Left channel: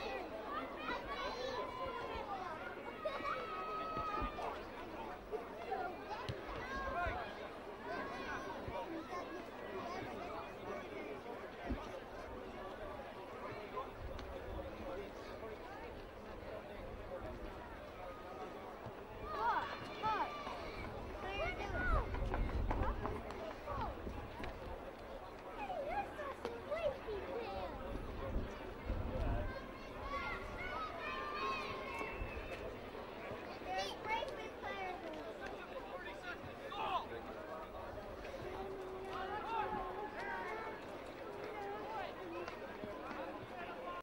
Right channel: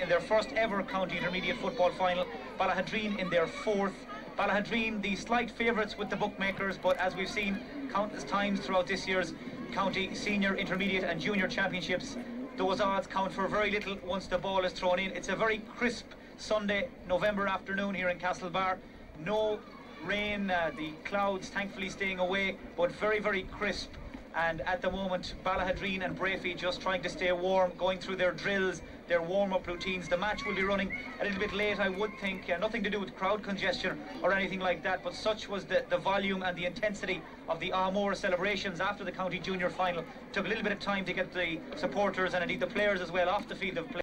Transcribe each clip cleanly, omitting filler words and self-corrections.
In their first ever county intermediate football final, Ballaghaderreen in their fourth. Ballaghaderreen, the slight favourites with the bookmakers, but as we've seen countless times throughout this year's county senior, intermediate and junior championships, those odds count for very little once the ball is thrown in. It's a very crisp Sunday, November afternoon here in Castlebar. No rain, the clouds thankfully staying away, but very, very crisp. And at the moment, Ballaghaderreen and Breaffy just trying to stay warm, going through their drills, their warm-up routines. The match will be running a little bit late, I would think. Nothing to do with crowd congestion or anything like that, but such was the volume and the intensity of the Armore celebrations after the county junior final. Took a little bit of time to get the supporters and indeed the players as well off the field of play.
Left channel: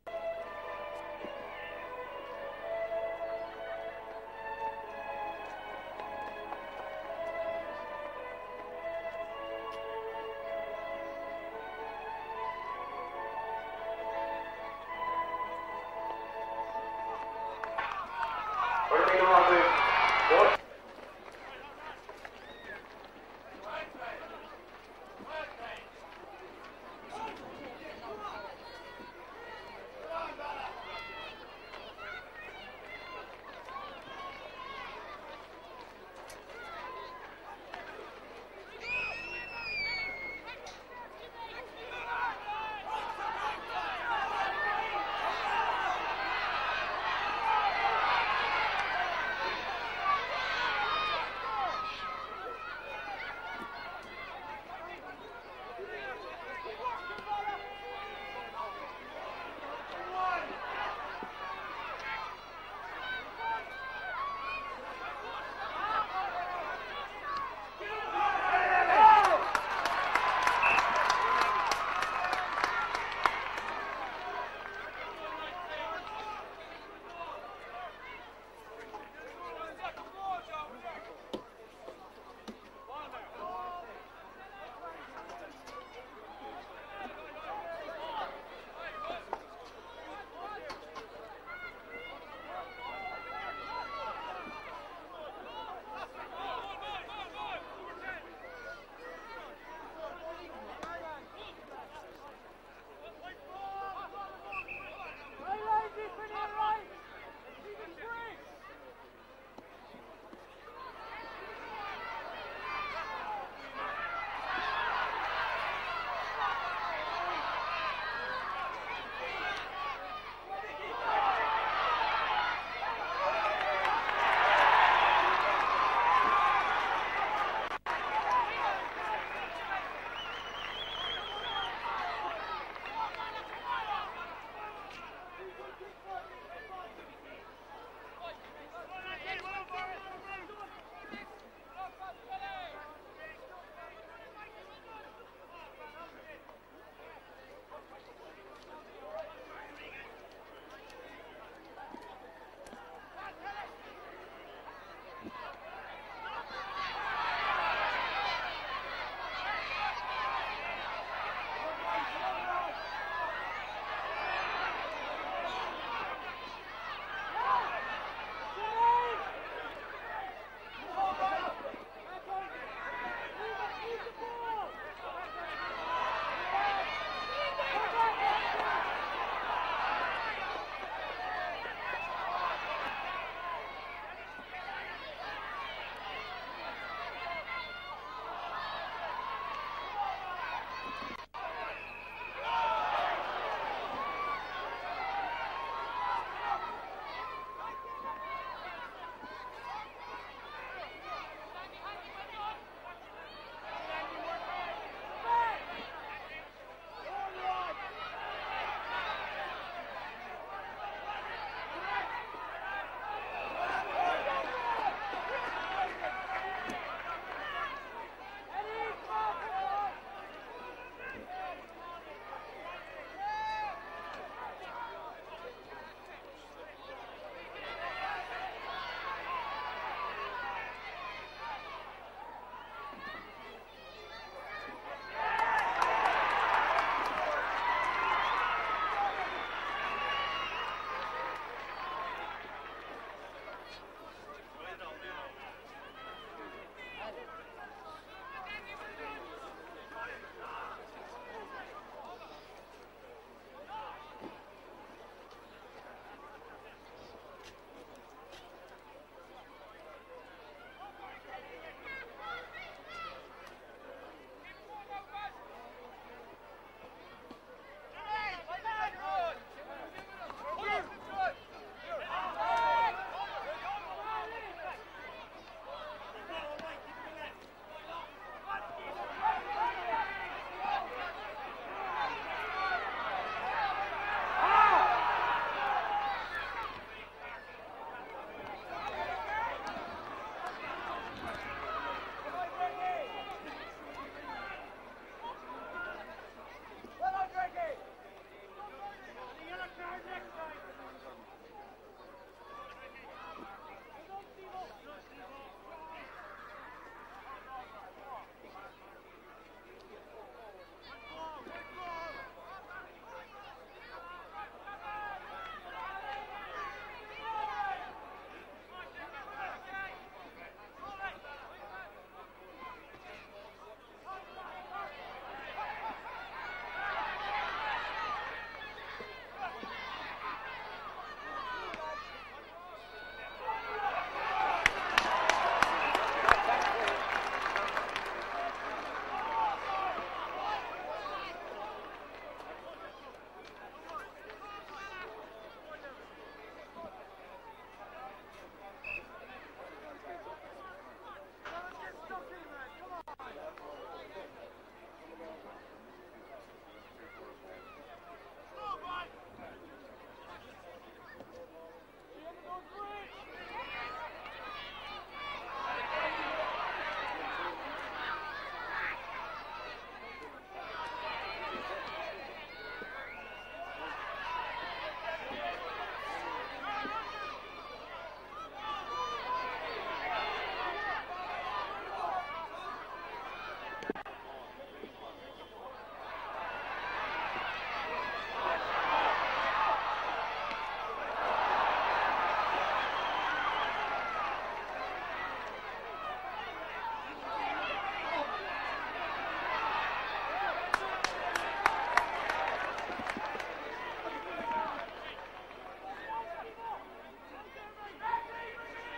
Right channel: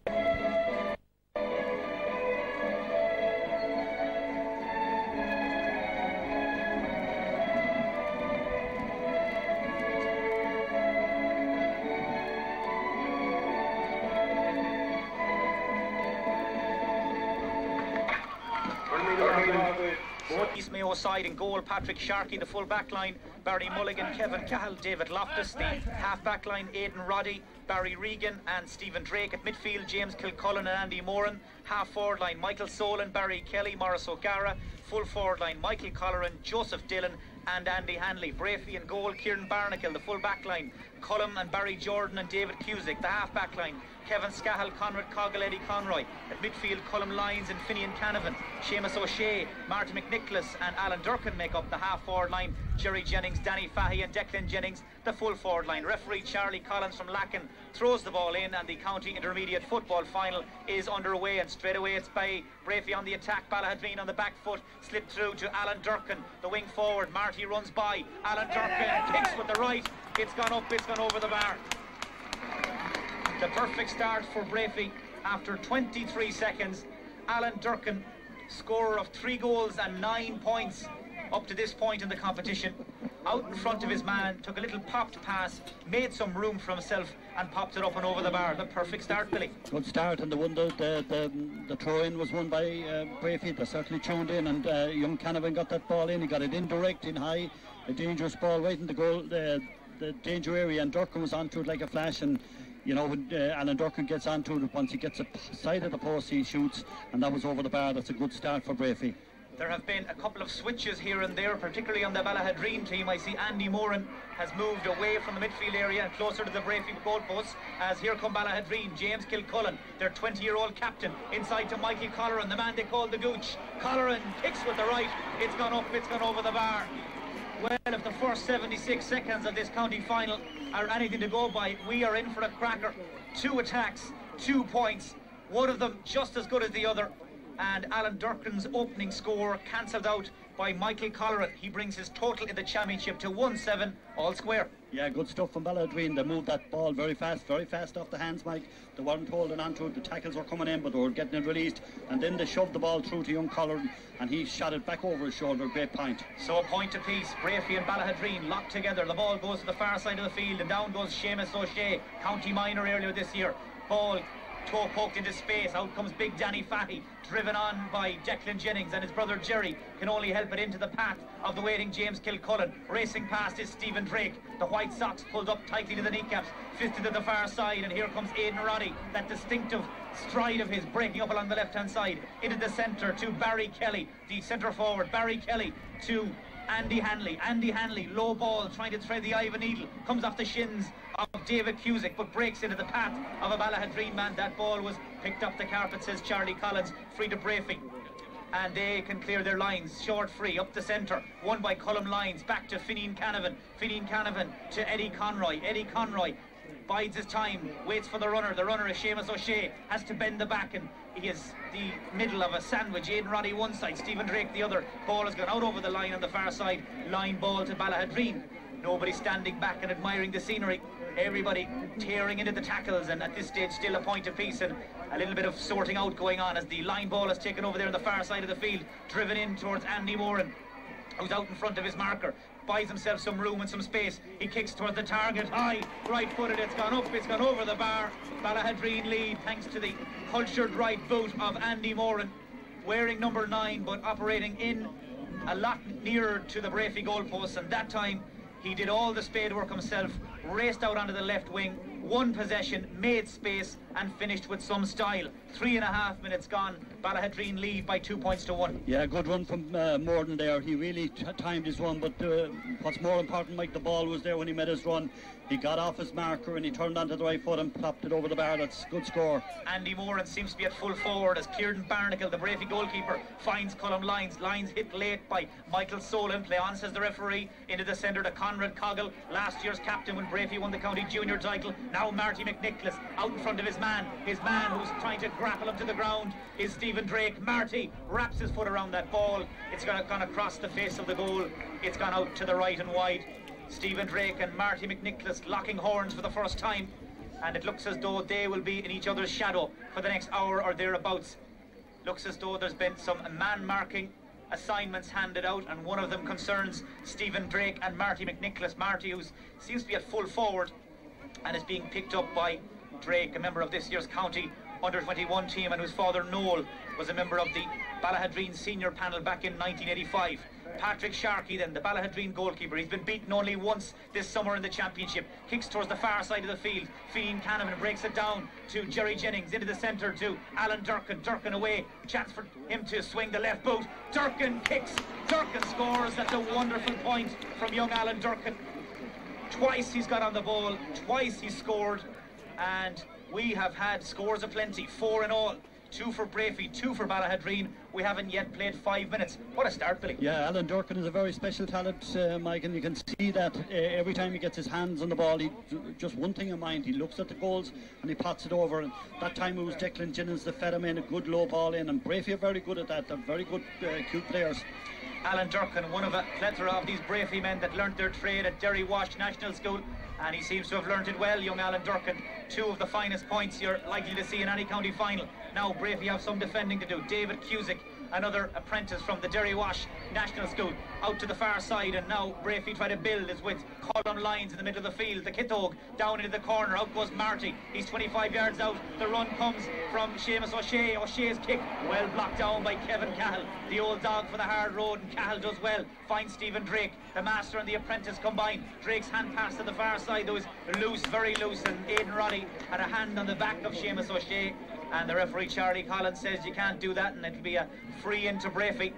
East Mayo side in goal, Patrick Sharkey, the full back line, Barry Mulligan, Kevin Cahill, David Loftus, the half back line, Aidan Roddy, Barry Regan and Stephen Drake. At midfield, James Kilcullen and Andy Moran. Half forward line, Michael Solon, Barry Kelly, Morris O'Gara. Full forward line, Michael Colleran, Joseph Dillon and Andy Hanley. Breaffy in goal, Kieran Barnacle, the full back line, Cullum and Barry Jordan and David Cusick. The half back line, Kevin Scahill, Conrad Coggle, Eddie Conroy. At midfield, Cullum Lyons and Finian Canavan. Seamus O'Shea, Martin McNicholas and Alan Durkin make up the half forward line. Jerry Jennings, Danny Fahy and Declan Jennings, the full forward line. Referee Charlie Collins from Lacken throws the ball in, and the county intermediate football final is underway. And straight away it's by Breaffy on the attack. Ballaghaderreen on the back foot, slipped through to Alan Durkin, the wing forward. Marty runs by. Alan Durkin kicks with the right. It's gone up, this one over the bar. The perfect start for Breaffy after 23 seconds. Alan Durkin, scorer of 3 goals and 9 points up to this point in the competition, out in front of his man, took a little popped pass, made some room for himself and popped it up and over the bar. The perfect start, Billy. Good start, and the throw-in was won by Breaffy. They certainly tuned in, and young Canavan got that ball in. He got it indirect, in high, a dangerous ball right in the goal, the danger area, and Durkin was onto it like a flash. And you know, when Alan Durkin gets onto it, once he gets a side of the post, he shoots, and that was over the bar. That's a good start for Breaffy. There have been a couple of switches here and there, particularly on the Ballaghaderreen team. I see Andy Moran has moved away from the midfield area and closer to the Breaffy goalpost, as here come Ballaghaderreen. James Kilcullen, their 20-year-old captain, inside to Mikey Colleran, the man they call the Gooch. Colleran picks with the right. It's gone up, it's gone over the bar. Well, if the first 76 seconds of this county final are anything to go by, we are in for a cracker. 2 attacks, 2 points, one of them just as good as the other. And Alan Durkin's opening score cancelled out by Michael Colleran. He brings his total in the championship to 1-7, all square. Yeah, good stuff from Ballaghaderreen. They moved that ball very fast off the hands, Mike. They weren't holding on to it. The tackles were coming in, but they were getting it released. And then they shoved the ball through to young Colleran, and he shot it back over his shoulder. Great point. So a point apiece. Breaffy and Ballaghaderreen locked together. The ball goes to the far side of the field, and down goes Seamus O'Shea, county minor earlier this year. Ball toe poked into space. Out comes big Danny Fahy, driven on by Declan Jennings, and his brother Jerry can only help it into the path of the waiting James Kilcullen. Racing past is Stephen Drake. The white socks pulled up tightly to the kneecaps, fisted to the far side, and here comes Aidan Roddy. That distinctive stride of his breaking up along the left-hand side into the centre to Barry Kelly, the centre forward. Barry Kelly to Andy Hanley. Andy Hanley, low ball, trying to thread the eye of a needle, comes off the shins of David Cusick, but breaks into the path of a Ballaghaderreen man. That ball was picked up the carpet, says Charlie Collins. Free to Breaffy, and they can clear their lines. Short free up the centre, won by Cullum Lyons. Back to Finian Canavan. Finian Canavan to Eddie Conroy. Eddie Conroy bides his time, waits for the runner. The runner is Seamus O'Shea, has to bend the back, and he is the middle of a sandwich. Aidan Roddy one side, Stephen Drake the other. Ball has gone out over the line on the far side. Line ball to Ballaghaderreen. Nobody standing back and admiring the scenery. Everybody tearing into the tackles, and at this stage still a point apiece, and a little bit of sorting out going on as the line ball is taken over there on the far side of the field, driven in towards Andy Moran, who's out in front of his marker, buys himself some room and some space. He kicks towards the target, high, right-footed, it's gone up, it's gone over the bar. Ballaghaderreen lead thanks to the cultured right boot of Andy Moran, wearing number 9 but operating in a lot nearer to the Breaffy goalpost, and that time he did all the spade work himself, raced out onto the left wing, won possession, made space, and finished with some style. 3.5 minutes gone. Ballaghaderreen lead by 2 points to 1. Yeah, good run from Morden there. He really timed his run, but what's more important, Mike, the ball was there when he made his run. He got off his marker and he turned onto the right foot and popped it over the bar. That's a good score. Andy Moran seems to be at full forward as Kieran Barnacle, the Breaffy goalkeeper, finds Cullum Lyons. Lyons hit late by Michael Solon. Play on, says the referee. Into the centre to Conrad Coggle, last year's captain when Breaffy won the county junior title. Now Marty McNicholas out in front of his man. His man who's trying to grapple him to the ground is Stephen Drake. Marty wraps his foot around that ball. It's gone across the face of the goal. It's gone out to the right and wide. Stephen Drake and Marty McNicholas locking horns for the first time, and it looks as though they will be in each other's shadow for the next hour or thereabouts. Looks as though there's been some man-marking assignments handed out, and one of them concerns Stephen Drake and Marty McNicholas. Marty, who seems to be at full forward and is being picked up by Drake, a member of this year's county under-21 team, and whose father Noel was a member of the Ballaghaderreen senior panel back in 1985. Patrick Sharkey then, the Ballaghaderreen goalkeeper. He's been beaten only once this summer in the championship. Kicks towards the far side of the field. Fian Hanneman breaks it down to Jerry Jennings, into the centre to Alan Durkin. Durkin away, chance for him to swing the left boot. Durkin kicks, Durkin scores. That's a wonderful point from young Alan Durkin. Twice he's got on the ball, twice he's scored, and we have had scores aplenty, 4 in all. 2 for Breaffy, 2 for Ballaghaderreen. We haven't yet played 5 minutes. What a start, Billy. Yeah, Alan Durkin is a very special talent, Mike, and you can see that every time he gets his hands on the ball, he just one thing in mind. He looks at the goals and he pots it over. And that time it was Declan Jennings that fed him in a good low ball in, and Breaffy are very good at that. They're very good, cute players. Alan Durkin, one of a plethora of these Breaffy men that learnt their trade at Derry Wash National School, and he seems to have learnt it well, young Alan Durkin. 2 of the finest points you're likely to see in any county final. Now Breaffy have some defending to do. David Cusick, another apprentice from the Derry Wash National School, out to the far side, and now Breaffy try to build his with Cullum Lyons in the middle of the field. The Kitog down into the corner, out goes Marty. He's 25 yards out. The run comes from Seamus O'Shea. O'Shea's kick, well blocked down by Kevin Cahill. The old dog for the hard road, and Cahill does well. Finds Stephen Drake. The master and the apprentice combine. Drake's hand pass to the far side. There was loose, very loose, and Aidan Roddy had a hand on the back of Seamus O'Shea, and the referee Charlie Collins says you can't do that, and it'll be a free into Breaffy.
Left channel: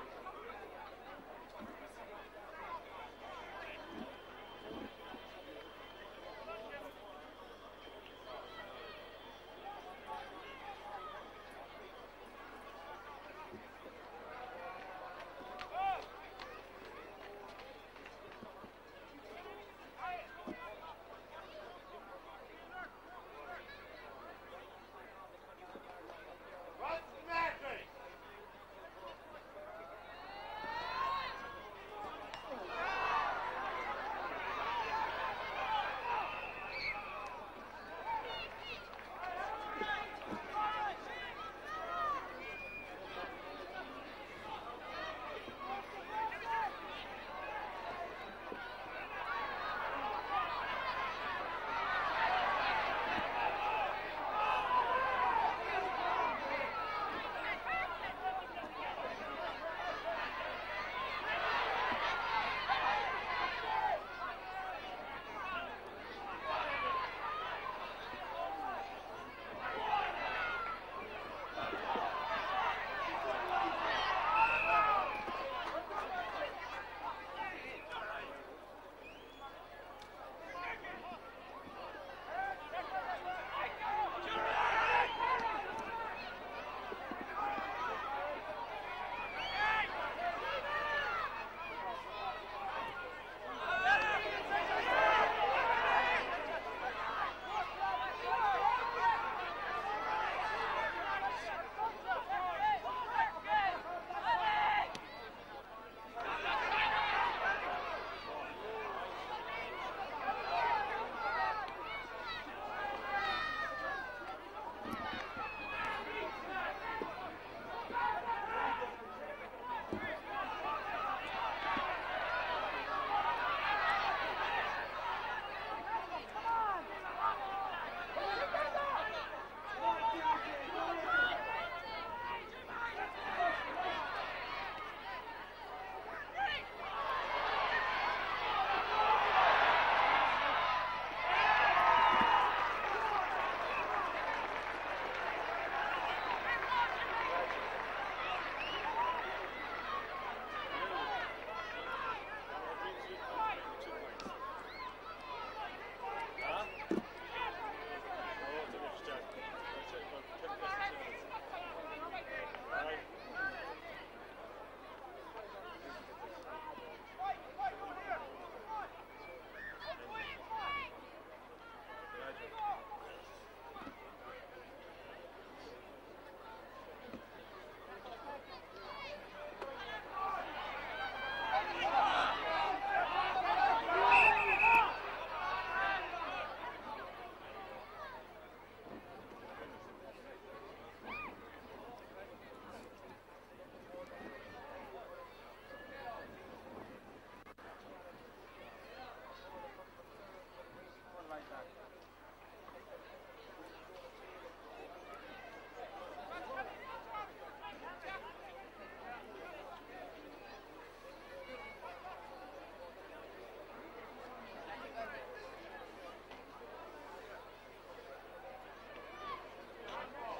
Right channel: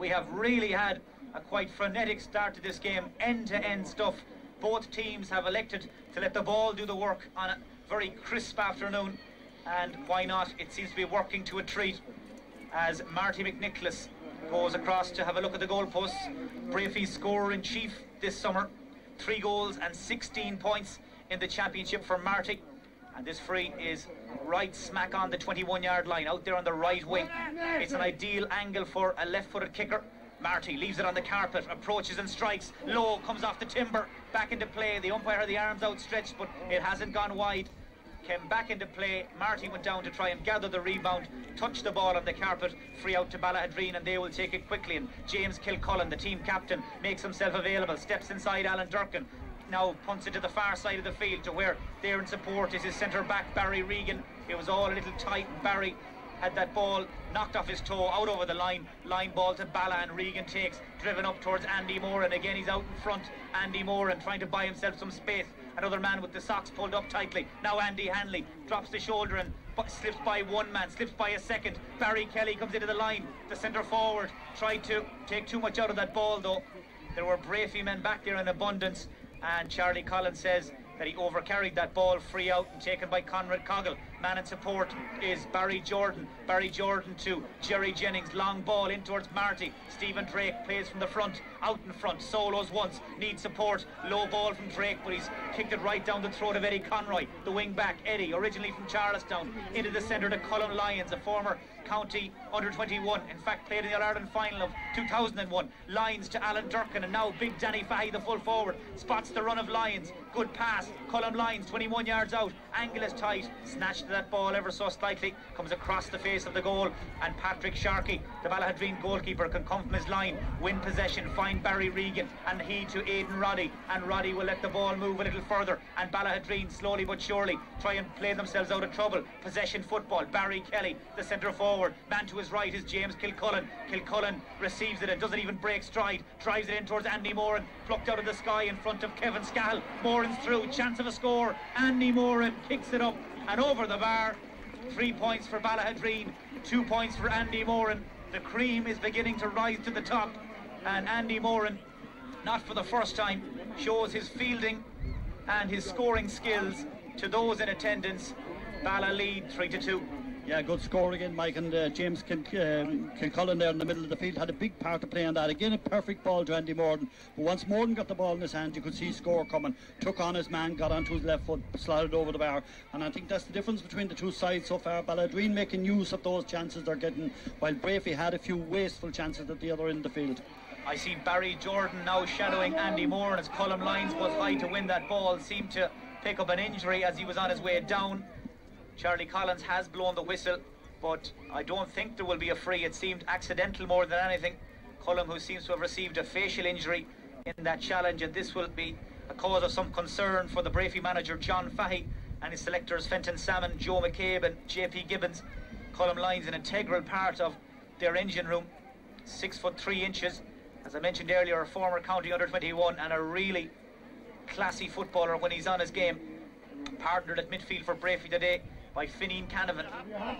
We have really had a quite frenetic start to this game, end-to-end stuff. Both teams have elected to let the ball do the work on a very crisp afternoon, and why not? It seems to be working to a treat as Marty McNicholas goes across to have a look at the goalposts. Breaffy's scorer in chief this summer, 3 goals and 16 points in the championship for Marty, and this free is right smack on the 21-yard line, out there on the right wing. It's an ideal angle for a left-footed kicker. Marty leaves it on the carpet, approaches and strikes low, comes off the timber, back into play. The umpire had the arms outstretched, but it hasn't gone wide. Came back into play. Marty went down to try and gather the rebound, touched the ball on the carpet, free out to Ballaghaderreen, and they will take it quickly. And James Kilcullen, the team captain, makes himself available, steps inside Alan Durkin, now punts it to the far side of the field to where there in support is his centre back Barry Regan. It was all a little tight, and Barry had that ball knocked off his toe, out over the line ball to Balla, and Regan takes, driven up towards Andy Moran. Again he's out in front, Andy Moran trying to buy himself some space. Another man with the socks pulled up tightly. Now Andy Hanley drops the shoulder and slips by one man, slips by a second. Barry Kelly comes into the line, the centre forward tried to take too much out of that ball though. There were Breaffy men back there in abundance, and Charlie Collins says that he overcarried that ball, free out and taken by Conrad Coggle. Man in support is Barry Jordan. Barry Jordan to Jerry Jennings, long ball in towards Marty. Stephen Drake plays from the front, out in front, solos once, needs support, low ball from Drake, but he's kicked it right down the throat of Eddie Conroy, the wing back. Eddie, originally from Charlestown, into the centre to Cullum Lyons, a former county under-21. In fact, played in the All-Ireland final of 2001. Lyons to Alan Durkin, and now big Danny Fahy, the full forward, spots the run of Lyons. Good pass. Colm Lyons, 21 yards out. Angle is tight. Snatched that ball ever so slightly. Comes across the face of the goal. And Patrick Sharkey, the Ballaghaderreen goalkeeper, can come from his line, win possession, find Barry Regan, and he to Aidan Roddy. And Roddy will let the ball move a little further. And Ballaghaderreen, slowly but surely, try and play themselves out of trouble. Possession football. Barry Kelly, the centre forward. Man to his right is James Kilcullen. Kilcullen receives it and doesn't even break stride. Drives it in towards Andy Moran. Plucked out of the sky in front of Kevin Scahill. Moran's through. Chance of a score. Andy Moran picks it up and over the bar. 3 points for Ballaghaderreen. 2 points for Andy Moran. The cream is beginning to rise to the top. And Andy Moran, not for the first time, shows his fielding and his scoring skills to those in attendance. Balla lead 3-2. Yeah, good score again, Mike, and James Kilcullen there in the middle of the field had a big part to play on that. Again, a perfect ball to Andy Moran. But once Moran got the ball in his hand, you could see score coming. Took on his man, got onto his left foot, slided over the bar. And I think that's the difference between the two sides so far. Ballaghaderreen making use of those chances they're getting, while Breaffy had a few wasteful chances at the other end of the field. I see Barry Jordan now shadowing Andy Moran as Colm Lyons goes high to win that ball. Seemed to pick up an injury as he was on his way down. Charlie Collins has blown the whistle, but I don't think there will be a free. It seemed accidental more than anything. Colm, who seems to have received a facial injury in that challenge, and this will be a cause of some concern for the Breaffy manager John Fahy and his selectors Fenton Salmon, Joe McCabe and JP Gibbons. Colm Lyons, an integral part of their engine room, 6'3". As I mentioned earlier, a former county under-21 and a really classy footballer when he's on his game. Partnered at midfield for Breaffy today by Fineen Canavan,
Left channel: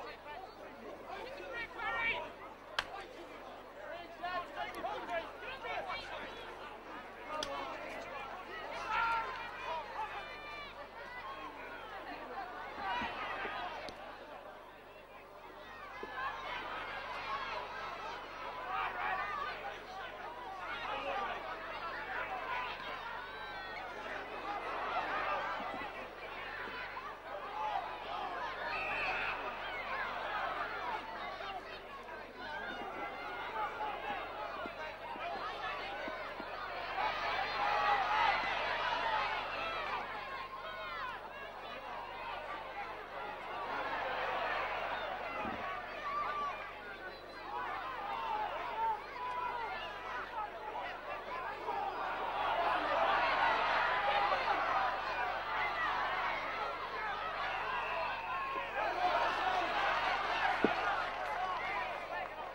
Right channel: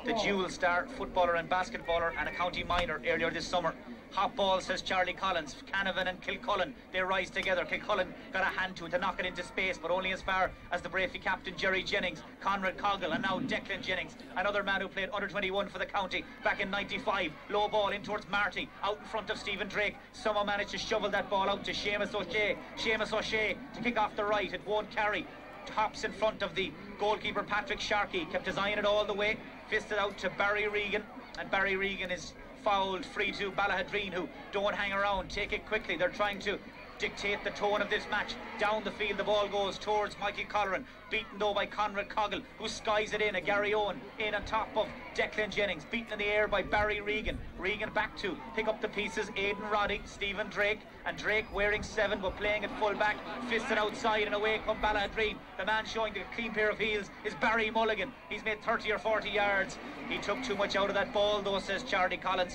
the dual star footballer and basketballer and a county minor earlier this summer. Hot ball, says Charlie Collins. Canavan and Kilcullen, they rise together. Kilcullen got a hand to it to knock it into space, but only as far as the Breaffy captain Jerry Jennings, Conrad Coggle, and now Declan Jennings, another man who played under-21 for the county back in '95. Low ball in towards Marty, out in front of Stephen Drake. Someone managed to shovel that ball out to Seamus O'Shea. Seamus O'Shea to kick off the right, it won't carry. Tops in front of the goalkeeper Patrick Sharkey, kept his eye on it all the way, fisted out to Barry Regan, and Barry Regan is fouled. Free to Ballaghaderreen, who don't hang around, take it quickly. They're trying to dictate the tone of this match. Down the field the ball goes towards Michael Colleran, beaten though by Conrad Coggle, who skies it in. A Gary Owen in on top of Declan Jennings, beaten in the air by Barry Regan. Regan back to pick up the pieces, Aidan Roddy, Stephen Drake, and Drake wearing 7 but playing at full back, fisted outside and away come Ballaghaderreen. The man showing the clean pair of heels is Barry Mulligan. He's made 30 or 40 yards. He took too much out of that ball though, says Charlie Collins.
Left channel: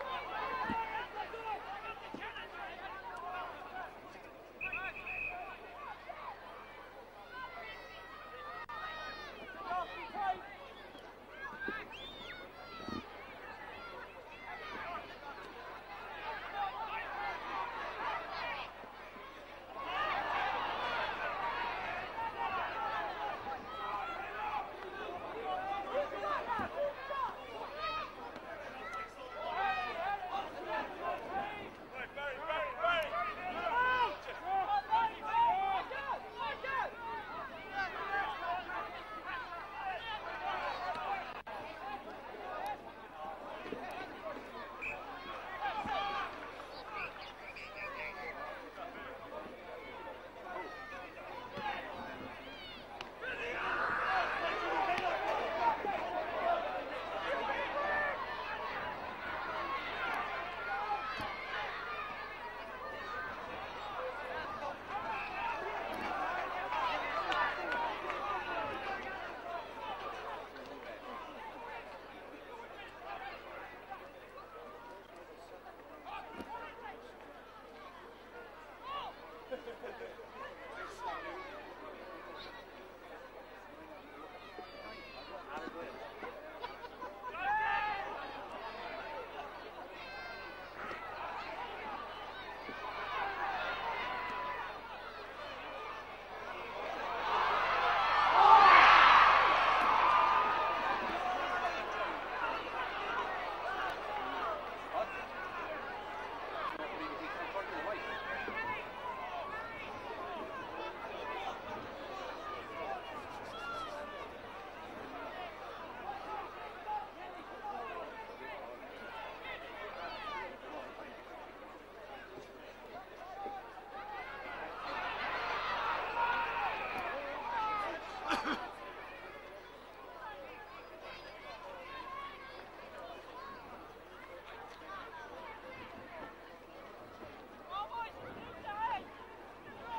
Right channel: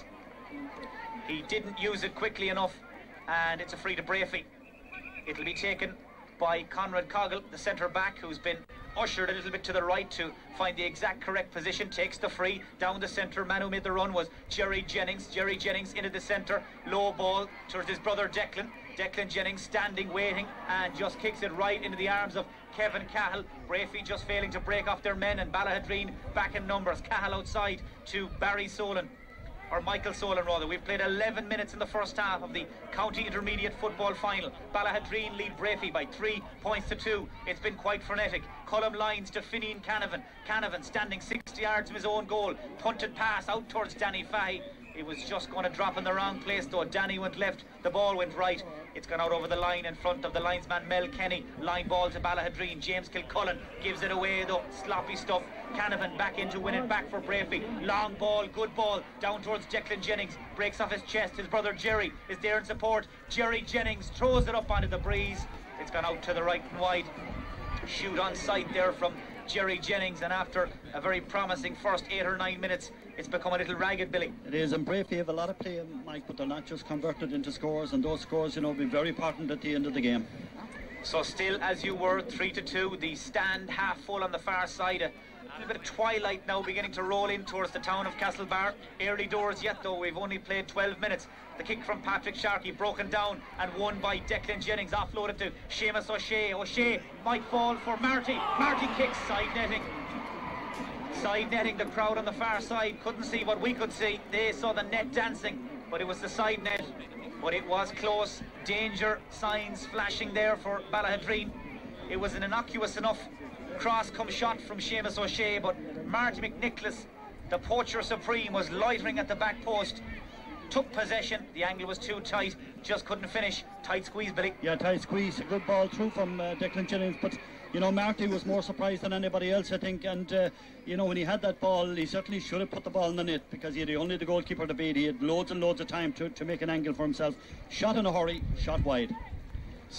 He didn't use it quickly enough, and it's a free to Breaffy. It'll be taken by Conrad Coggle, the centre back, who's been ushered a little bit to the right to find the exact correct position. Takes the free down the centre. Man who made the run was Jerry Jennings. Jerry Jennings into the centre, low ball towards his brother Declan. Declan Jennings standing waiting and just kicks it right into the arms of Kevin Cahill. Breaffy just failing to break off their men, and Ballaghaderreen back in numbers. Cahill outside to Barry Solan, or Michael Solan rather. We've played 11 minutes in the first half of the County Intermediate Football Final. Ballaghaderreen lead Breaffy by 3 points to 2. It's been quite frenetic. Colm Lyons to Fineen Canavan. Canavan standing 60 yards from his own goal. Punted pass out towards Danny Fahy. It was just going to drop in the wrong place though. Danny went left, the ball went right. It's gone out over the line in front of the linesman Mel Kenny. Line ball to Ballaghaderreen. James Kilcullen gives it away though. Sloppy stuff. Canavan back in to win it back for Breaffy. Long ball, good ball, down towards Declan Jennings. Breaks off his chest. His brother Jerry is there in support. Jerry Jennings throws it up onto the breeze. It's gone out to the right and wide. Shoot on sight there from Jerry Jennings, and after a very promising first 8 or 9 minutes, it's become a little ragged, Billy. It is, and Breaffy have a lot of play, Mike, but they're not just converted into scores, and those scores, you know, will be very important at the end of the game. So still, as you were, 3-2, the stand half full on the far side. A bit of twilight now beginning to roll in towards the town of Castlebar. Early doors yet though, we've only played 12 minutes. The kick from Patrick Sharkey broken down and won by Declan Jennings, offloaded to Seamus O'Shea. O'Shea might fall for Marty. Marty quick side netting. Side netting, the crowd on the far side couldn't see what we could see. They saw the net dancing, but it was the side net. But it was close. Danger signs flashing there for Ballaghaderreen. It was an innocuous enough cross come shot from Seamus O'Shea, but Marty McNicholas The poacher supreme was loitering at the back post, took possession, the angle was too tight, just couldn't finish. Tight squeeze, Billy. Yeah, tight squeeze, good ball through from Declan Jennings, but you know, Marty was more surprised than anybody else, I think, and you know, when he had that ball, he certainly should have put the ball in the net, because he had only the goalkeeper to beat. He had loads and loads of time to make an angle for himself. Shot in a hurry, shot wide.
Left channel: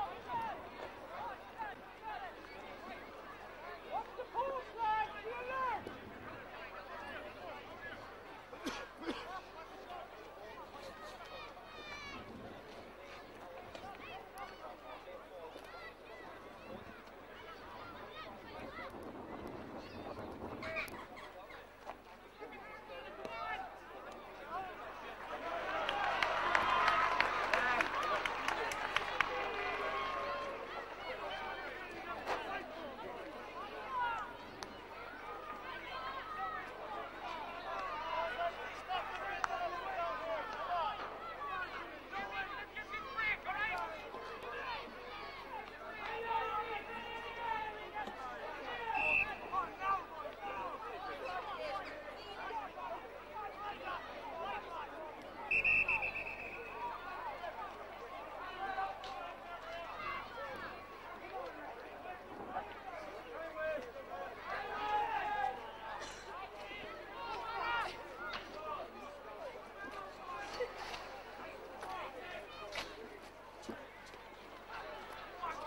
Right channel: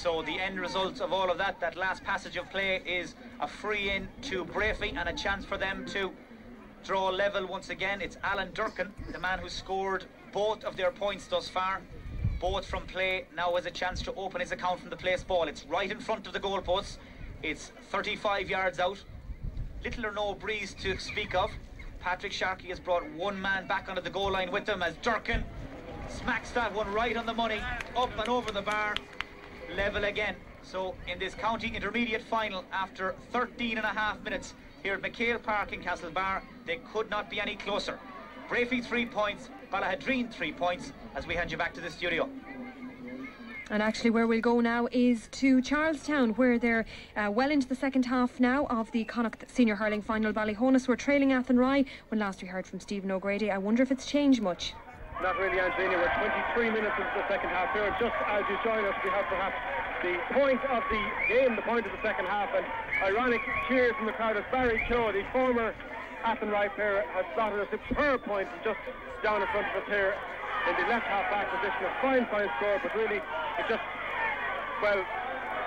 So the end result of all of that last passage of play, is a free in to Breaffy and a chance for them to draw level once again. It's Alan Durkin, the man who scored both of their points thus far, both from play, now has a chance to open his account from the place ball. It's right in front of the goalposts. It's 35 yards out. Little or no breeze to speak of. Patrick Sharkey has brought one man back onto the goal line with him as Durkin smacks that one right on the money, up and over the bar. Level again. So in this county intermediate final, after 13 and a half minutes here at McHale Park in Castlebar, they could not be any closer. Breaffy 3 points, Ballaghaderreen 3 points, as we hand you back to the studio. And actually where we'll go now is to Charlestown, where they're well into the second half now of the Connacht Senior Hurling Final. Ballyhonus were trailing Athenry when last we heard from Stephen O'Grady. I wonder if it's changed much. Not really, Angelina. We're 23 minutes into the second half here. Just as you join us, we have perhaps the point of the game, the point of the second half, and ironic cheers from the crowd as Barry Cho, the former Athenry player, has slotted a superb point just down in front of us here in the left half back position. A fine score, but really it just, well,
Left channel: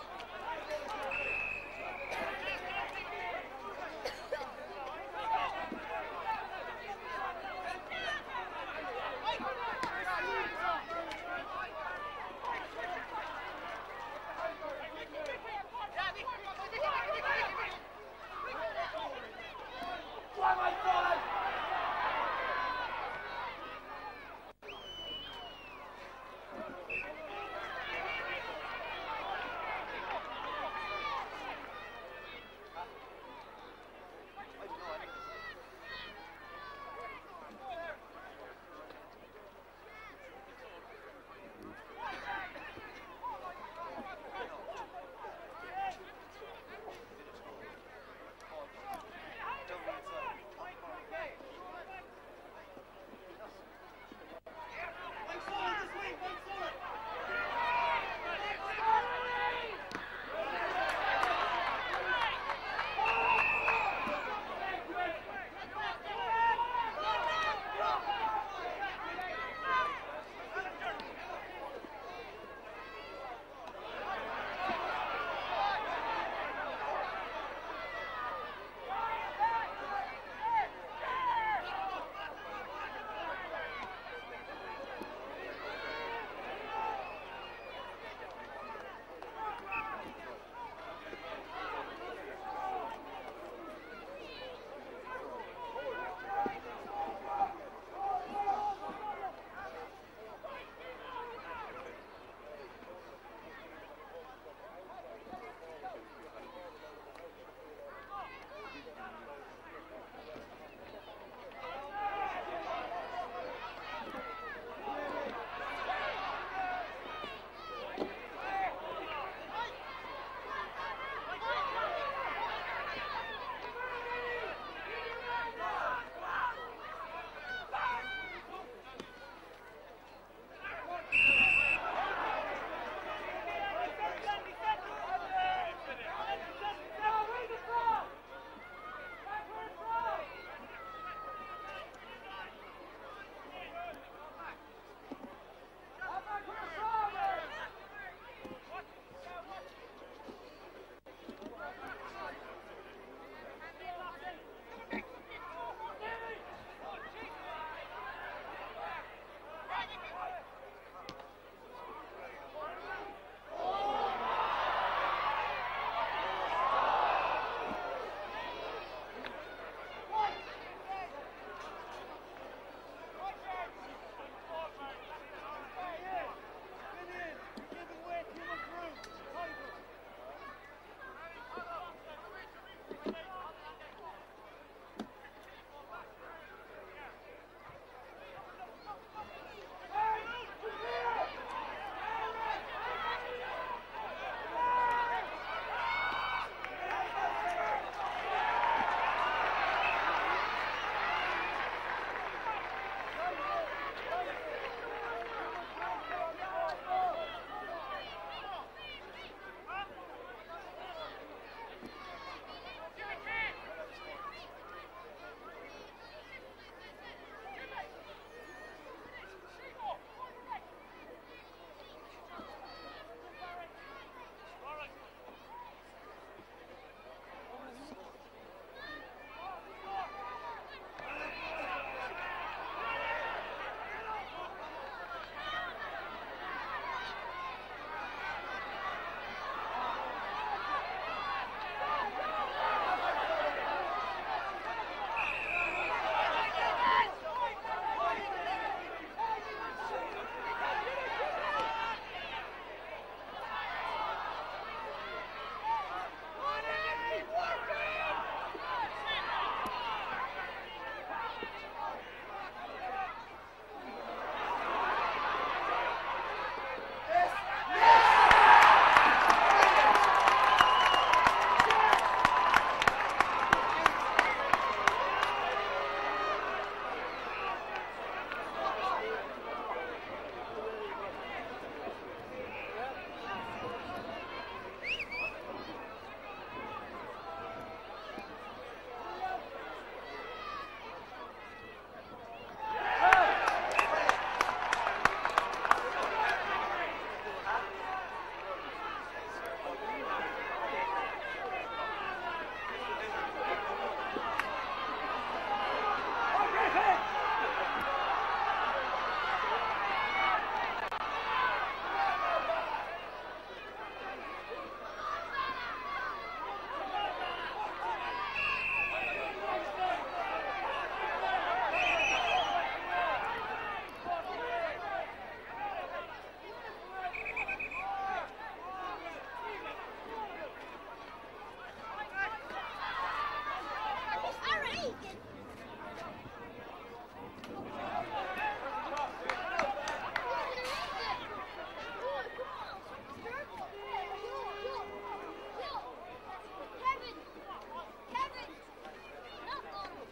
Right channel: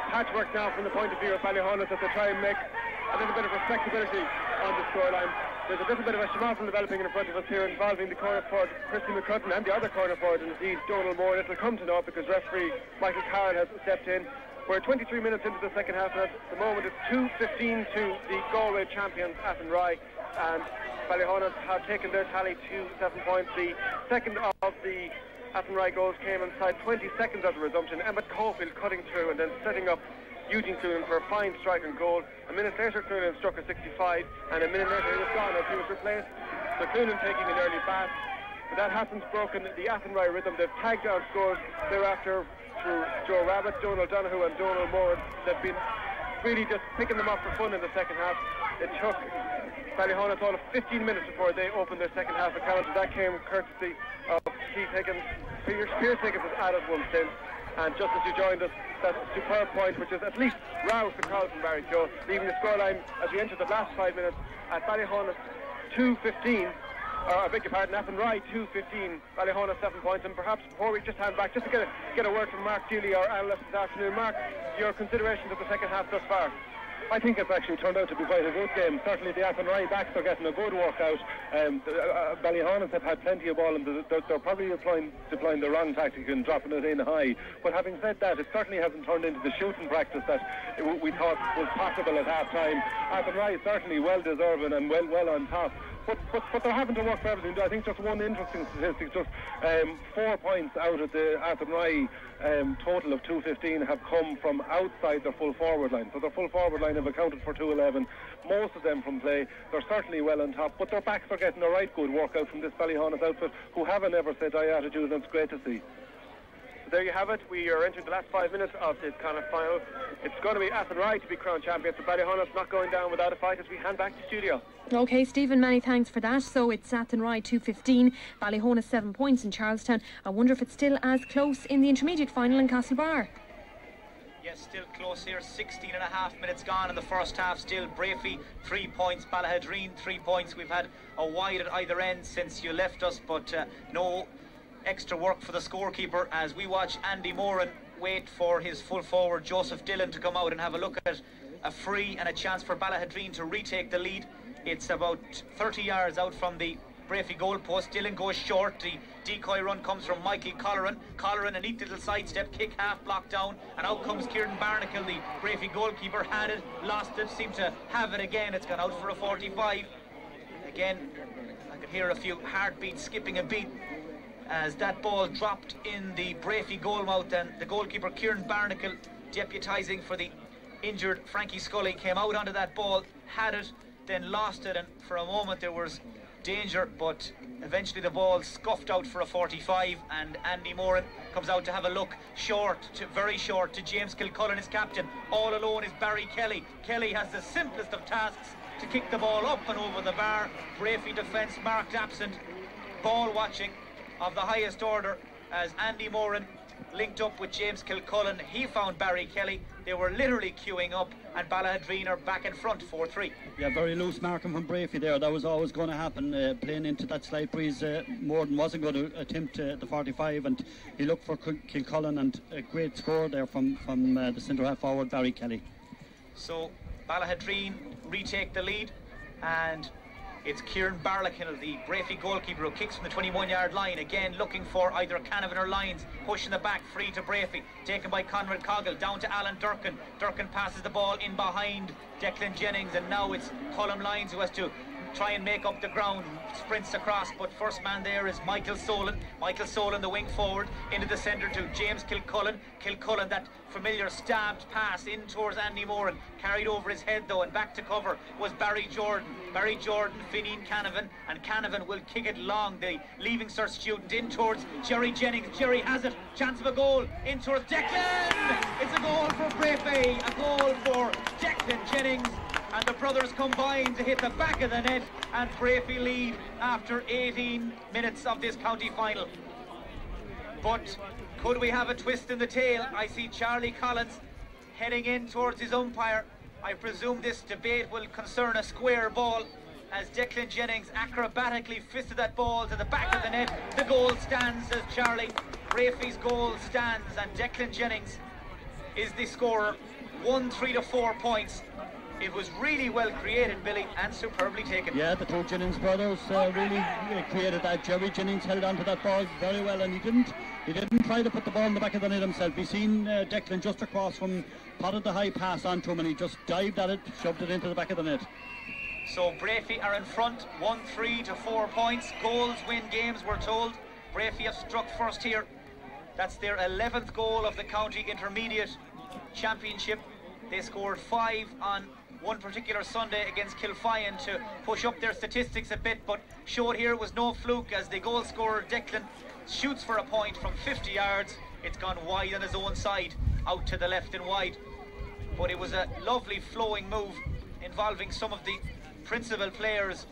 patchwork now from the point of view of Ballyhonus as they try and make a little bit of respectability on the scoreline. There's a little bit of a schmozzle developing in front of us here, involving the corner forward Christy McCudden and the other corner forward, indeed Donal Moore. It will come to naught because referee Michael Carroll has stepped in. We're 23 minutes into the second half, and at the moment it's 2-15 to the Galway champions Athenry, and Ballyhonus have taken their tally to 7 points. The second of the Athenry goals came inside 20 seconds of the resumption. Emmett Cofield cutting through and then setting up Eugene Coonan for a fine strike and goal. A minute later Coonan struck a 65, and a minute later he was gone as he was replaced. So Coonan taking an early bat. But that hasn't broken the Athenry rhythm. They've tagged down scores thereafter through Joe Rabbit, Donal Donoghue and Donal Moore. They've been really just picking them up for fun in the second half. It took Ballyhonus all of 15 minutes before they opened their second half account. That came courtesy of Keith Higgins. Peter Higgins has added one since. And just as you joined us, that superb point, which is at least roused the crowd from Barry Joe, leaving the scoreline at the end of the last 5 minutes at Ballyhonus 2-15. I beg your pardon, Athenry 2-15, Ballyhonus 7 points. And perhaps before we just hand back, just to get a word from Mark Dealey, our analyst this afternoon. Mark, your considerations of the second half so far? I think it's actually turned out to be quite a good game. Certainly the Athenry backs are getting a good workout, and Ballyhonus have had plenty of ball, and they're probably deploying the wrong tactic and dropping it in high. But having said that, it certainly hasn't turned into the shooting practice that we thought was possible at half time. Athenry certainly well deserving and well on top, but they're having to work for everything. I think just one interesting statistic, just 4 points out of the Athenry total of 215 have come from outside their full forward line. So their full forward line have accounted for 211, most of them from play. They're certainly well on top, but their backs are getting a right good workout from this Ballyhonus outfit, who have a never say die attitude, and it's great to see. There you have it. We are entering the last 5 minutes of this Connacht final. It's going to be Athenry to be crowned champions, but Ballyhonus not going down without a fight as we hand back to the studio. OK, Stephen, many thanks for that. So it's Athenry 2-15, Ballyhonus 7 points in Charlestown. I wonder if it's still as close in the intermediate final in Castlebar. Yes, still close here. 16 and a half minutes gone in the first half. Still Breaffy 3 points, Ballaghaderreen 3 points. We've had a wide at either end since you left us, but no extra work for the scorekeeper as we watch Andy Moran wait for his full forward Joseph Dillon to come out and have a look at a free and a chance for Ballaghaderreen to retake the lead. It's about 30 yards out from the Breaffy goal post. Dillon goes short. The decoy run comes from Michael Colleran. Colleran, a neat little sidestep kick, half blocked down, and out comes Kieran Barnacle, the Breaffy goalkeeper. Had it, lost it, seemed to have it again. It's gone out for a 45. Again, I could hear a few heartbeats skipping a beat as that ball dropped in the Breaffy goal mouth, and the goalkeeper Kieran Barnacle, deputising for the injured Frankie Scully, came out onto that ball, had it, then lost it, and for a moment there was danger, but eventually the ball scuffed out for a 45, and Andy Moran comes out to have a look. Very short to James Kilcullen, his captain. All alone is Barry Kelly. Kelly has the simplest of tasks to kick the ball up and over the bar. Breaffy defence marked absent. Ball watching of the highest order as Andy Moran linked up with James Kilcullen. He found Barry Kelly. They were literally queuing up, and Ballaghaderreen are back in front, 4-3. Yeah, very loose marking from Breaffy there. That was always going to happen, playing into that slight breeze. Moran wasn't going to attempt the 45, and he looked for Kilcullen, and a great score there from the centre half forward, Barry Kelly. So Ballaghaderreen retake the lead, and it's Kieran Barlakin, the Breaffy goalkeeper, who kicks from the 21-yard line, again looking for either Canavan or Lyons, pushing the back, free to Breaffy, taken by Conrad Coggle, down to Alan Durkin. Durkin passes the ball in behind Declan Jennings, and now it's Colin Lyons who has to try and make up the ground, sprints across, but first man there is Michael Solan. Michael Solan, the wing forward, into the centre to James Kilcullen. Kilcullen, that familiar stabbed pass in towards Andy Moran, carried over his head though, and back to cover was Barry Jordan. Barry Jordan, Finian Canavan, and Canavan will kick it long. The leaving cert student in towards Jerry Jennings. Jerry has it, chance of a goal, in towards Declan. It's a goal for Breaffy, a goal for Declan Jennings, and the brothers combine to hit the back of the net, and Breaffy lead after 18 minutes of this county final. But could we have a twist in the tail? I see Charlie Collins heading in towards his umpire. I presume this debate will concern a square ball, as Declan Jennings acrobatically fisted that ball to the back of the net. The goal stands, as Charlie. Breaffy's goal stands, and Declan Jennings is the scorer. 1 3 to 4 points. It was really well created, Billy, and superbly taken. Yeah, the two Jennings brothers really created that. Jerry Jennings held on to that ball very well, and he didn't try to put the ball in the back of the net himself. He seen Declan just across from, potted the high pass onto him, and he just dived at it, shoved it into the back of the net. So Breaffy are in front, 1 3 to 4 points. Goals win games, we're told. Breaffy have struck first here. That's their 11th goal of the county intermediate championship. They scored 5 on one particular Sunday against Kilfian to push up their statistics a bit, but showed here was no fluke, as the goal scorer Declan shoots for a point from 50 yards. It's gone wide on his own side, out to the left and wide. But it was a lovely flowing move involving some of the principal players,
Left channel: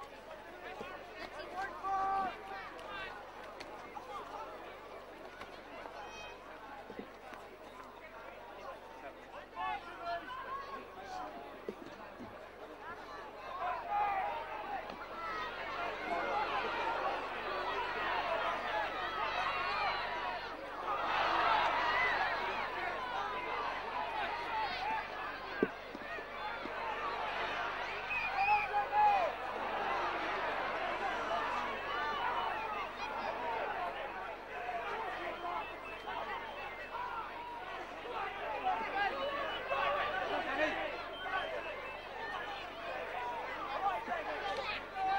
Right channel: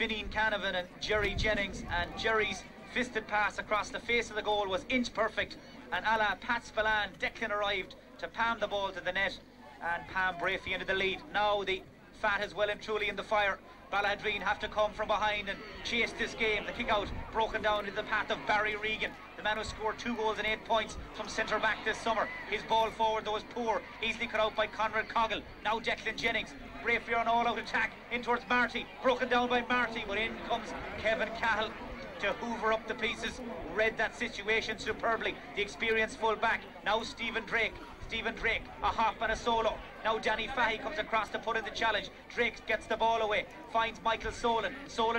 Finian Canavan and Jerry Jennings, and Jerry's fisted pass across the face of the goal was inch perfect, and a la Pat Spillane, Declan arrived to palm the ball to the net and palm Breaffy into the lead. Now the fat is well and truly in the fire. Ballaghaderreen have to come from behind and chase this game. The kick out broken down into the path of Barry Regan, the man who scored 2 goals and 8 points from centre back this summer. His ball forward though was poor, easily cut out by Conrad Coggle. Now Declan Jennings. Breaffy on all out attack in towards Marty, broken down by Marty, but in comes Kevin Cahill to hoover up the pieces. Read that situation superbly. The experienced full back. Now Stephen Drake, a hop and a solo. Now Danny Fahey comes across to put in the challenge. Drake gets the ball away, finds Michael Solan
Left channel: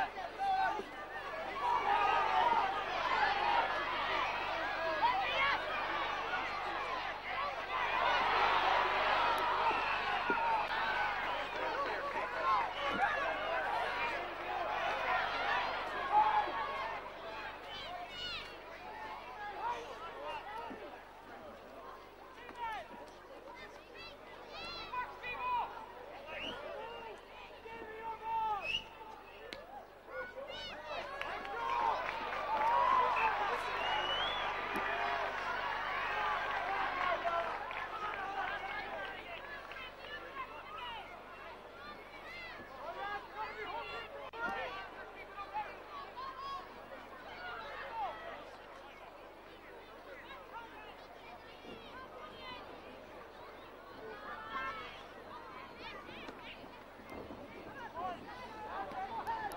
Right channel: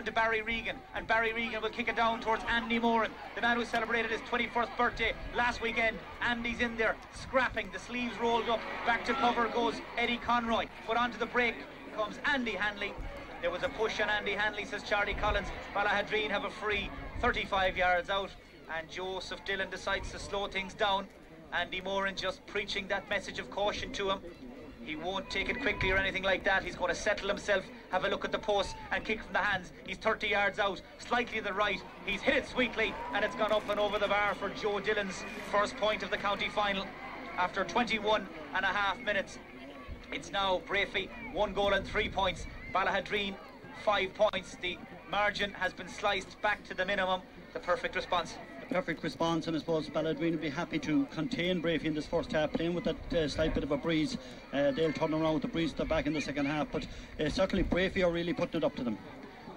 to Barry Regan, and Barry Regan will kick it down towards Andy Moran, the man who celebrated his 21st birthday last weekend. Andy's in there, scrapping, the sleeves rolled up. Back to cover goes Eddie Conroy, but onto the break comes Andy Hanley. There was a push on Andy Hanley, says Charlie Collins. Ballaghaderreen have a free 35 yards out, and Joseph Dillon decides to slow things down. Andy Moran just preaching that message of caution to him. He won't take it quickly or anything like that. He's going to settle himself, have a look at the post and kick from the hands. He's 30 yards out, slightly to the right. He's hit it sweetly, and it's gone up and over the bar for Joe Dillon's first point of the county final. After 21 and a half minutes, it's now Breaffy 1 goal and 3 points. Ballaghaderreen 5 points. The margin has been sliced back to the minimum. The perfect response. Perfect response, and I suppose Ballaghaderreen will be happy to contain Breaffy in this first half, playing with that slight bit of a breeze. They'll turn around with the breeze to back in the second half, but certainly Breaffy are really putting it up to them.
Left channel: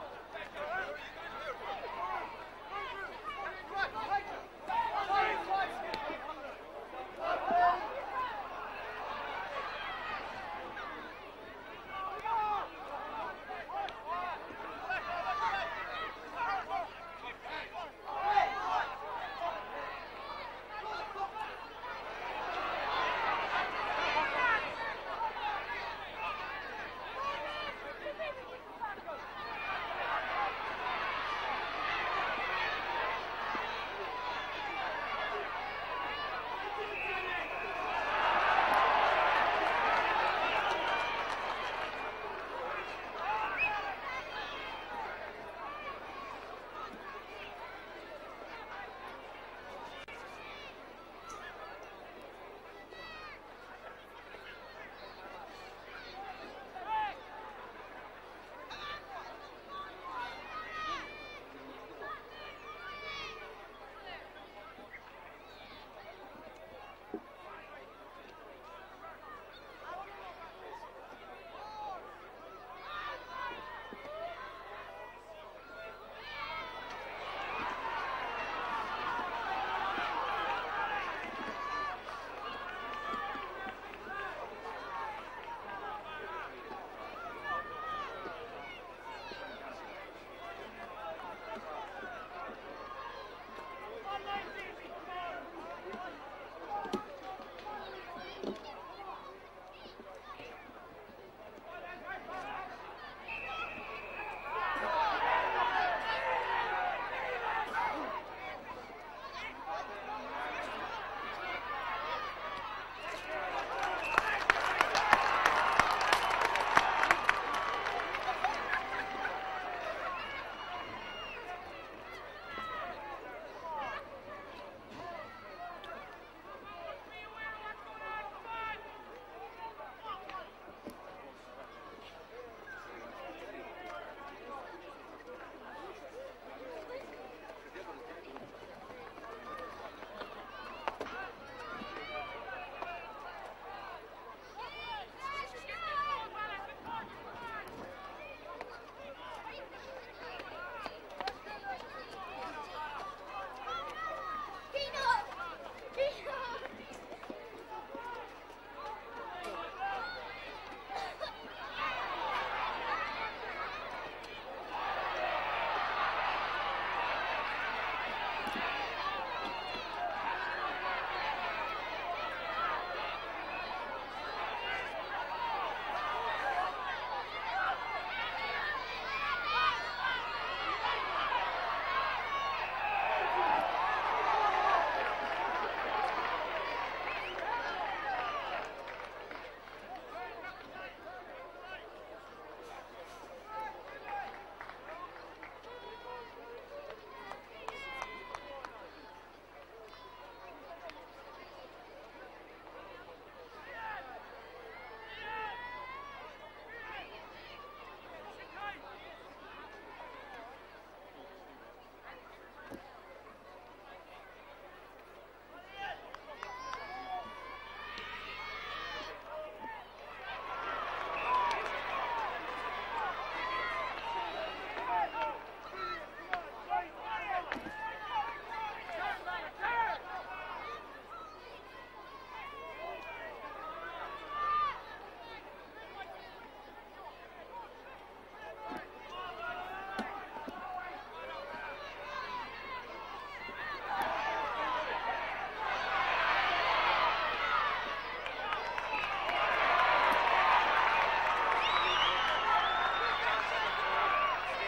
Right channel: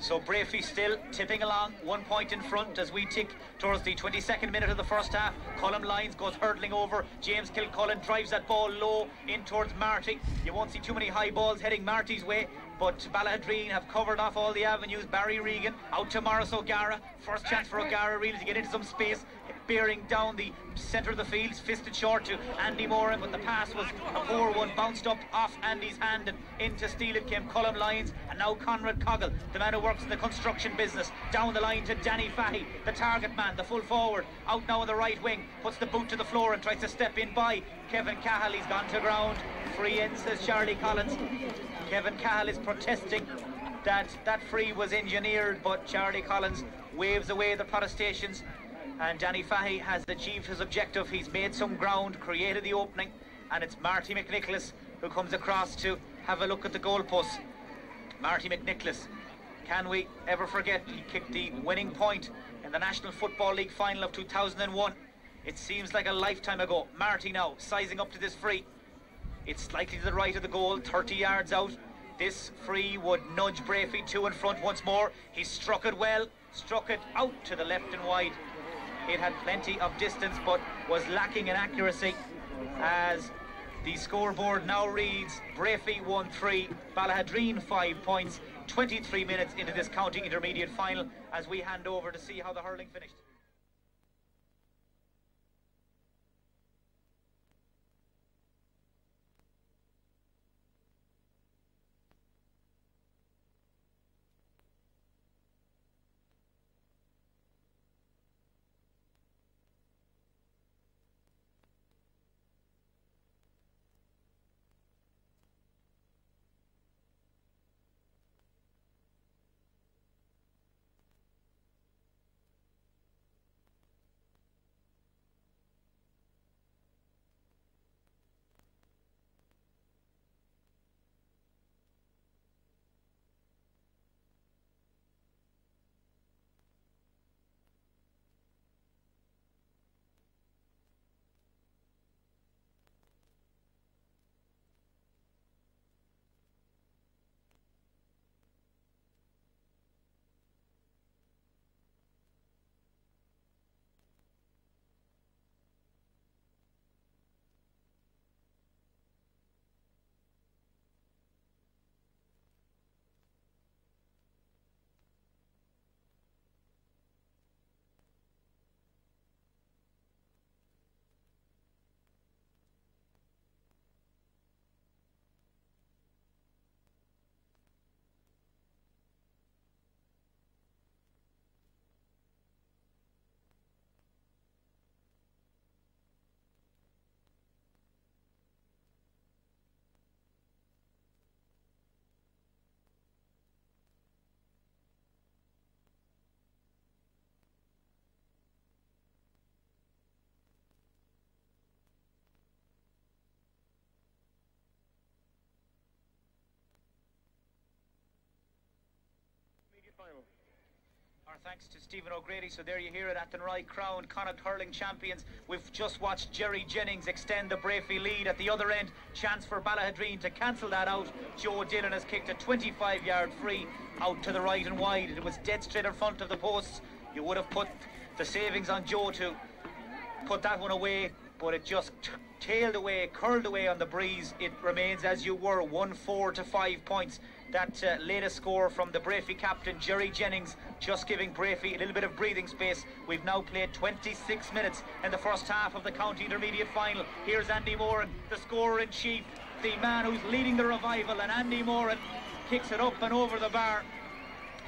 So Breaffy still tipping along, 1 point in front as we tick towards the 22nd minute of the first half. Colm Lyons goes hurtling over. James Kilcullen drives that ball low in towards Marty. You won't see too many high balls heading Marty's way, but Ballaghaderreen have covered off all the avenues. Barry Regan out to Morris O'Gara. First chance for O'Gara really to get into some space, bearing down the centre of the field, fisted short to Andy Moran, but the pass was a poor one, bounced up off Andy's hand, and into steal it came Colm Lyons, and now Conrad Coggle, the man who works in the construction business, down the line to Danny Fahey, the target man, the full forward, out now on the right wing, puts the boot to the floor and tries to step in by Kevin Cahill. He's gone to the ground. Free in, says Charlie Collins. Kevin Cahill is protesting that that free was engineered, but Charlie Collins waves away the protestations, and Danny Fahy has achieved his objective. He's made some ground, created the opening, and it's Marty McNicholas who comes across to have a look at the goalposts. Marty McNicholas, can we ever forget, he kicked the winning point in the National Football League final of 2001. It seems like a lifetime ago. Marty now sizing up to this free. It's slightly to the right of the goal, 30 yards out. This free would nudge Breaffy to in front once more. He struck it well, struck it out to the left and wide. It had plenty of distance but was lacking in accuracy, as the scoreboard now reads Breaffy 1-3, Ballaghaderreen 5 points, 23 minutes into this county intermediate final, as we hand over to see how the hurling finished. Stephen O'Grady. So there you hear it, Athenry crowned Connacht hurling champions. We've just watched Jerry Jennings extend the Breaffy lead at the other end. Chance for Ballaghaderreen to cancel that out. Joe Dillon has kicked a 25-yard free out to the right and wide. It was dead straight in front of the posts. You would have put the savings on Joe to put that one away, but it just tailed away, curled away on the breeze. It remains as you were, 1-4 to 5 points. That latest score from the Breaffy captain, Jerry Jennings, just giving Breaffy a little bit of breathing space. We've now played 26 minutes in the first half of the county intermediate final. Here's Andy Moran, the scorer-in-chief, the man who's leading the revival, and Andy Moran picks it up and over the bar.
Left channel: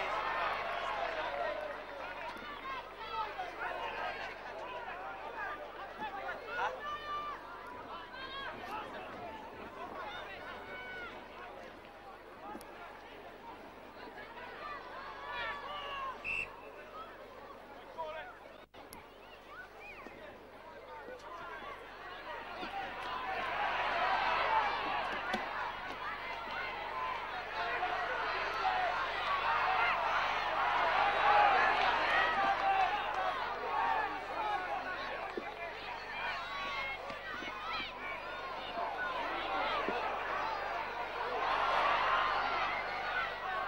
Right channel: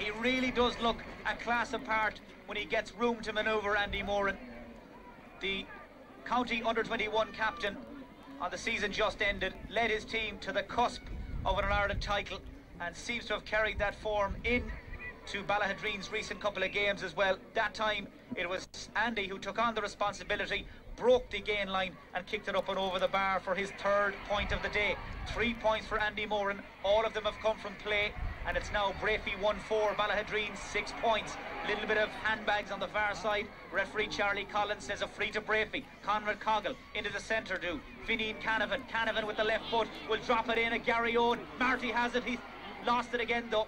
He really does look a class apart when he gets room to manoeuvre, Andy Moran. The county under-21 captain on the season just ended, led his team to the cusp of an All-Ireland title, and seems to have carried that form in to Ballaghaderreen's recent couple of games as well. That time it was Andy who took on the responsibility, broke the gain line and kicked it up and over the bar for his third point of the day. 3 points for Andy Moran, all of them have come from play, and it's now Breaffy 1-4, Ballaghaderreen 6 points. A little bit of handbags on the far side. Referee Charlie Collins says a free to Breaffy. Conrad Coggle into the centre do. Vinnie Canavan with the left foot will drop it in at Gary Owen. Marty has it, he's lost it again though.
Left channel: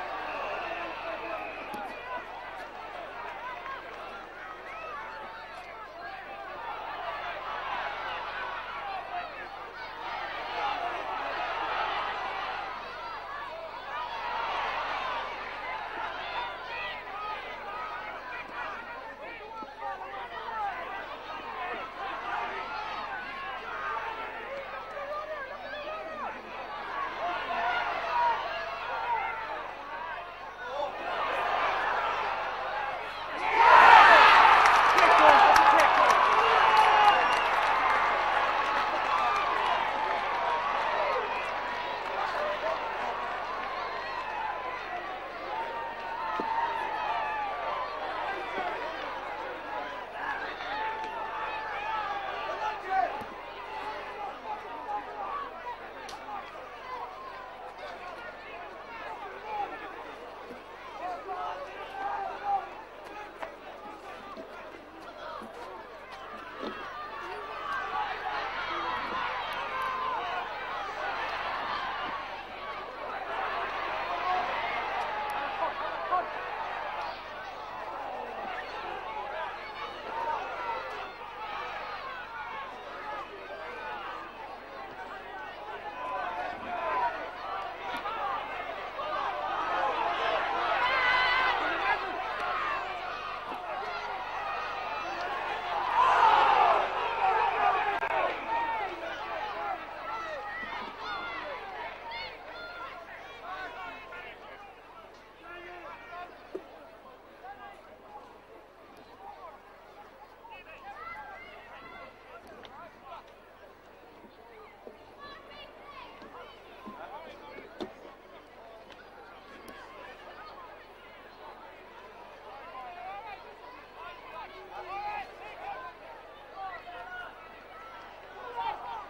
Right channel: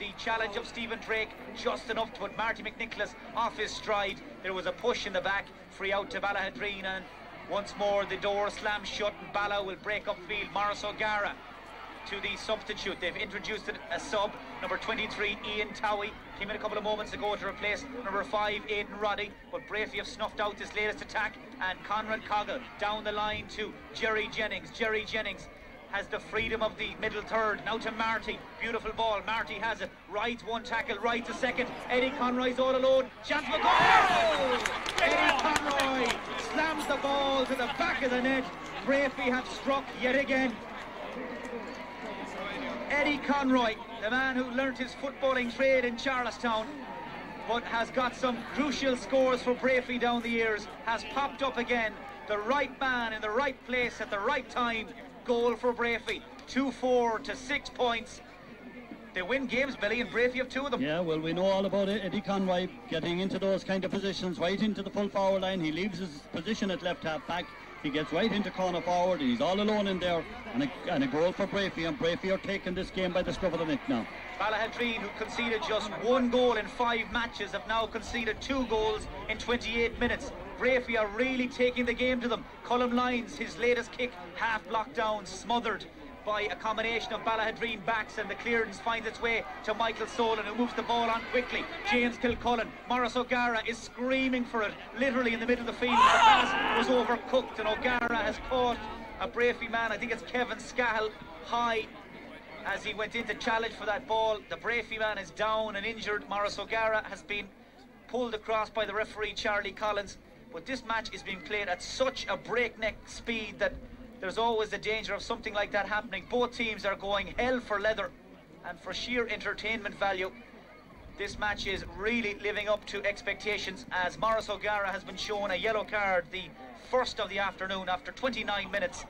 The challenge of Stephen Drake just enough to put Marty McNicholas off his stride. There was a push in the back, free out to Ballaghaderreen, and once more the door slams shut and Balla will break up field. Morris O'Gara to the substitute. They've introduced a sub, number 23 Ian Towie came in a couple of moments ago to replace number 5 Aidan Roddy, but Breaffy have snuffed out this latest attack, and Conrad Coggle down the line to Jerry Jennings. Jerry Jennings has the freedom of the middle third. Now to Marty. Beautiful ball. Marty has it. Right one tackle. Right to second. Eddie Conroy's all alone. Chance for the goal! Slams the ball to the back of the net. Breaffy have struck yet again. Eddie Charlestown, but has got some crucial scores for Breaffy down the years, has popped up again. The right man in the right place at the right time. Goal for Breaffy. 2-4 to 6 points. They win games, Billy, and Breaffy have 2 of them. Yeah, well, we know all about it. Eddie Conroy getting into those kind of positions, right into the full forward line. He leaves his position at left half back. He gets right into corner forward. He's all alone in there. And a goal for Breaffy, and Breaffy are taking this game by the scruff of the neck now. Ballaghaderreen, who conceded just 1 goal in 5 matches, have now conceded 2 goals in 28 minutes. Breaffy are really taking the game to them. Colm Lyons, his latest kick, half blocked down, smothered by a combination of Ballaghaderreen backs, and the clearance finds its way to Michael Solan, who moves the ball on quickly. James Kilcullen, Morris O'Gara is screaming for it, literally in the middle of the field. The pass was overcooked, and O'Gara has caught a Breaffy man, I think it's Kevin Scahill, high as he went in to challenge for that ball. The Breaffy man is down and injured. Morris O'Gara has been pulled across by the referee, Charlie Collins. But this match is being played at such a breakneck speed that there's always the danger of something like that happening. Both teams are going hell for leather, and for sheer entertainment value, this match is really living up to expectations, as Morris O'Gara has been shown a yellow card, the first of the afternoon, after 29 minutes,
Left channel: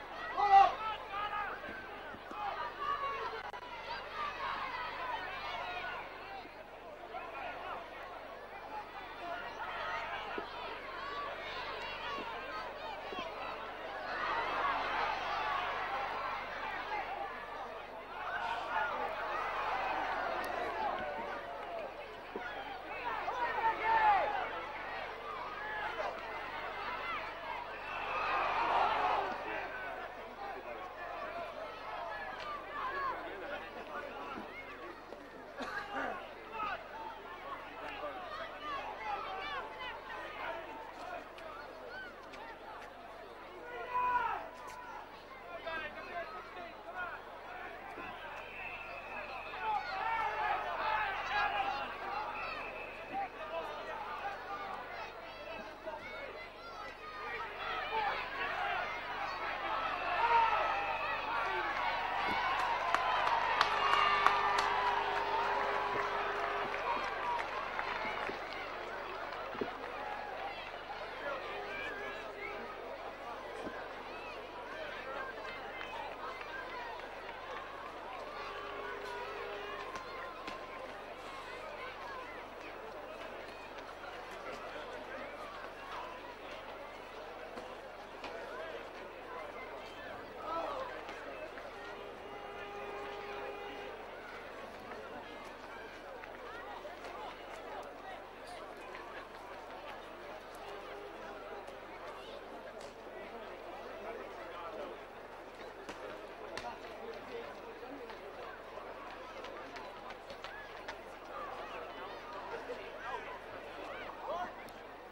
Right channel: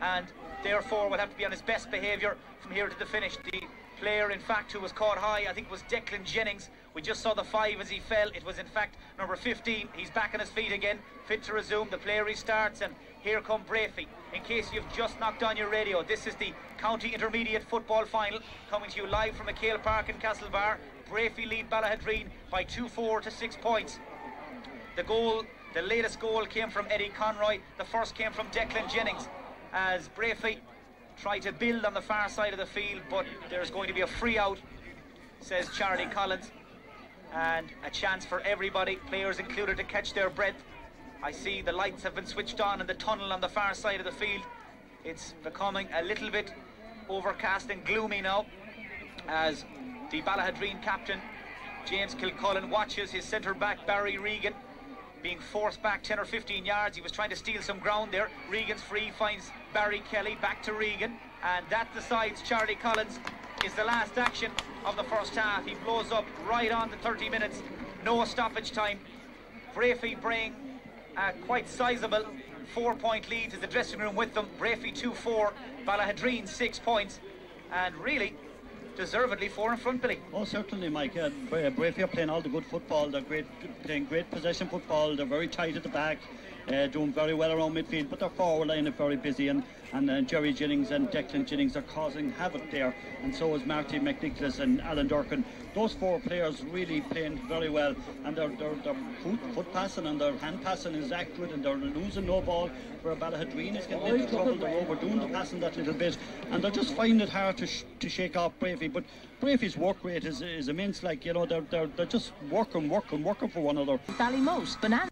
and therefore will have to be on his best behaviour from here to the finish. The player, in fact, who was caught high, I think, was Declan Jennings. We just saw the 5 as he fell. It was, in fact, number 15. He's back on his feet again, fit to resume. The play restarts, and here come Breaffy. In case you've just knocked on your radio, this is the County Intermediate Football Final, coming to you live from McHale Park in Castlebar. Breaffy lead Ballaghaderreen by 2-4 to 6 points. The latest goal came from Eddie Conroy. The first came from Declan Jennings, as Breaffy try to build on the far side of the field, but there's going to be a free out, says Charlie Collins, and a chance for everybody, players included, to catch their breath. I see the lights have been switched on in the tunnel on the far side of the field. It's becoming a little bit overcast and gloomy now, as the Ballaghaderreen captain, James Kilcullen, watches his centre back, Barry Regan, being forced back 10 or 15 yards. He was trying to steal some ground there. Regan's free, finds Barry Kelly, back to Regan, and that decides Charlie Collins is the last action of the first half. He blows up right on the 30 minutes, no stoppage time. Breaffy bring a quite sizable 4-point lead to the dressing room with them. Breaffy 2-4, Ballaghaderreen 6 points, and really deservedly 4 in front, Billy. Oh, certainly, Mike. Breaffy are playing all the good football. They're playing great possession football. They're very tight at the back, doing very well around midfield, but their forward line is very busy, and Jerry Jennings and Declan Jennings are causing havoc there, and so is Marty McNicholas and Alan Durkin. Those 4 players really playing very well, and their foot passing and their hand passing is accurate, and they're losing no ball, where Ballaghaderreen is getting into trouble. They're overdoing the passing that little bit, and they're just finding it hard to shake off Breaffy. But Breaffy's work rate is immense. Like, you know, they're just working for one another. Ballymote, banana.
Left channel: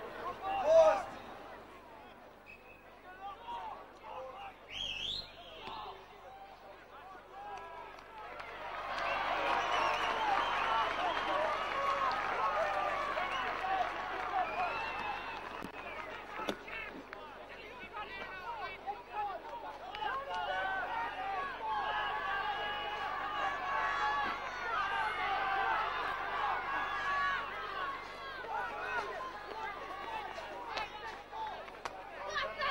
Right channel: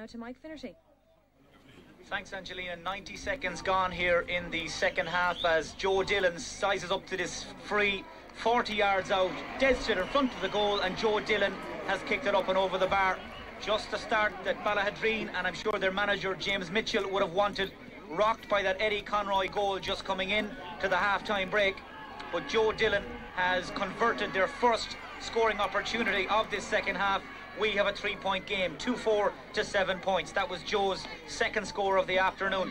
now to Mike 30. Thanks, Angelina. 90 seconds gone here in the second half as Joe Dillon sizes up to this free 40 yards out, dead set in front of the goal, and Joe Dillon has kicked it up and over the bar. Just the start that Ballaghaderreen, and I'm sure their manager James Mitchell would have wanted, rocked by that Eddie Conroy goal just coming in to the half-time break. But Joe Dillon has converted their first scoring opportunity of this second half. We have a 3-point game, 2-4 to 7 points. That was Joe's second score of the afternoon.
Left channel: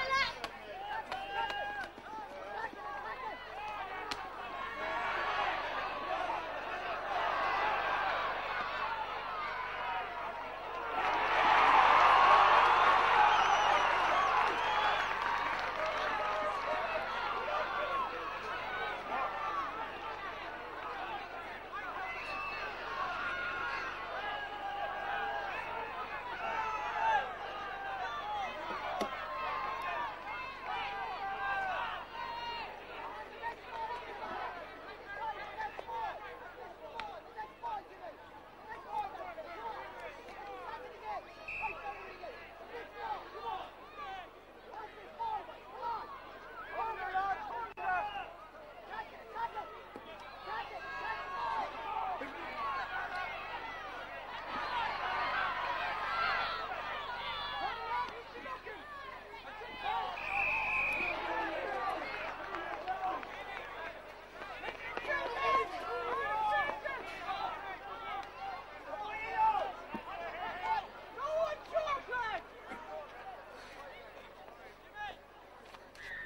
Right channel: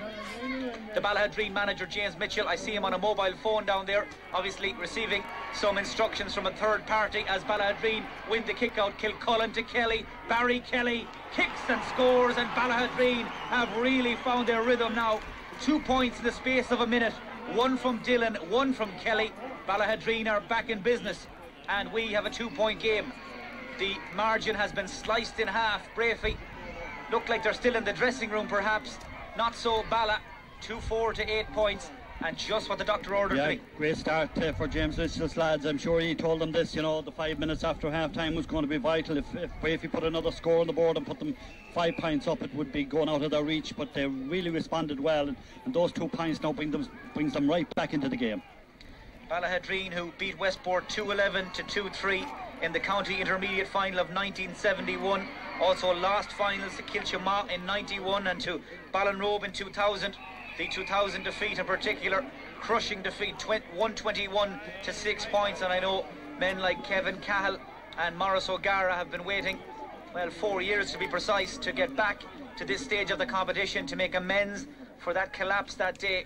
The Ballaghaderreen manager, James Mitchell, I see him on a mobile phone down there, obviously receiving some instructions from a third party as Ballaghaderreen win the kick out. Kilcullen to Kelly. Barry Kelly kicks and scores, and Ballaghaderreen have really found their rhythm now. 2 points in the space of a minute. One from Dillon, one from Kelly. Ballaghaderreen are back in business, and we have a 2-point game. The margin has been sliced in half. Breaffy look like they're still in the dressing room, perhaps. Not so. Balla, 2-4 to 8 points, and just what the doctor ordered. Yeah, great start for James Mitchell's lads. I'm sure he told them this, you know, the 5 minutes after half-time was going to be vital. If Breaffy put another score on the board and put them 5 points up, it would be going out of their reach, but they really responded well, and those 2 points now brings them right back into the game. Ballaghaderreen, who beat Westport 2-11 to 2-3 in the county intermediate final of 1971, also lost finals to Kilchama in 91 and to Ballinrobe in 2000. The 2000 defeat in particular, crushing defeat, 121 to 6 points, and I know men like Kevin Cahill and Maurice O'Gara have been waiting, well, 4 years to be precise, to get back to this stage of the competition, to make amends for that collapse that day,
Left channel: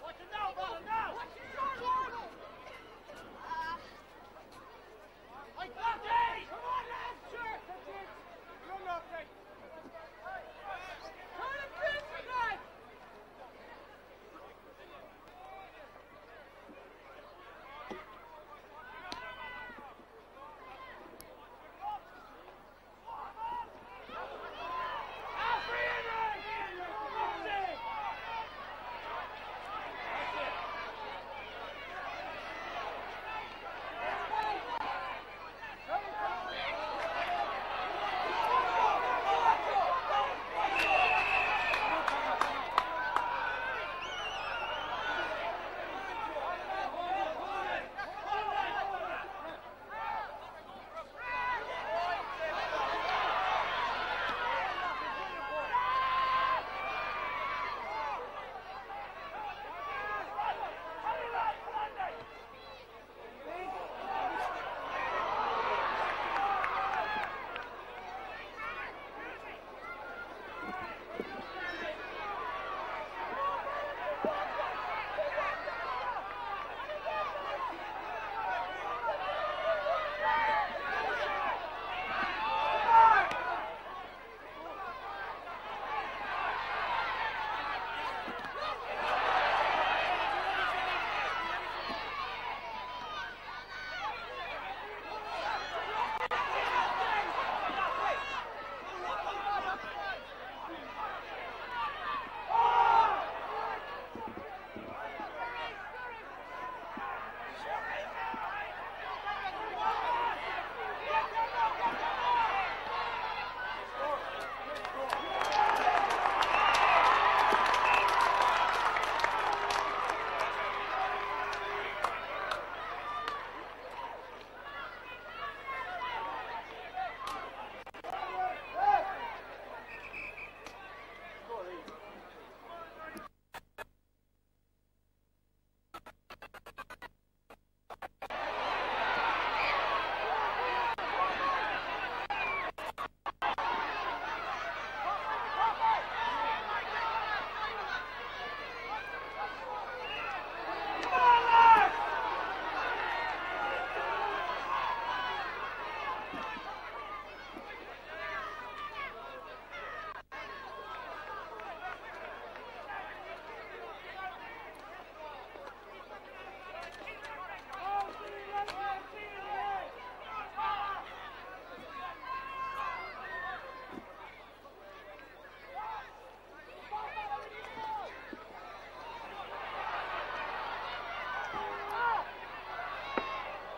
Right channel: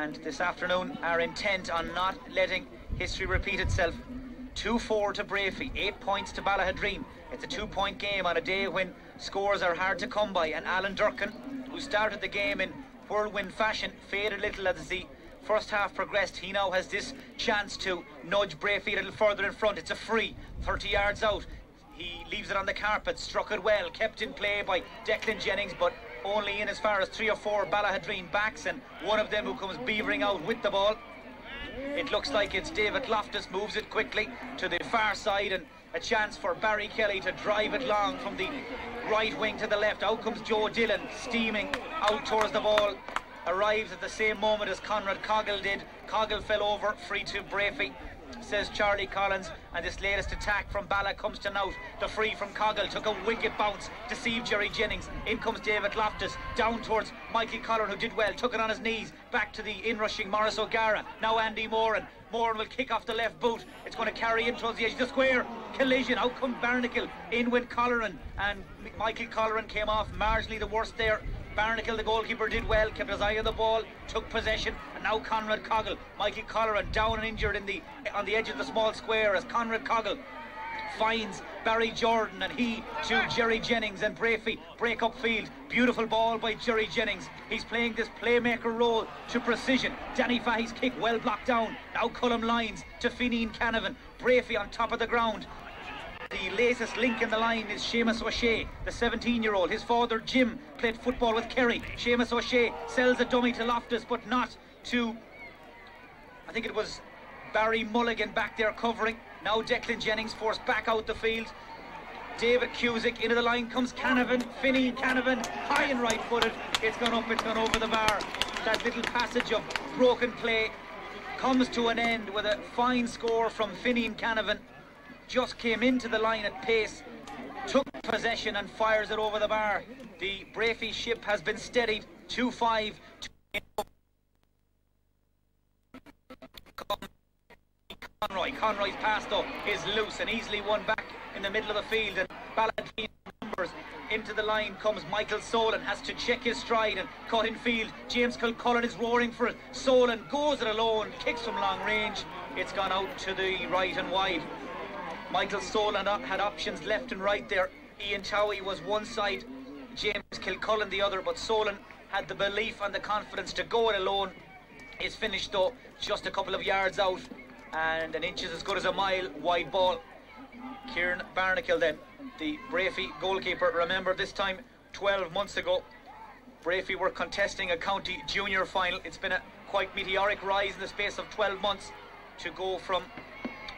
and this afternoon are intent on not letting history repeat itself. 2-4 to Breaffy, 8 points to Ballaghaderreen. It's a 2-point game on a day when scores are hard to come by, and Alan Durkin, who started the game in whirlwind fashion, faded a little as the first half progressed. He now has this chance to nudge Breaffy a little further in front. It's a free, 30 yards out. He leaves it on the carpet, struck it well, kept in play by Declan Jennings, but only in as far as 3 or 4 Ballaghaderreen backs, and one of them who comes beavering out with the ball. It looks like it's David Loftus, moves it quickly to the far side, and a chance for Barry Kelly to drive it long from the right wing to the left. Out comes Joe Dillon, steaming out towards the ball. Arrives at the same moment as Conrad Coggle did. Coggle fell over, free to Breaffy, says Charlie Collins, and this latest attack from Balla comes to Nout. The free from Coggle took a wicked bounce, deceived Jerry Jennings. In comes David Loftus, down towards Michael Collin, who did well, took it on his knees, back to the in-rushing Maurice O'Gara. Now Andy Moran. Moran will kick off the left boot. It's going to carry in towards the edge of the square. Collision. Out come Barnacle in with Colleran, and Michael Colleran came off marginally the worst there. Barnacle, the goalkeeper, did well, kept his eye on the ball, took possession. Now Conrad Coggle, Michael Colleran down and injured on the edge of the small square as Conrad Coggle finds Barry Jordan, and he to Jerry Jennings, and Breaffy break up field. Beautiful ball by Jerry Jennings. He's playing this playmaker role to precision. Danny Fahey's kick well blocked down. Now Cullum Lyons to Fineen Canavan. Breaffy on top of the ground. The latest link in the line is Seamus O'Shea, the 17-year-old. His father Jim played football with Kerry. Seamus O'Shea sells a dummy to Loftus, but not to, I think it was Barry Mulligan back there covering. Now Declan Jennings forced back out the field. David Cusick into the line comes Canavan. Fineen Canavan, high and right-footed. It's one up, it's one over the bar. That little passage of broken play comes to an end with a fine score from Fineen Canavan. Just came into the line at pace, took possession and fires it over the bar. The Breaffy ship has been steadied. 2-5. Conroy's pass though is loose and easily won back in the middle of the field, and Ballaghaderreen numbers. Into the line comes Michael Solon, has to check his stride and cut in field. James Kilcullen is roaring for it. Solon goes it alone, kicks from long range. It's gone out to the right and wide. Michael Solon had options left and right there. Ian Towie was one side, James Kilcullen the other, but Solon had the belief and the confidence to go it alone. It's finished though just a couple of yards out, and an inch is as good as a mile. Wide ball. Kieran Barnacle then, the Breaffy goalkeeper. Remember this time 12 months ago Breaffy were contesting a county junior final. It's been a quite meteoric rise in the space of 12 months to go from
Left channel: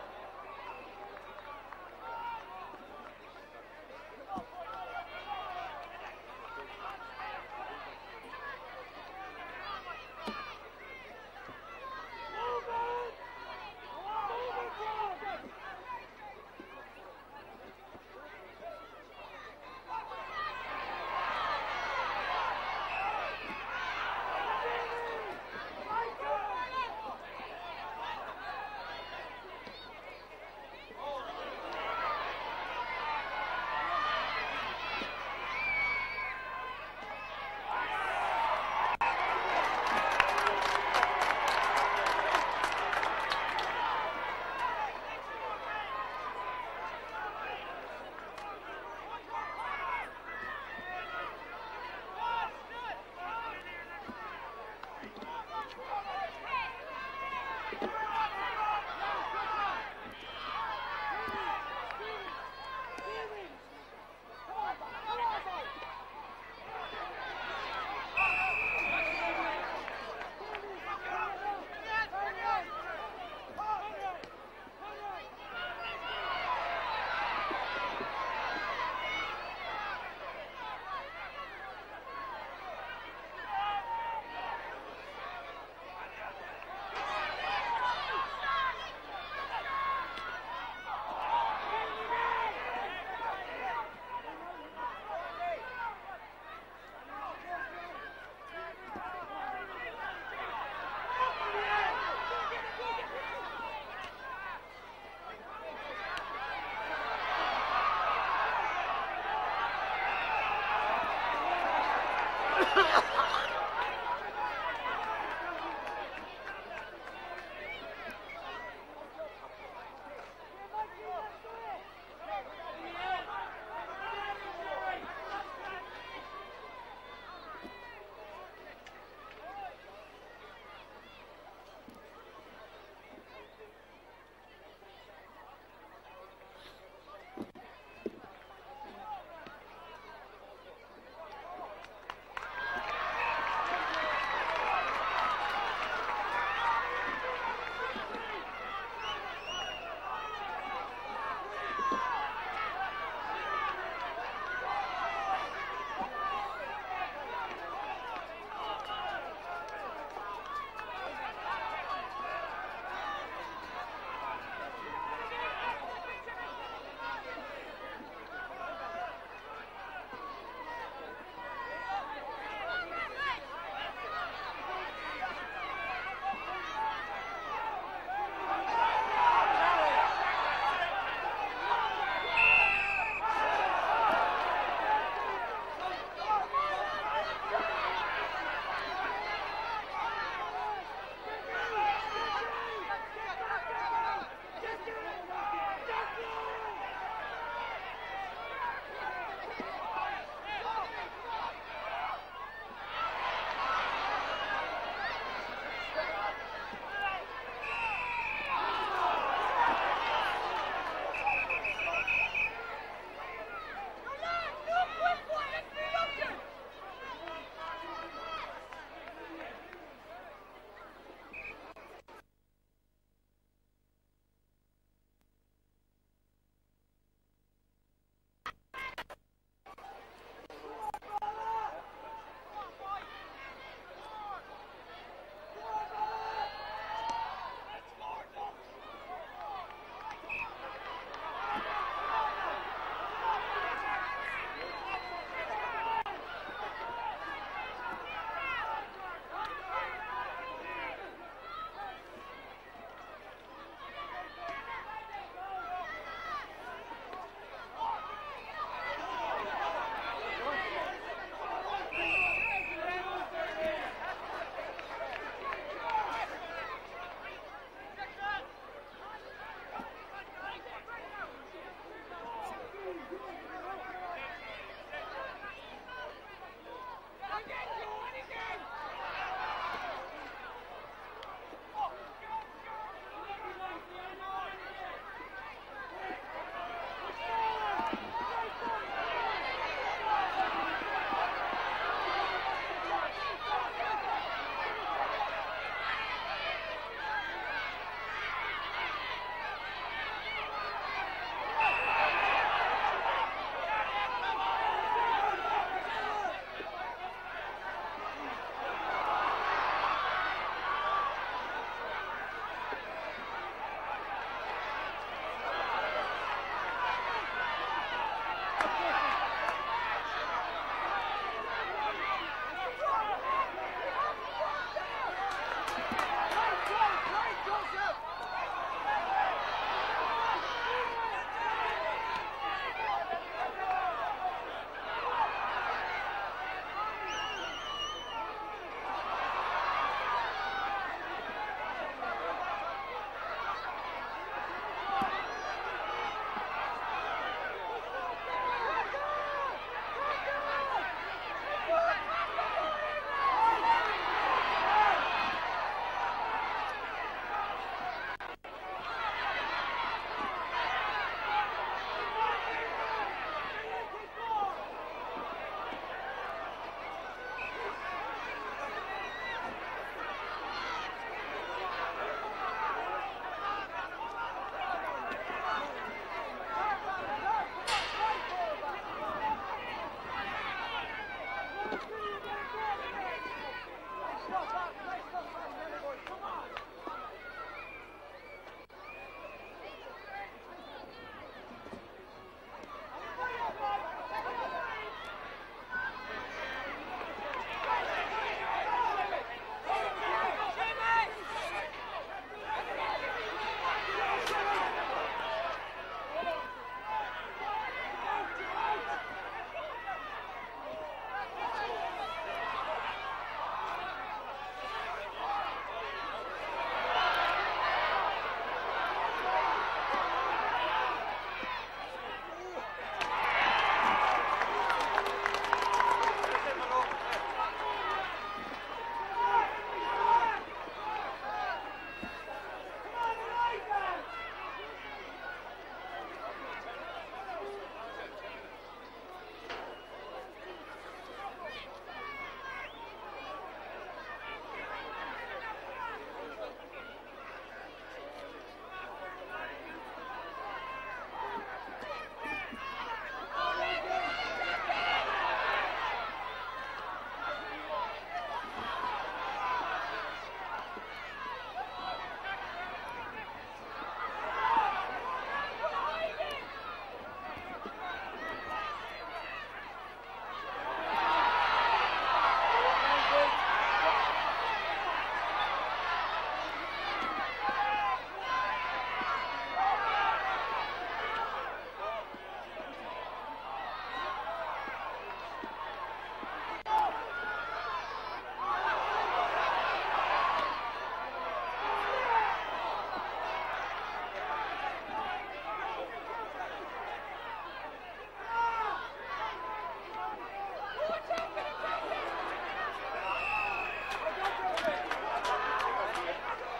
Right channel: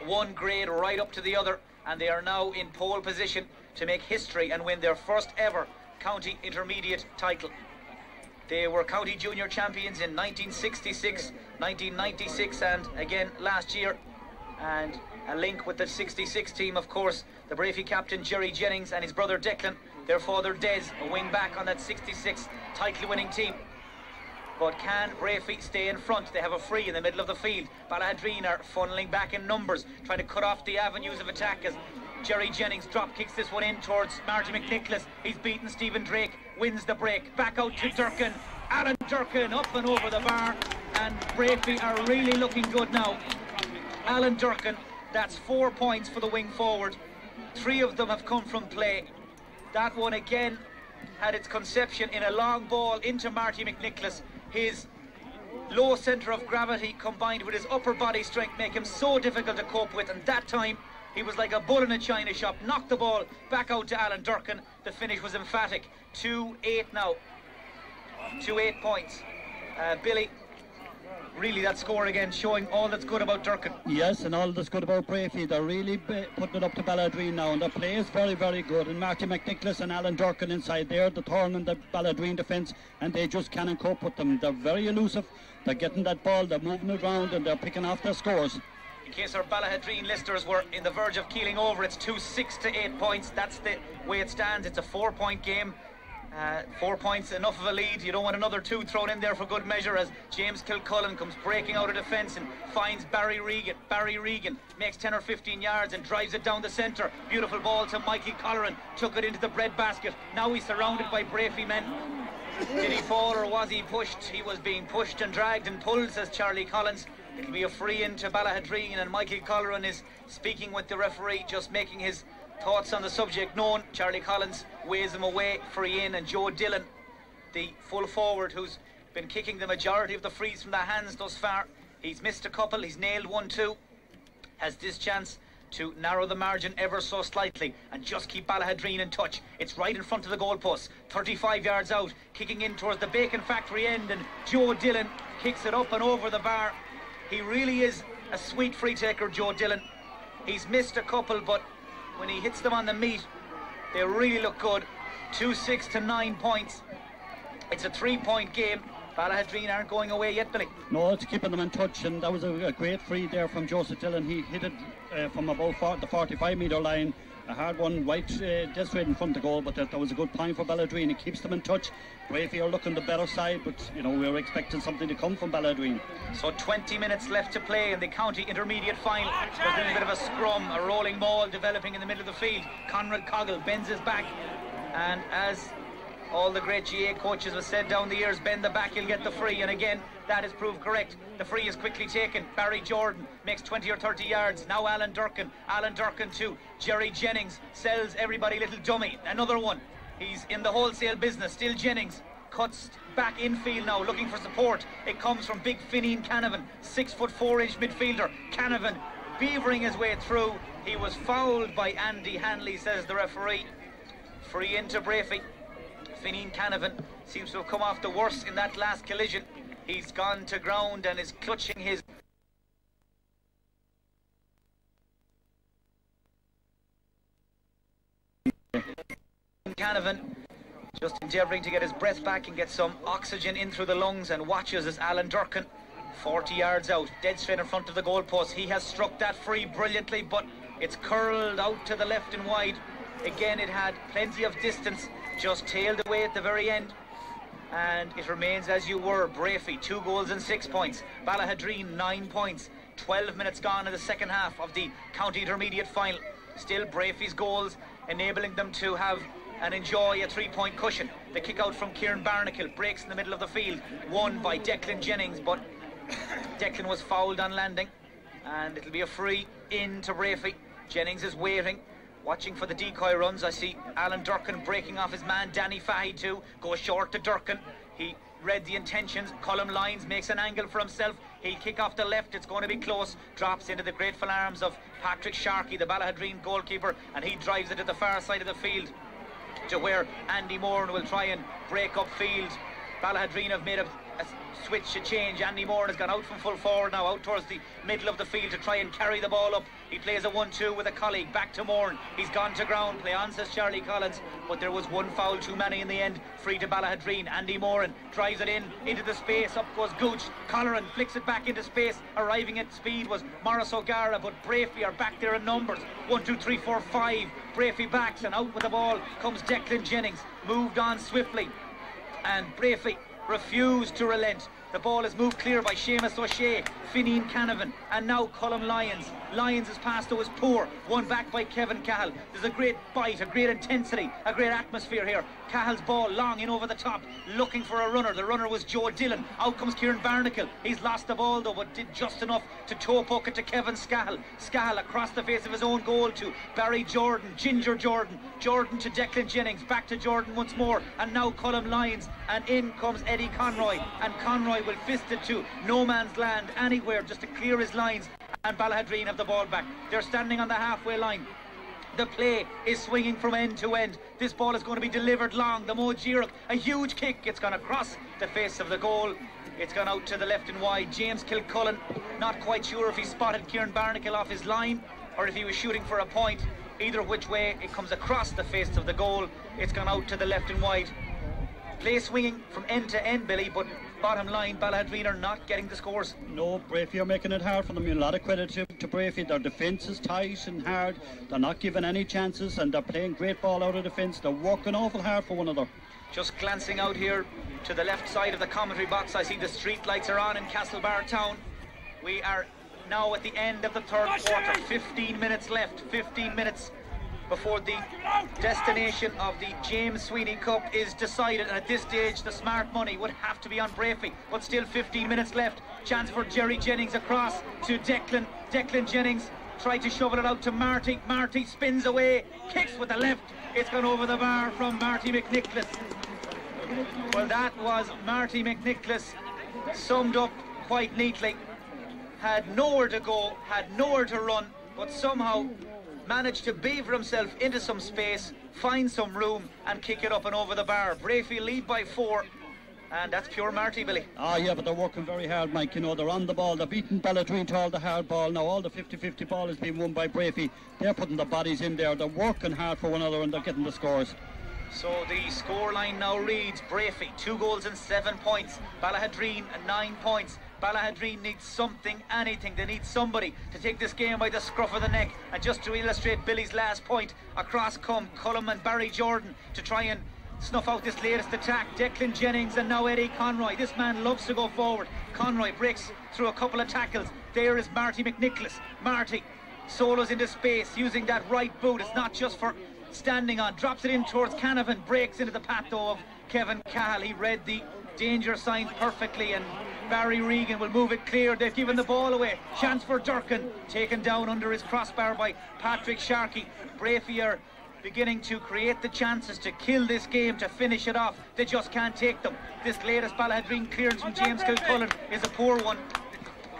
one grade right up to the other, and they are now in pole position to make history and win their first ever county intermediate title. They were county junior champions in 1966, 1996 and again last year. And a link with the 66 team, of course, the Breaffy captain Jerry Jennings and his brother Declan, their father Des, a wing back on that 66 title winning team. But can Breaffy stay in front? They have a free in the middle of the field. Ballaghaderreen are funneling back in numbers, trying to cut off the avenues of attack as Jerry Jennings drop kicks this one in towards Marty McNicholas. He's beaten Stephen Drake, wins the break, back out to Durkin. Alan Durkin up and over the bar, and Breaffy are really looking good now. Alan Durkin, that's 4 points for the wing forward. 3 of them have come from play. That one again had its conception in a long ball into Marty McNicholas. His low centre of gravity combined with his upper body strength make him so difficult to cope with, and that time he was like a bull in a china shop. Knocked the ball back out to Alan Durkin. The finish was emphatic. 2-8 now. 2-8 points. Billy, really that score again showing all that's good about Durkin. Yes, and all that's good about Breaffy. They're really putting it up to Ballaghaderreen now, and their play is very, very good. And Marty McNicholas and Alan Durkin inside there, the turn in the Ballaghaderreen defence, and they just can't cope with them. They're very elusive. They're getting that ball, they're moving around, and they're picking off their scores. In case our Ballaghaderreen listeners were in the verge of keeling over, it's 2-6 to 8 points. That's the way it stands. It's a 4-point game. 4 points, enough of a lead. You don't want another 2 thrown in there for good measure as James Kilcullen comes breaking out of defence and finds Barry Regan. Barry Regan makes 10 or 15 yards and drives it down the centre. Beautiful ball to Michael Colleran, took it into the breadbasket. Now he's surrounded by Breaffy men. Did he fall or was he pushed? He was being pushed and dragged and pulled, says Charlie Collins. It'll be a free into Ballaghaderreen, and Michael Colleran is speaking with the referee, just making his thoughts on the subject known. Charlie Collins waves him away, free in, and Joe Dillon, the full forward who's been kicking the majority of the frees from the hands thus far. He's missed a couple, he's nailed 1-2, has this chance to narrow the margin ever so slightly and just keep Ballaghaderreen in touch. It's right in front of the goalpost, 35 yards out, kicking in towards the bacon factory end, and Joe Dillon kicks it up and over the bar. He really is a sweet free taker, Joe Dillon. He's missed a couple, but when he hits them on the meat, they really look good. 2-6 to 9 points. It's a 3-point game. Ballaghaderreen aren't going away yet, Billy. No, it's keeping them in touch, and that was a great free there from Joseph Dillon. He hit it from about the 45-metre line. A hard one, right just right in front of the goal, but that was a good point for Ballaghaderreen. It keeps them in touch. Breaffy are looking the better side, but you know, we're expecting something to come from Ballaghaderreen. So 20 minutes left to play in the county intermediate final. There's a bit of a scrum, a rolling maul developing in the middle of the field. Conrad Coggle bends his back, and as all the great GA coaches have said down the years, bend the back, you'll get the free, and again that is proved correct. The free is quickly taken. Barry Jordan makes 20 or 30 yards. Now Alan Durkin too. Jerry Jennings sells everybody little dummy, another one. He's in the wholesale business. Still Jennings cuts back infield now, looking for support. It comes from big Finian Canavan, 6'4" midfielder. Canavan beavering his way through. He was fouled by Andy Hanley, says the referee. Free into Breaffy. Finian Canavan seems to have come off the worst in that last collision. He's gone to ground and is clutching his... Canavan just endeavouring to get his breath back and get some oxygen in through the lungs, and watches as Alan Durkin, 40 yards out, dead straight in front of the goalpost. He has struck that free brilliantly, but it's curled out to the left and wide. Again, it had plenty of distance, just tailed away at the very end, and it remains as you were. Breaffy 2 goals and 6 points. Ballaghaderreen 9 points. 12 minutes gone in the second half of the county intermediate final. Still Breaffy's goals enabling them to have and enjoy a 3-point cushion. The kick out from Kieran Barnacle breaks in the middle of the field, won by Declan Jennings, but Declan was fouled on landing, and it'll be a free in to Breaffy. Jennings is waiting, watching for the decoy runs. I see Alan Durkin breaking off his man Danny Fahy too, goes short to Durkin. He read the intentions. Colm Lyons makes an angle for himself. He'll kick off the left, it's going to be close. Drops into the grateful arms of Patrick Sharkey, the Ballaghaderreen goalkeeper, and he drives it to the far side of the field to where Andy Moran will try and break up field. Ballaghaderreen have made a switch, a change. Andy Moore has gone out from full forward now, out towards the middle of the field to try and carry the ball up. He plays a 1-2 with a colleague, back to Moore. He's gone to ground, play on, says Charlie Collins, but there was one foul too many in the end. Free to Ballaghaderreen. Andy Moore drives it in into the space. Up goes Gooch. Colleran flicks it back into space. Arriving at speed was Morris O'Gara, but Breaffy are back there in numbers. 1, 2, 3, 4, 5. Breaffy backs, and out with the ball comes Declan Jennings. Moved on swiftly, and Breaffy refused to relent. The ball is moved clear by Seamus O'Shea, Fineen Canavan, and now Colm Lyons. Lyons' pass though is poor, won back by Kevin Cahill. There's a great fight, a great intensity, a great atmosphere here. Cahill's ball long in over the top, looking for a runner. The runner was Joe Dillon. Out comes Kieran Barnacle. He's lost the ball though, but did just enough to toe poke it to Kevin Scahill. Scahill across the face of his own goal to Barry Jordan, Ginger Jordan. Jordan to Declan Jennings, back to Jordan once more, and now Colm Lyons, and in comes Eddie Conroy, and Conroy will fist it to no man's land anywhere just to clear his lines, and Ballaghaderreen have the ball back. They're standing on the halfway line. The play is swinging from end to end. This ball is going to be delivered long. The Mo Giroux, a huge kick. It's gone across the face of the goal. It's gone out to the left and wide. James Kilcullen, not quite sure if he spotted Kieran Barnacle off his line or if he was shooting for a point. Either which way, it comes across the face of the goal. It's gone out to the left and wide. Play swinging from end to end, Billy, but bottom line, Ballaghaderreen are not getting the scores. No, Breaffy are making it hard for them. A lot of credit to Breaffy. Their defence is tight and hard. They're not giving any chances, and they're playing great ball out of defence. They're working awful hard for one another. Just glancing out here to the left side of the commentary box, I see the street lights are on in Castlebar Town. We are now at the end of the third quarter. 15 minutes left. 15 minutes before the destination of the James Sweeney Cup is decided, and at this stage the smart money would have to be on Breaffy, but still 15 minutes left. Chance for Jerry Jennings across to Declan. Declan Jennings tried to shovel it out to Marty. Marty spins away, kicks with the left. It's gone over the bar from Marty McNicholas. Well, that was Marty McNicholas summed up quite neatly. Had nowhere to go, had nowhere to run, but somehow managed to beaver himself into some space, find some room and kick it up and over the bar. Breaffy lead by 4, and that's pure Marty, Billy. Ah, yeah, but they're working very hard, Mike. You know, they're on the ball. They're beating Ballaghaderreen to all the hard ball. Now all the 50-50 ball is being won by Breaffy. They're putting the bodies in there. They're working hard for one another, and they're getting the scores. So the scoreline now reads: Breaffy 2 goals and 7 points, Ballaghaderreen 9 points. Ballaghaderreen needs something, anything. They need somebody to take this game by the scruff of the neck. And just to illustrate Billy's last point, across come Colm and Barry Jordan to try and snuff out this latest attack. Declan Jennings and now Eddie Conroy. This man loves to go forward. Conroy breaks through a couple of tackles. There is Marty McNicholas. Marty solos into space using that right boot. It's not just for standing on. Drops it in towards Canavan. Breaks into the path though of Kevin Cahill. He read the danger sign perfectly, and Barry Regan will move it clear. They've given the ball away. Chance for Durkin, taken down under his crossbar by Patrick Sharkey. Breaffy are beginning to create the chances to kill this game, to finish it off. They just can't take them. This latest Ballaghaderreen clearance from James Kilcullen is a poor one.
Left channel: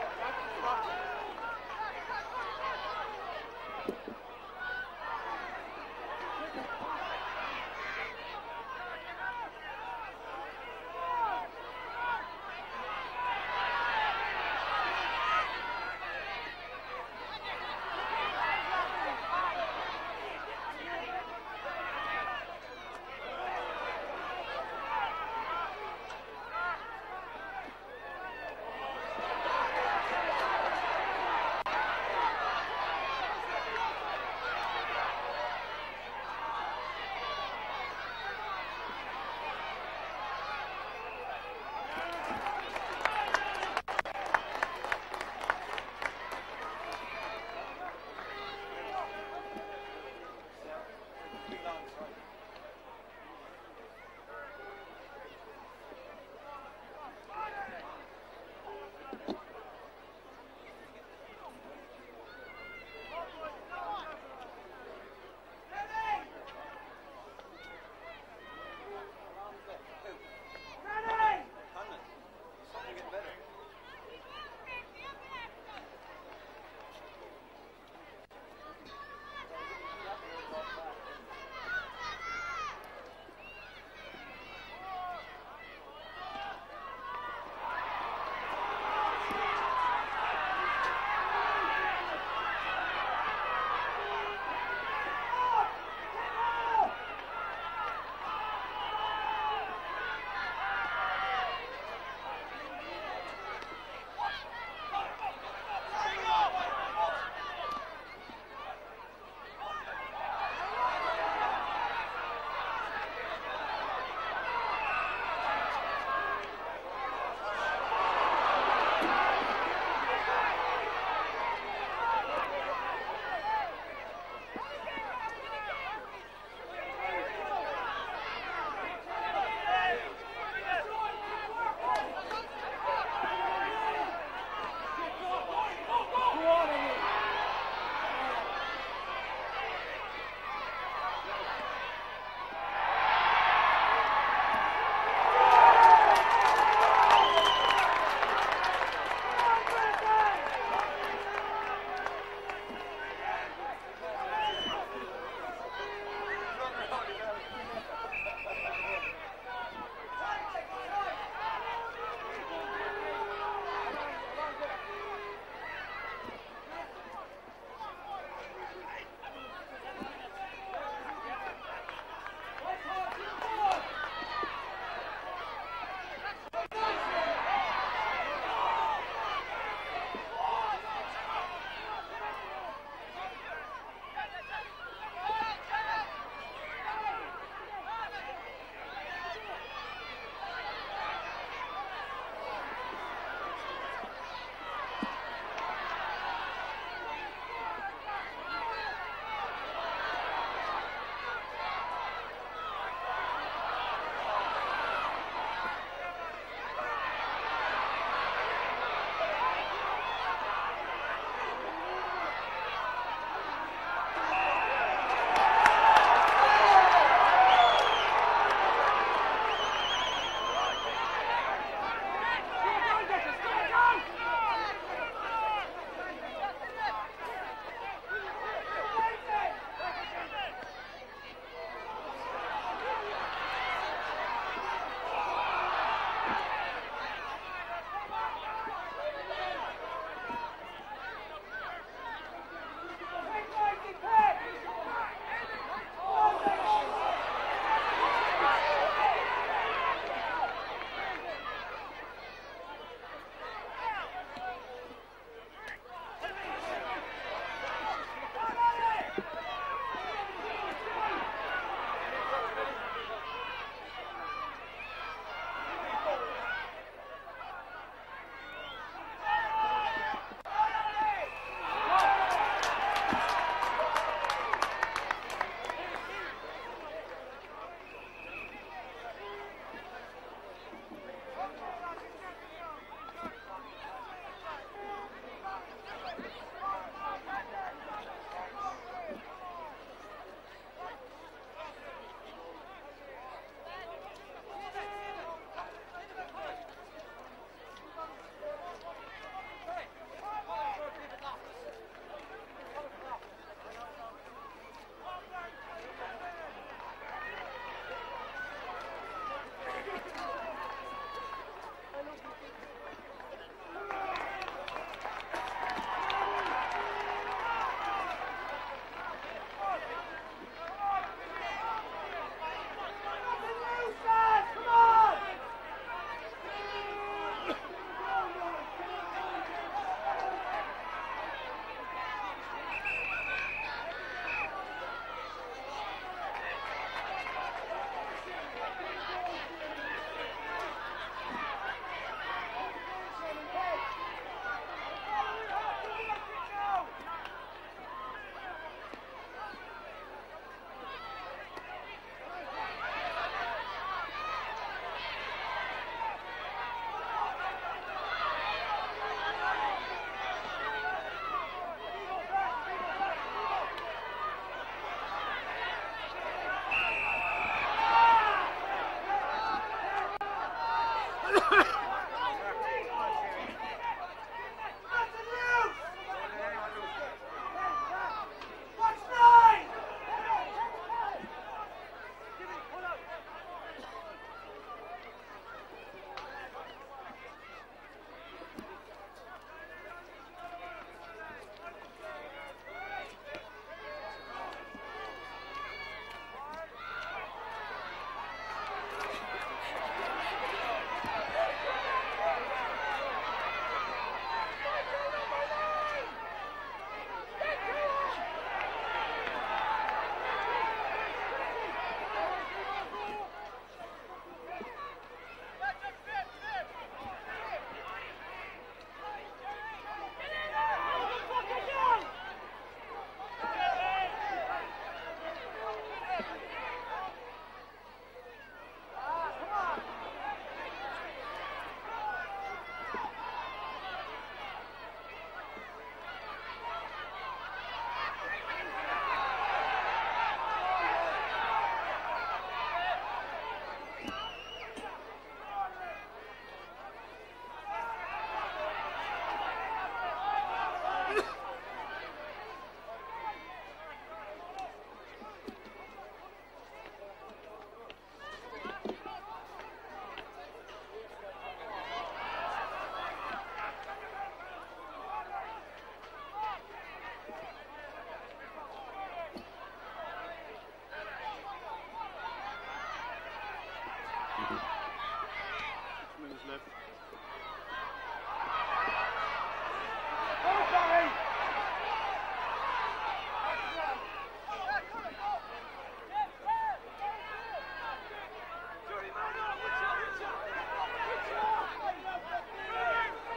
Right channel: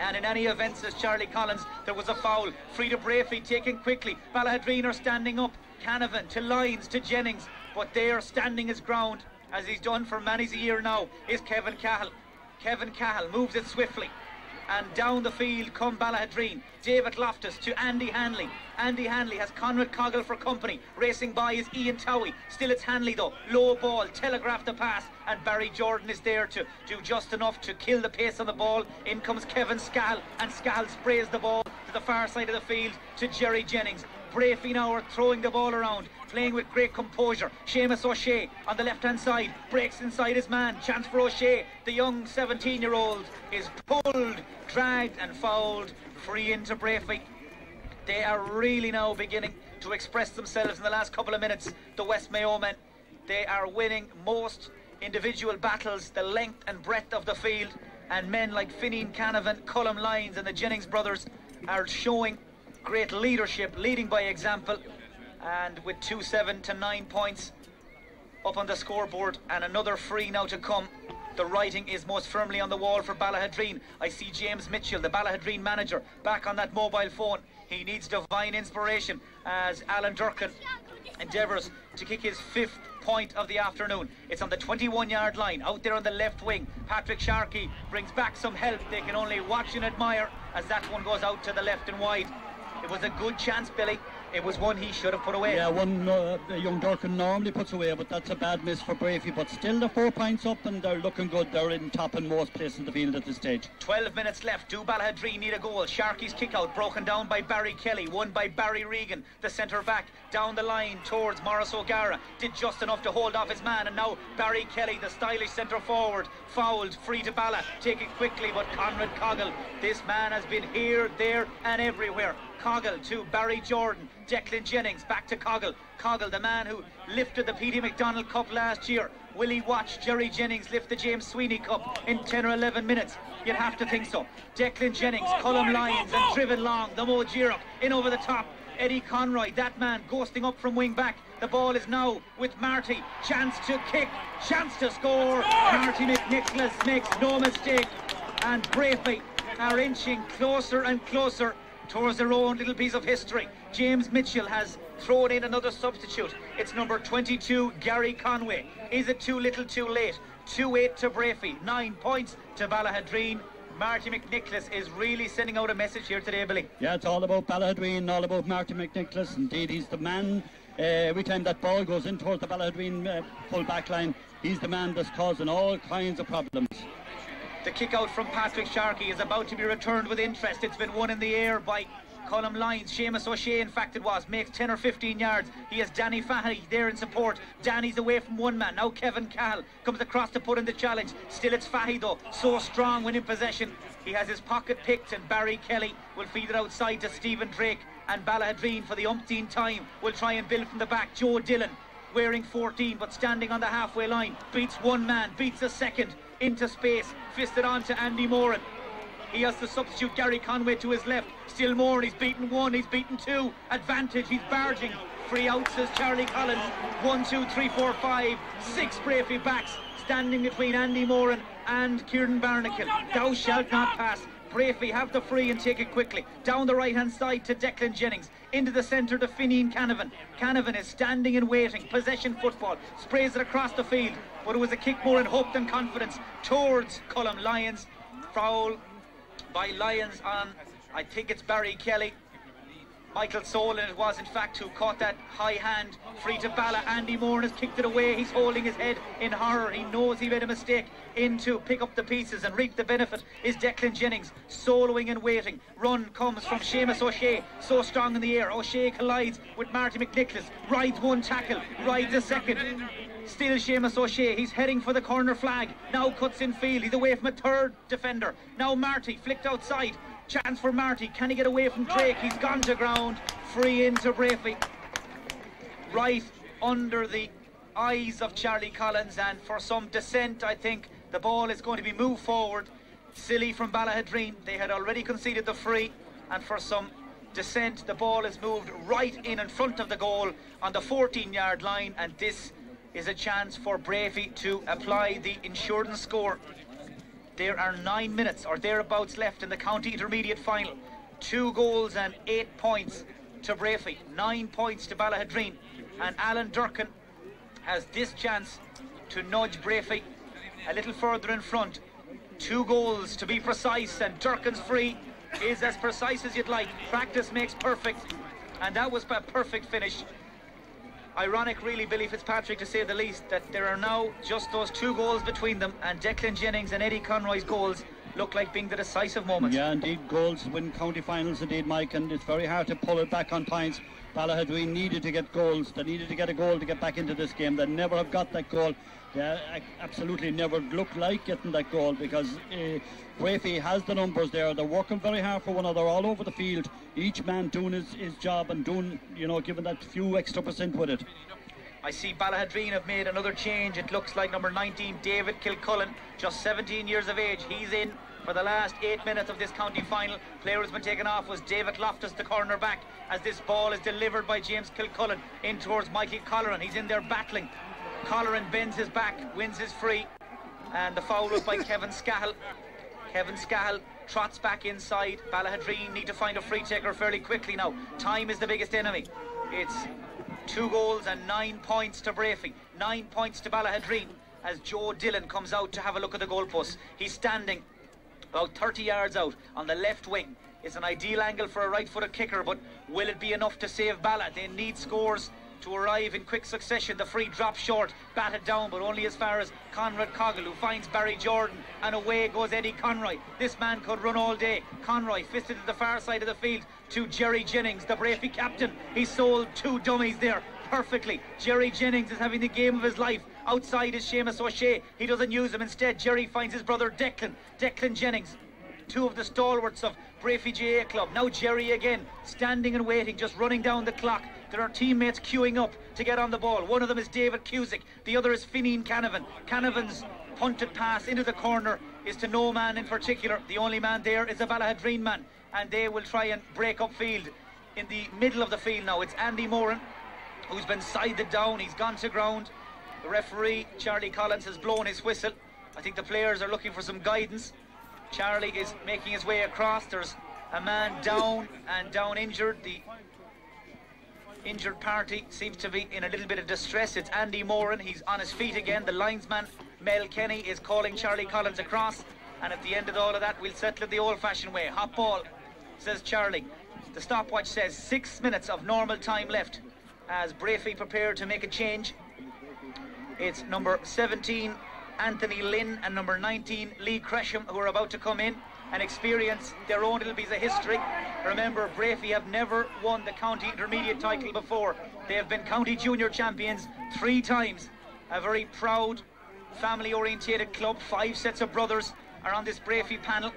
And in any event, says Charlie Collins, there was a foul. Free to Breaffy, taken quickly. Ballaghaderreen are standing up. Canavan to Lyons to Jennings, but they are standing his ground, as he's done for many's a year now, is Kevin Cahill. Kevin Cahill moves it swiftly, and down the field come Ballaghaderreen. David Loftus to Andy Hanley. Andy Hanley has Conrad Coggle for company. Racing by is Ian Towie. Still it's Hanley though. Low ball, telegraph the pass, and Barry Jordan is there to do just enough to kill the pace on the ball. In comes Kevin Scahill, and Scahill sprays the ball to the far side of the field to Jerry Jennings. Breaffy now are throwing the ball around, playing with great composure. Seamus O'Shea on the left-hand side, breaks inside his man. Chance for O'Shea. The young 17-year-old is pulled, dragged and fouled. Free into Breaffy. They are really now beginning to express themselves in the last couple of minutes. The West Mayo men, they are winning most individual battles, the length and breadth of the field, and men like Fineen Canavan, Colm Lyons and the Jennings brothers are showing great leadership, leading by example, and with 2-7 to 9 points up on the scoreboard, and another free now to come. The writing is most firmly on the wall for Ballaghaderreen. I see James Mitchell, the Ballaghaderreen manager, back on that mobile phone. He needs divine inspiration as Alan Durkin endeavours to kick his 5th point of the afternoon. It's on the 21-yard line, out there on the left wing. Patrick Sharkey brings back some help. They can only watch and admire as that one goes out to the left and wide. It was a good chance, Billy. It was one he should have put away. Yeah, one young Durkin normally puts away, but that's a bad miss for Breaffy. But still, the 4 points up, and they're looking good. They're in top in most places in the field at this stage. 12 minutes left. Do Ballaghaderreen need a goal? Sharkey's kick out, broken down by Barry Kelly, won by Barry Regan, the centre back, down the line towards Morris O'Gara. Did just enough to hold off his man, and now Barry Kelly, the stylish centre forward, fouled, free to Balla. Take it quickly, but Conrad Coggle, this man has been here, there, and everywhere. Coggle to Barry Jordan. Declan Jennings back to Coggle. Coggle, the man who lifted the P.D. McDonald Cup last year. Will he watch Jerry Jennings lift the James Sweeney Cup in 10 or 11 minutes? You'd have to think so. Declan Jennings, Cullum Lyons, and driven long, the Mo Gira in over the top. Eddie Conroy, that man, posting up from wing back. The ball is now with Marty. Chance to kick, chance to score. Marty McNicholas makes no mistake. And Breaffy are inching closer and closer towards their own little piece of history. James Mitchell has thrown in another substitute. It's number 22, Gary Conway. Is it too little too late? 2-8 to Breaffy, 9 points to Ballaghaderreen. Marty McNicholas is really sending out a message here today, Billy. Yeah, it's all about Ballaghaderreen, all about Marty McNicholas. Indeed, he's the man. Every time that ball goes in towards the Ballaghaderreen full back line, he's the man that's causing all kinds of problems. The kick out from Patrick Sharkey is about to be returned with interest. It's been won in the air by Cullum Lyons. Seamus O'Shea, in fact it was, makes 10 or 15 yards. He has Danny Fahey there in support. Danny's away from one man. Now Kevin Cahill comes across to put in the challenge. Still it's Fahey though, so strong when in possession. He has his pocket picked, and Barry Kelly will feed it outside to Stephen Drake. And Ballaghaderreen, for the umpteenth time, will try and build from the back. Joe Dillon, wearing 14 but standing on the halfway line, beats one man, beats a second, into space, fisted on to Andy Moran. He has to substitute Gary Conway to his left. Still Moran, he's beaten one, he's beaten two. Advantage, he's barging. 3 outs as Charlie Collins. 1, 2, 3, 4, 5, 6 Breaffy backs standing between Andy Moran and Kieran Barnacle. Thou shalt not pass. Breaffy have the free and take it quickly. Down the right hand side to Declan Jennings. Into the centre to Finian Canavan. Canavan is standing and waiting. Possession football. Sprays it across the field. But it was a kick more in hope than confidence towards Cullum Lyons. Foul by Lyons on, I think it's Barry Kelly. Michael Solon it was in fact who caught that high hand. Free to Balla. Andy Moran has kicked it away. He's holding his head in horror. He knows he made a mistake. In to pick up the pieces and reap the benefit is Declan Jennings, soloing and waiting. Run comes from Seamus O'Shea, so strong in the air. O'Shea collides with Marty McNicholas, rides one tackle, rides a second. Still Seamus O'Shea, he's heading for the corner flag. Now cuts in field, he's away from a third defender. Now Marty, flicked outside. Chance for Marty, can he get away from Drake? He's gone to ground. Free into Breaffy. Right under the eyes of Charlie Collins, and for some dissent I think the ball is going to be moved forward. Silly from Ballaghaderreen, they had already conceded the free, and for some dissent the ball is moved right in front of the goal on the 14-yard line, and this is a chance for Breaffy to apply the insurance score. There are 9 minutes or thereabouts left in the county intermediate final. 2 goals and 8 points to Breaffy, 9 points to Ballaghaderreen, and Alan Durkin has this chance to nudge Breaffy a little further in front. 2 goals to be precise, and Durkin's free is as precise as you'd like. Practice makes perfect, and that was a perfect finish. Ironic really, Billy Fitzpatrick, to say the least, that there are now just those 2 goals between them, and Declan Jennings and Eddie Conroy's goals look like being the decisive moments. Yeah, indeed, goals win county finals indeed, Mike, and it's very hard to pull it back on points. Ballaghaderreen needed to get goals. They needed to get a goal to get back into this game. They never have got that goal. They absolutely never looked like getting that goal, because Breaffy has the numbers there. They're working very hard for one another all over the field. Each man doing his job and doing, you know, giving that few extra % with it. I see Ballaghaderreen have made another change. It looks like number 19, David Kilcullen, just 17 years of age. He's in for the last 8 minutes of this county final. Player who's been taken off was David Loftus, the corner back, as this ball is delivered by James Kilcullen in towards Mikey Colleran. He's in there battling. Colleran bends his back, wins his free, and the foul was by Kevin Scahill. Kevin Scahill trots back inside. Ballaghaderreen need to find a free taker fairly quickly now. Time is the biggest enemy. It's 2 goals and 9 points to Breaffy. 9 points to Ballaghaderreen as Joe Dillon comes out to have a look at the goalpost. He's standing about 30 yards out on the left wing. It's an ideal angle for a right-footed kicker, but will it be enough to save Balla? They need scores to arrive in quick succession. The free drops short, batted down, but only as far as Conrad Coggle, who finds Barry Jordan, and away goes Eddie Conroy. This man could run all day. Conroy fisted to the far side of the field to Jerry Jennings, the Breaffy captain. He sold 2 dummies there perfectly. Jerry Jennings is having the game of his life. Outside is Seamus O'Shea. He doesn't use him. Instead, Jerry finds his brother Declan Jennings. 2 of the stalwarts of Breaffy GA Club. Now Jerry again, standing and waiting, just running down the clock. There are teammates queuing up to get on the ball. One of them is David Cusick. The other is Fineen Canavan. Canavan's punted pass into the corner is to no man in particular. The only man there is a Ballaghaderreen man, and they will try and break up field. In the middle of the field now, it's Andy Moran, who's been sided down. He's gone to ground. The referee, Charlie Collins, has blown his whistle. I think the players are looking for some guidance. Charlie is making his way across. There's a man down and down injured. The injured party seems to be in a little bit of distress. It's Andy Moran. He's on his feet again. The linesman, Mel Kenny, is calling Charlie Collins across. And at the end of all of that, we'll settle it the old-fashioned way. Hot ball, says Charlie. The stopwatch says 6 minutes of normal time left as Breaffy prepare to make a change. It's number 17, Anthony Lynn, and number 19, Lee Cresham, who are about to come in and experience their own little piece of history. Remember, Breaffy have never won the county intermediate title before. They have been county junior champions 3 times. A very proud, family-orientated club. 5 sets of brothers are on this Breaffy panel.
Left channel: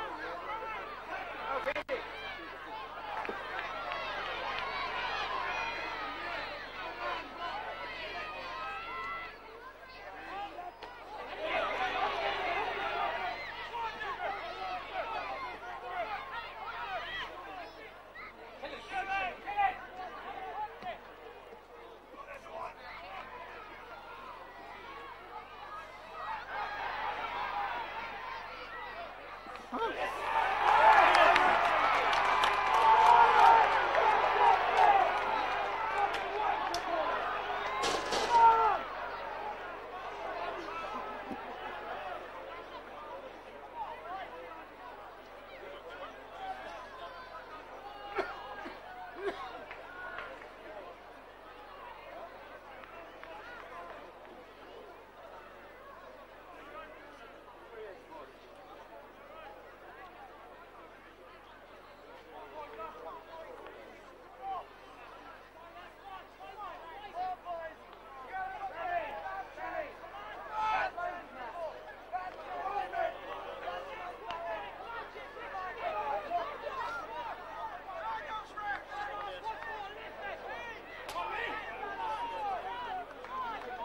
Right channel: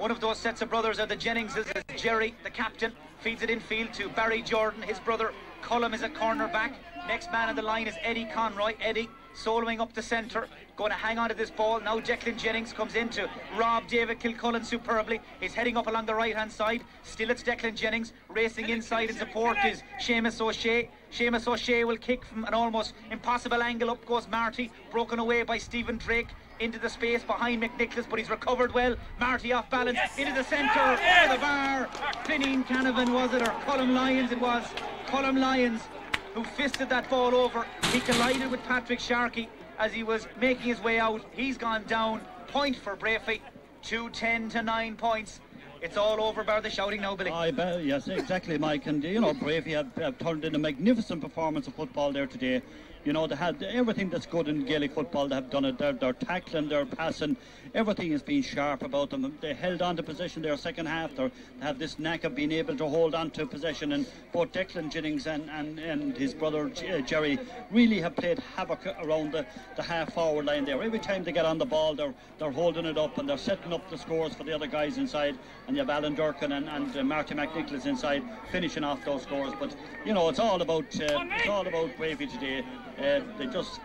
One of those sets of brothers are the Jenningses. Jerry, the captain, feeds it infield to Barry Jordan. His brother Cullum is a corner back. Next man on the line is Eddie Conroy. Eddie soloing up the centre, going to hang on to this ball. Now Declan Jennings comes in to rob David Kilcullen superbly. He's heading up along the right-hand side. Still it's Declan Jennings. Racing inside in support is Seamus O'Shea. Seamus O'Shea will kick from an almost impossible angle. Up goes Marty, broken away by Stephen Drake into the space behind McNicholas, but he's recovered well. Marty off balance into the centre, to the bar. Fineen Canavan was it, or Cullum Lyons it was. Cullum Lyons, who fisted that ball over. He collided with Patrick Sharkey as he was making his way out. He's gone down. Point for Breaffy. 2-10 to 9 points. It's all over bar the shouting now, Billy. Yes, exactly, Mike. And you know, Breaffy have turned in a magnificent performance of football there today. You know, they had everything that's good in Gaelic football. They have done it. They're tackling, they're passing. Everything has been sharp about them. They held on to possession their second half. They have this knack of being able to hold on to possession. And both Declan Jennings and his brother Jerry really have played havoc around the half-forward line there. Every time they get on the ball, they're holding it up and they're setting up the scores for the other guys inside. And you have Alan Durkin and Marty McNicholas inside finishing off those scores. But you know, it's all about Breaffy today. They just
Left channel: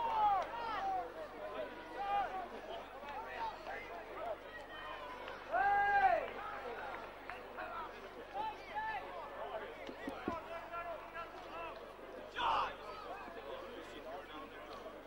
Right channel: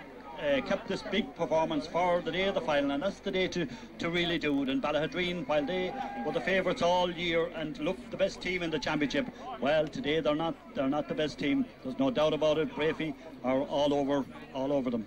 kept this big performance for the day of the final, and that's the day to really do it. And Ballaghaderreen, while they were the favourites all year and looked the best team in the championship, well, today they're not the best team. There's no doubt about it. Breaffy are all over them.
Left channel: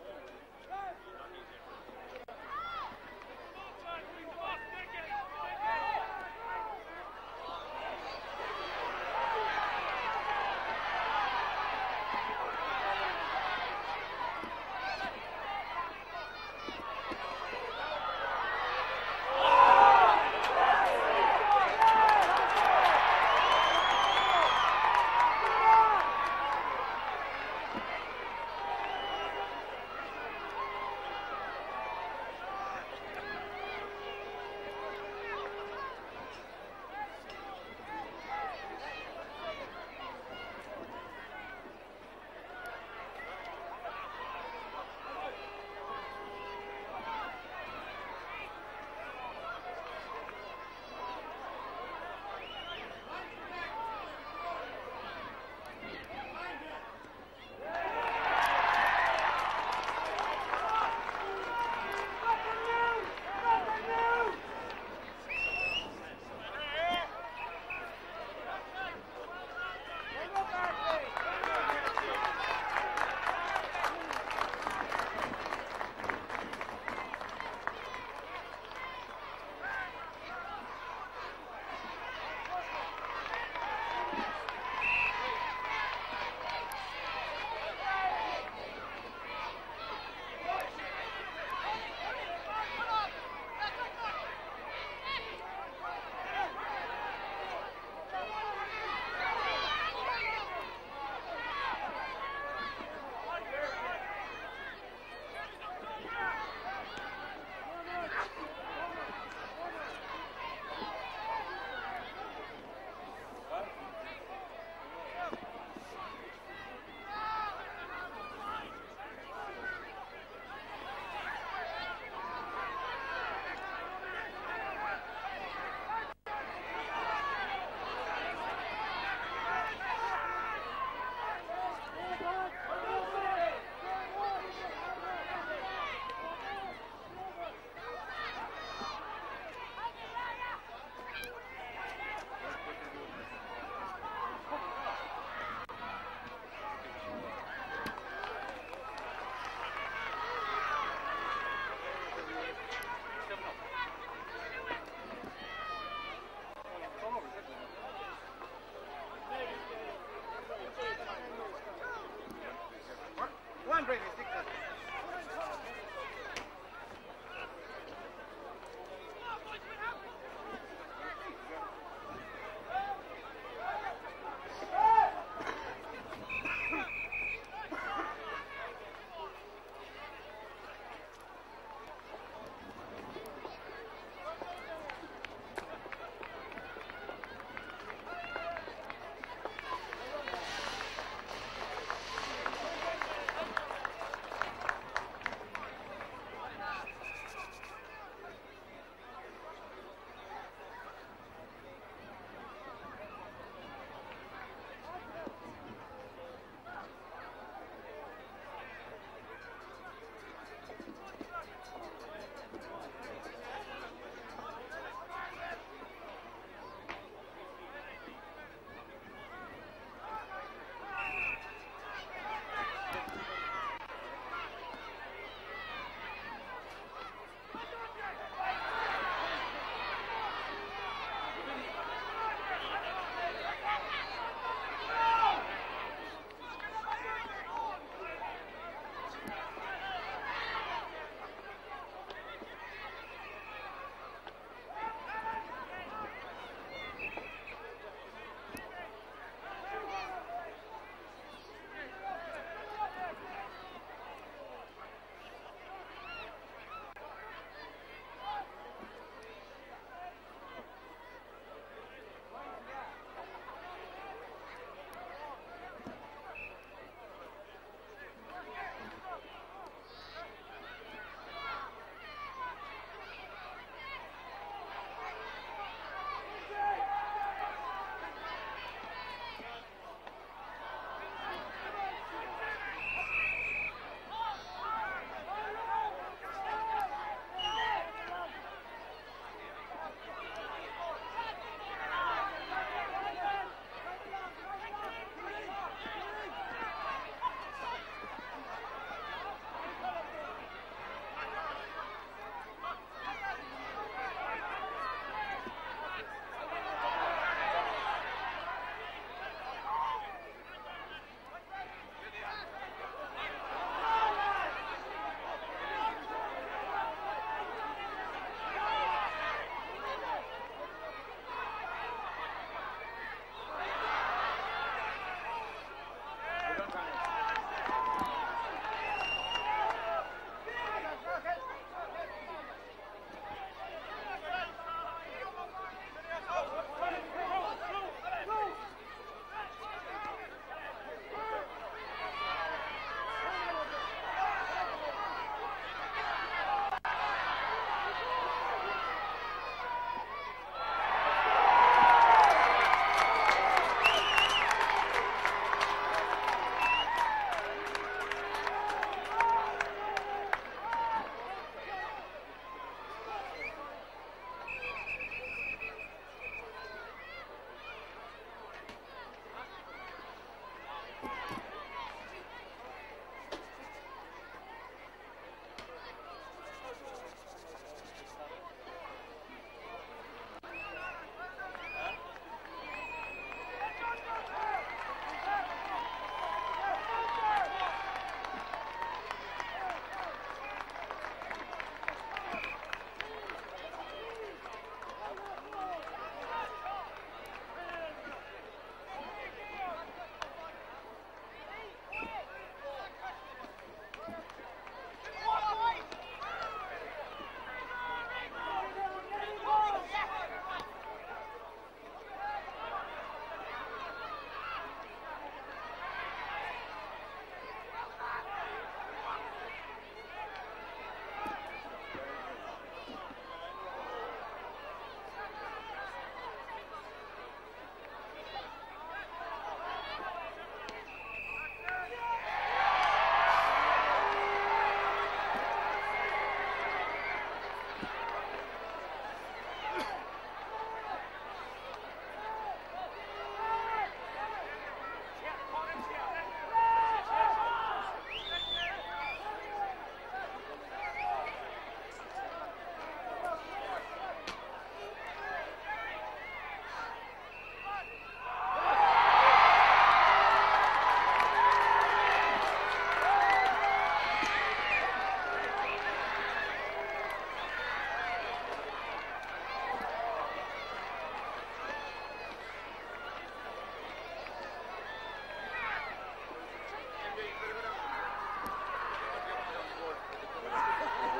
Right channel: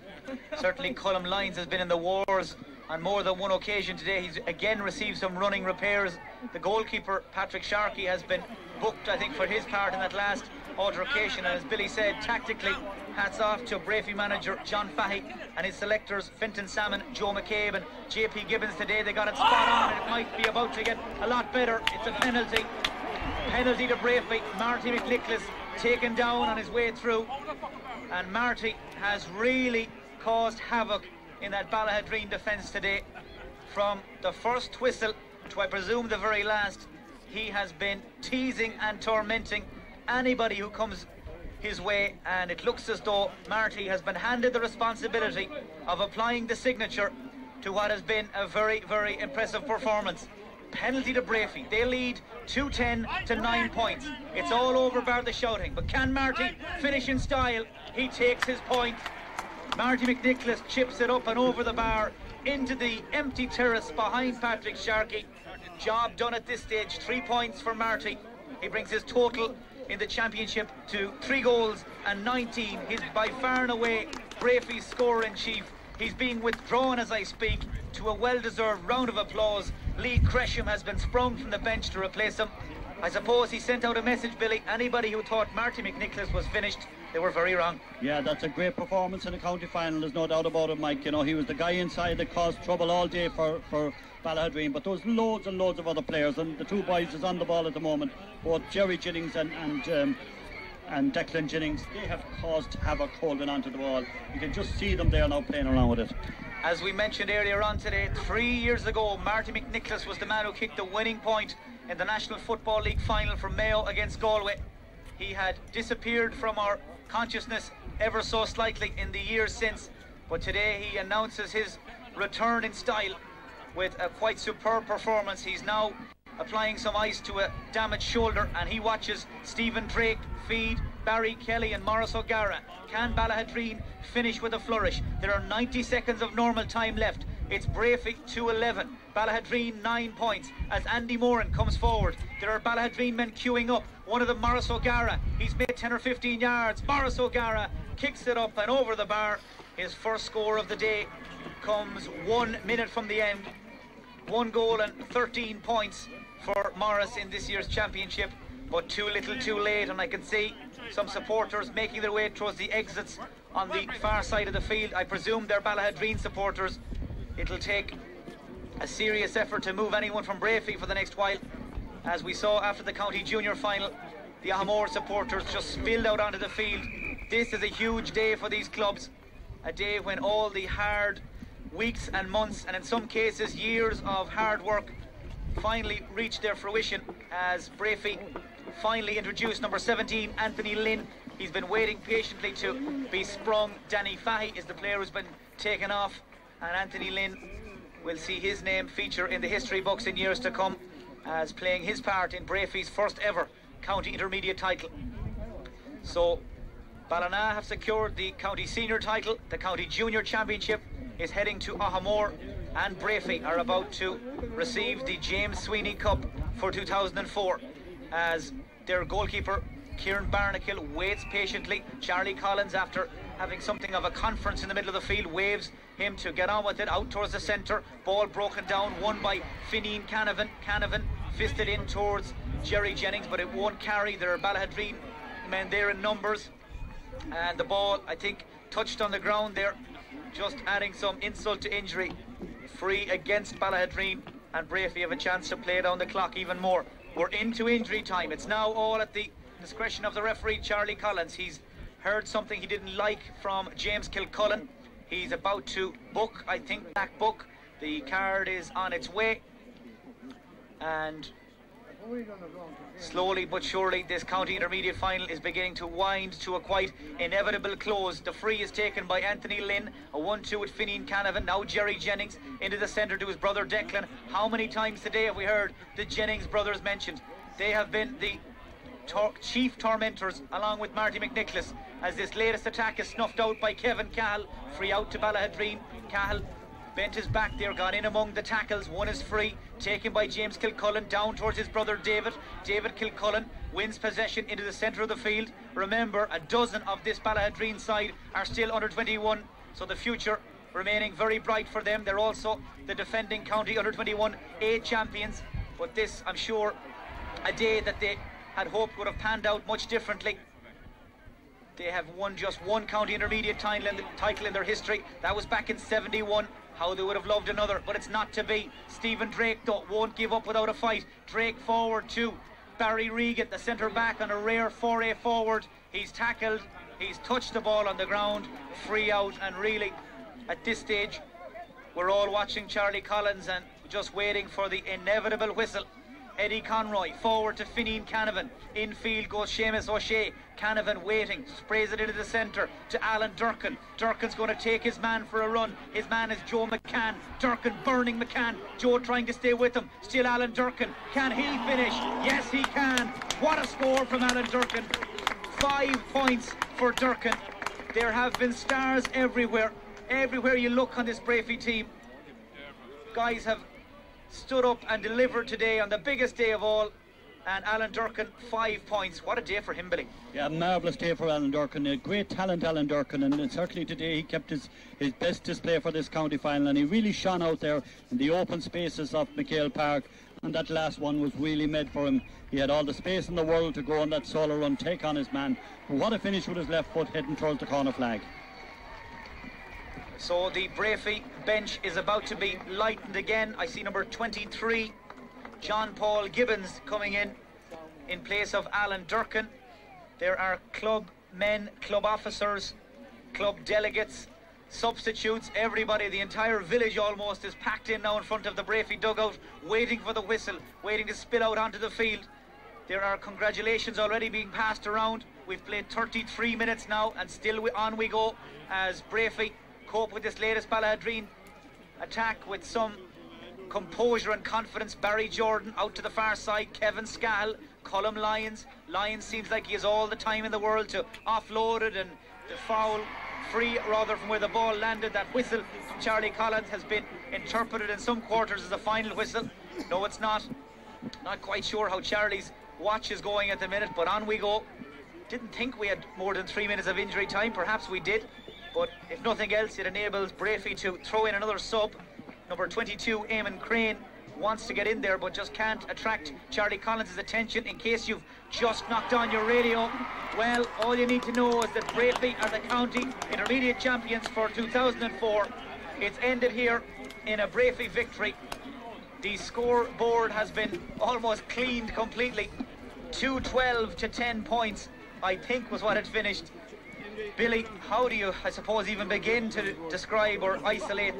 Certainly Cullum Lyons has been in the wars on more than one occasion today. He's again received some running repairs. The goalkeeper, Patrick Sharkey, has been booked, I think, for his part in that last altercation. And as Billy said, tactically, hats off to Breaffy manager John Fahey and his selectors Fintan Salmon, Joe McCabe and JP Gibbons today. They got it spot on. It might be about to get a lot better. It's a penalty. Penalty to Breaffy. Marty McNicholas taken down on his way through. And Marty has really caused havoc in that Ballaghaderreen defence today. From the first whistle to I presume the very last, he has been teasing and tormenting anybody who comes his way, and it looks as though Marty has been handed the responsibility of applying the signature to what has been a very, very impressive performance. Penalty to Breaffy. They lead 2-10 to 9 points. It's all over bar the shouting, but can Marty finish in style? He takes his point. Marty McNicholas chips it up and over the bar into the empty terrace behind Patrick Sharkey. Job done at this stage. 3 points for Marty. He brings his total in the championship to 3 goals and 19. He's by far and away Breaffy's scorer-in-chief. He's being withdrawn as I speak to a well-deserved round of applause. Lee Cresham has been sprung from the bench to replace him. I suppose he sent out a message, Billy. Anybody who thought Marty McNicholas was finished, they were very wrong. Yeah, that's a great performance in the county final, there's no doubt about it, Mike. You know, he was the guy inside that caused trouble all day for Ballaghaderreen, but there's loads and loads of other players, and the two boys is on the ball at the moment, both Jerry Jennings and Declan Jennings. They have caused havoc holding onto the ball. You can just see them there now playing around with it. As we mentioned earlier on today, 3 years ago, Marty McNicholas was the man who kicked the winning point in the National Football League final for Mayo against Galway. He had disappeared from our consciousness ever so slightly in the years since, but today he announces his return in style with a quite superb performance. He's now applying some ice to a damaged shoulder, and he watches Stephen Drake feed Barry Kelly and Maurice O'Gara. Can Ballaghaderreen finish with a flourish? There are 90 seconds of normal time left. It's Breaffy 2-11, Ballaghaderreen 9 points. As Andy Moran comes forward, there are Ballaghaderreen men queuing up. One of them, Maurice O'Gara, he's made 10 or 15 yards. Maurice O'Gara kicks it up and over the bar. His first score of the day comes 1 minute from the end. 1 goal and 13 points for Morris in this year's championship, but too little too late, and I can see some supporters making their way towards the exits on the far side of the field. I presume they're Ballaghaderreen supporters. It'll take a serious effort to move anyone from Breaffy for the next while. As we saw after the county junior final, the Ahamore supporters just spilled out onto the field. This is a huge day for these clubs, a day when all the hard weeks and months, and in some cases years of hard work, finally reached their fruition as Breaffy finally introduced number 17, Anthony Lynn. He's been waiting patiently to be sprung. Danny Fahy is the player who's been taken off, and Anthony Lynn will see his name feature in the history books in years to come as playing his part in Breaffy's first ever county intermediate title. So Ballina have secured the county senior title. The county junior championship is heading to Ahamore, and Breaffy are about to receive the James Sweeney Cup for 2004 as their goalkeeper Kieran Barnacle waits patiently. Charlie Collins, after having something of a conference in the middle of the field, waves him to get on with it out towards the centre. Ball broken down, won by Fineen Canavan. Canavan fisted in towards Jerry Jennings, but it won't carry. There are Ballaghaderreen men there in numbers, and the ball, I think, touched on the ground there, just adding some insult to injury. Free against Ballaghaderreen, and Breaffy have a chance to play down the clock even more. We're into injury time. It's now all at the discretion of the referee, Charlie Collins. He's heard something he didn't like from James Kilcullen. He's about to book, I think, back book. The card is on its way, and slowly but surely this county intermediate final is beginning to wind to a quite inevitable close. The free is taken by Anthony Lynn, a 1-2 with Fineen Canavan. Now Jerry Jennings into the centre to his brother Declan. How many times today have we heard the Jennings brothers mentioned? They have been the chief tormentors along with Marty McNicholas as this latest attack is snuffed out by Kevin Cahill. Free out to Ballaghaderreen. Cahill bent his back there, gone in among the tackles. One is free, taken by James Kilcullen down towards his brother David. David Kilcullen wins possession into the centre of the field. Remember, a dozen of this Ballaghaderreen side are still under 21, so the future remaining very bright for them. They're also the defending county under 21 A champions, but this, I'm sure, a day that they had hoped would have panned out much differently. They have won just one county intermediate title in their history. That was back in 71. How they would have loved another, but it's not to be. Stephen Drake, though, won't give up without a fight. Drake forward to Barry Regan, the centre back, on a rare foray forward. He's tackled, he's touched the ball on the ground, free out, and really, at this stage, we're all watching Charlie Collins and just waiting for the inevitable whistle. Eddie Conroy forward to Fineen Canavan. Infield goes Seamus O'Shea. Canavan waiting, sprays it into the centre to Alan Durkin. Durkin's going to take his man for a run. His man is Joe McCann. Durkin burning McCann. Joe trying to stay with him. Still Alan Durkin. Can he finish? Yes, he can. What a score from Alan Durkin. 5 points for Durkin. There have been stars everywhere. Everywhere you look on this Breaffy team, guys have stood up and delivered today on the biggest day of all, and Alan Durkin 5 points. What a day for him, Billy. Yeah, marvellous day for Alan Durkin. A great talent, Alan Durkin, and certainly today he kept his best display for this county final, and he really shone out there in the open spaces of McHale Park, and that last one was really made for him. He had all the space in the world to go on that solo run, take on his man. But what a finish with his left foot heading towards the corner flag. So the Breaffy bench is about to be lightened again. I see number 23, John Paul Gibbons, coming in place of Alan Durkin. There are club men, club officers, club delegates, substitutes, everybody, the entire village almost is packed in now in front of the Breaffy dugout, waiting for the whistle, waiting to spill out onto the field. There are congratulations already being passed around. We've played 33 minutes now, and still on we go as Breaffy cope with this latest Ballaghaderreen attack with some composure and confidence. Barry Jordan out to the far side, Kevin Scahill, Colm Lyons. Lyons seems like he has all the time in the world to offload it and foul free rather from where the ball landed. That whistle from Charlie Collins has been interpreted in some quarters as a final whistle. No, it's not. Not quite sure how Charlie's watch is going at the minute, but on we go. Didn't think we had more than 3 minutes of injury time. Perhaps we did, but if nothing else, it enables Breaffy to throw in another sub. Number 22, Eamon Crane, wants to get in there but just can't attract Charlie Collins' attention. In case you've just knocked on your radio, well, all you need to know is that Breaffy as a county intermediate champions for 2004, it's ended here in a Breaffy victory. The scoreboard has been almost cleaned completely. 2-12 to 10 points, I think, was what it finished. Billy, how do you, I suppose, even begin to describe or isolate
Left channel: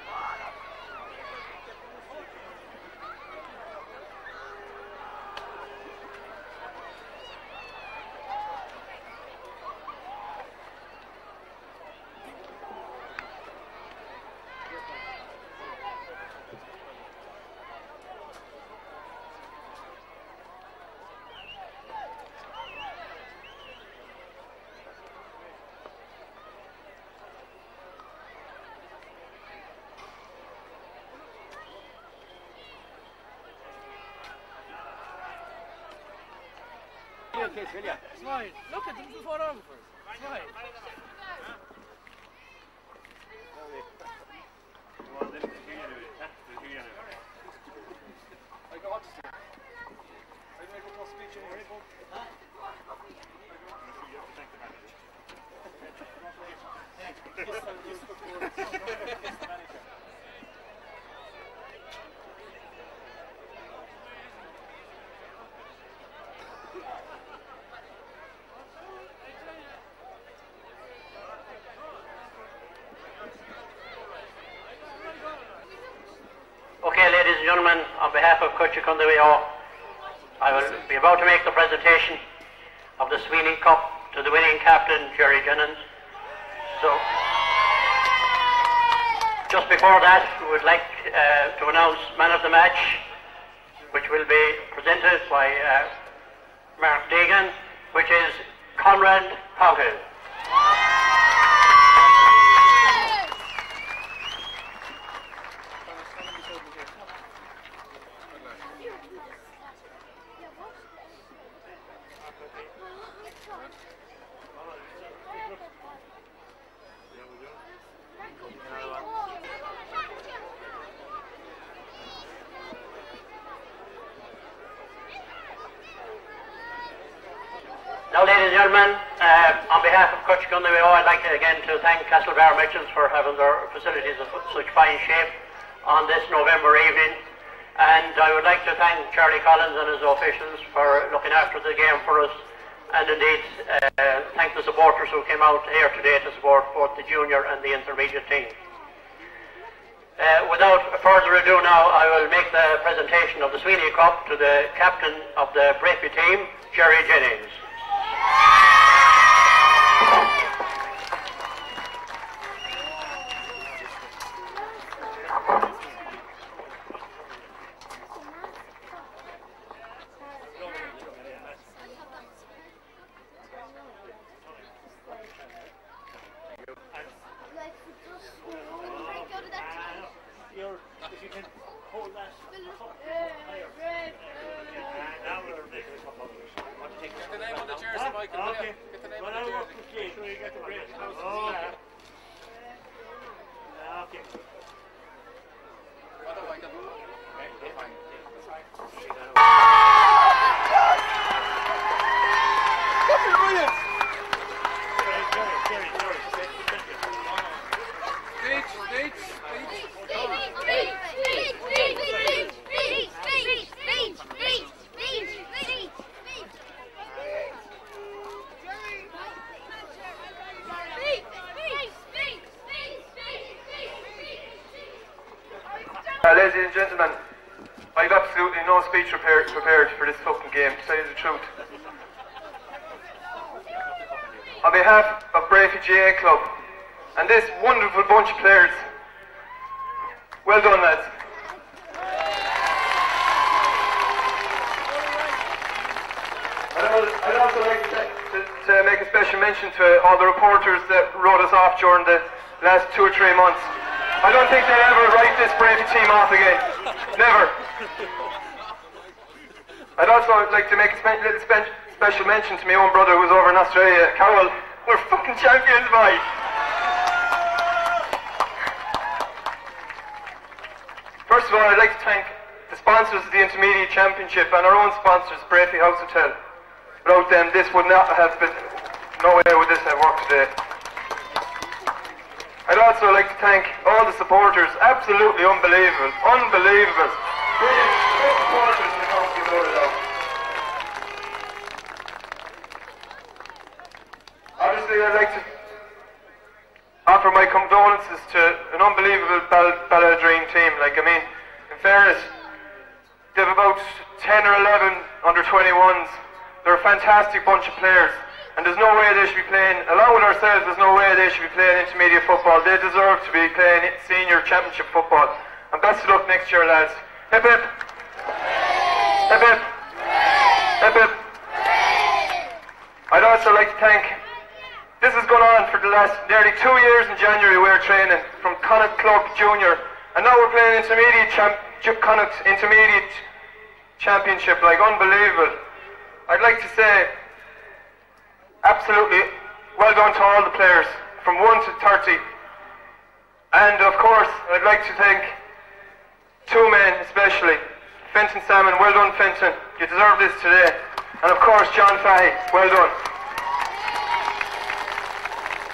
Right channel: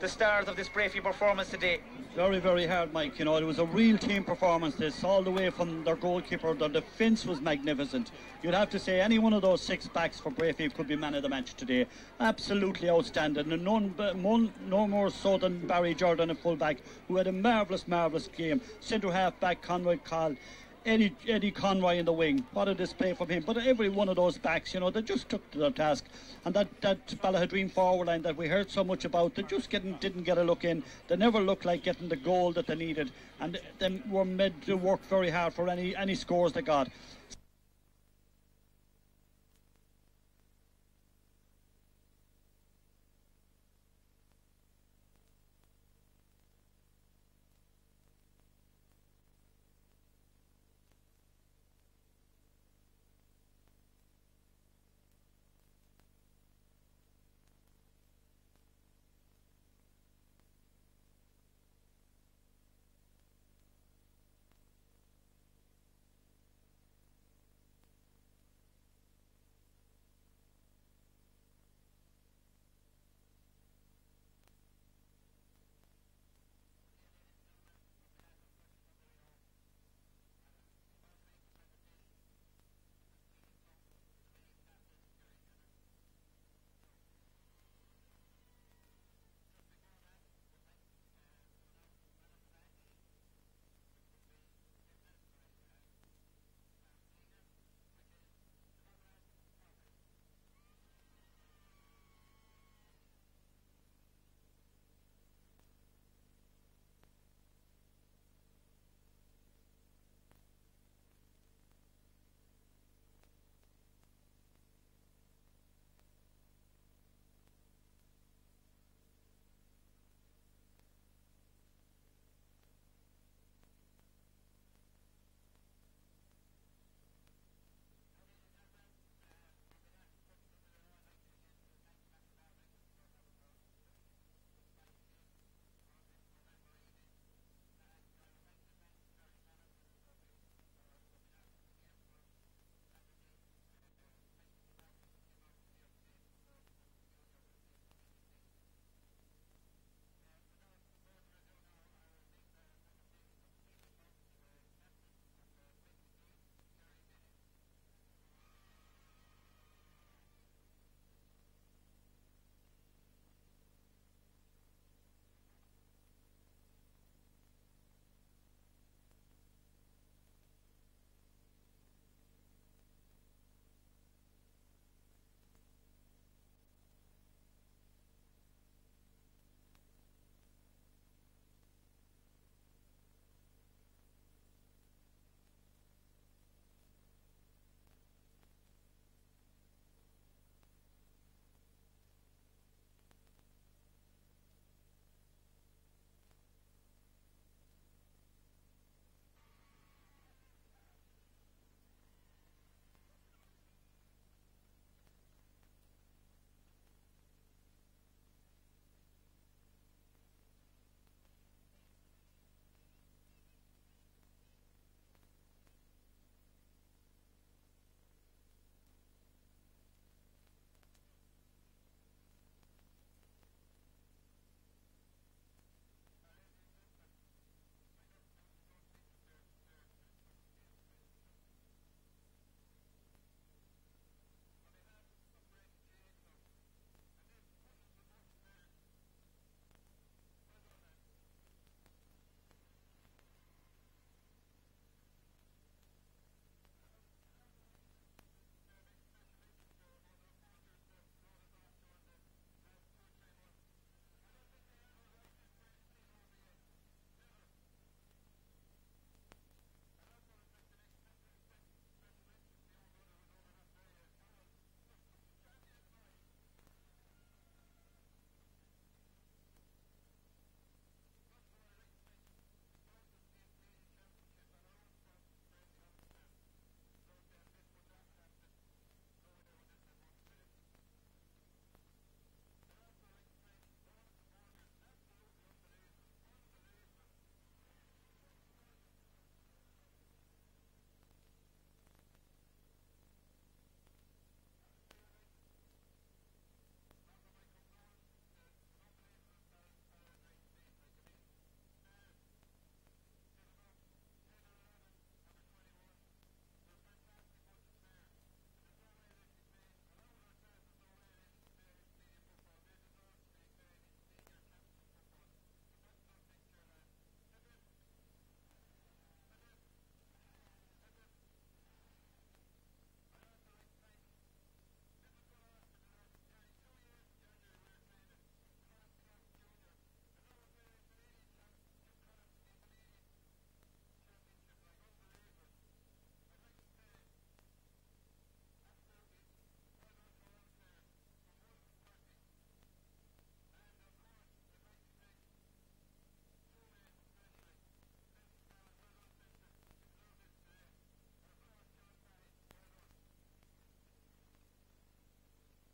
the stars of this Breaffy performance today? Very, very hard, Mike. You know, it was a real team performance, this, all the way from their goalkeeper. Their defence was magnificent. You'd have to say any one of those 6 backs for Breaffy could be man of the match today. Absolutely outstanding, and no more so than Barry Jordan, a full-back, who had a marvellous game. Centre half-back, Conroy Call, Eddie Conroy in the wing. What a display from him. But every one of those backs, you know, they just took to their task. And that Ballaghaderreen forward line that we heard so much about, they just didn't get a look in. They never looked like getting the goal that they needed, and they were made to work very hard for any scores they got. Look at them before over. Okay, ladies and gentlemen, on behalf of Cuchicundaweo, I will be about to make the presentation of the Sweeney Cup to the winning captain, Jerry Jennings. So, just before that, we would like to announce man of the match, which will be presented by Mark Deegan, which is Conrad Powell. Now, ladies and gentlemen, on behalf of Cuchicundaweo, I'd like to again to thank Castlebar Merchants for having their facilities in such fine shape on this November evening. And I would like to thank Charlie Collins and his officials for looking after the game for us, and indeed thank the supporters who came out here today to support both the junior and the intermediate team. Without further ado now, I will make the presentation of the Sweeney Cup to the captain of the Breaffy team, Jerry Jennings. If you can hold that higher. Okay. Well, I'll work with you. Sure you get the break. Okay. Okay. Ladies and gentlemen, I've absolutely no speech prepared for this fucking game, to tell you the truth. On behalf of Breaffy GA Club and this wonderful bunch of players, well done, lads. I'd also like to make a special mention to all the reporters that wrote us off during the last 2 or 3 months. I don't think they'll ever write this Breaffy team off again. Never. I'd also like to make a special mention to my own brother who's over in Australia. Carol, we're fucking champions, mate. First of all, I'd like to thank the sponsors of the Intermediate Championship and our own sponsors, Breaffy House Hotel. Without them, this would not have been, nowhere would this have worked today. I'd also like to thank all the supporters, absolutely unbelievable, unbelievable. Brilliant supporters in the county of Ballaghaderreen. Obviously, I'd like to offer my condolences to an unbelievable Ballaghaderreen team. Like, I mean, in fairness, they have about 10 or 11 under 21s. They're a fantastic bunch of players. And there's no way they should be playing, along with ourselves, there's no way they should be playing intermediate football. They deserve to be playing senior championship football. And best of luck next year, lads. Hip hip. Hip hip. Hip hip. I'd also like to thank, this has gone on for the last nearly 2 years in January. We're training from Connacht Club Junior. And now we're playing Connacht Intermediate Championship, like unbelievable. I'd like to say, absolutely well done to all the players from 1 to 30. And of course, I'd like to thank 2 men especially. Fenton Salmon, well done Fenton, you deserve this today. And of course John Fahey, well done.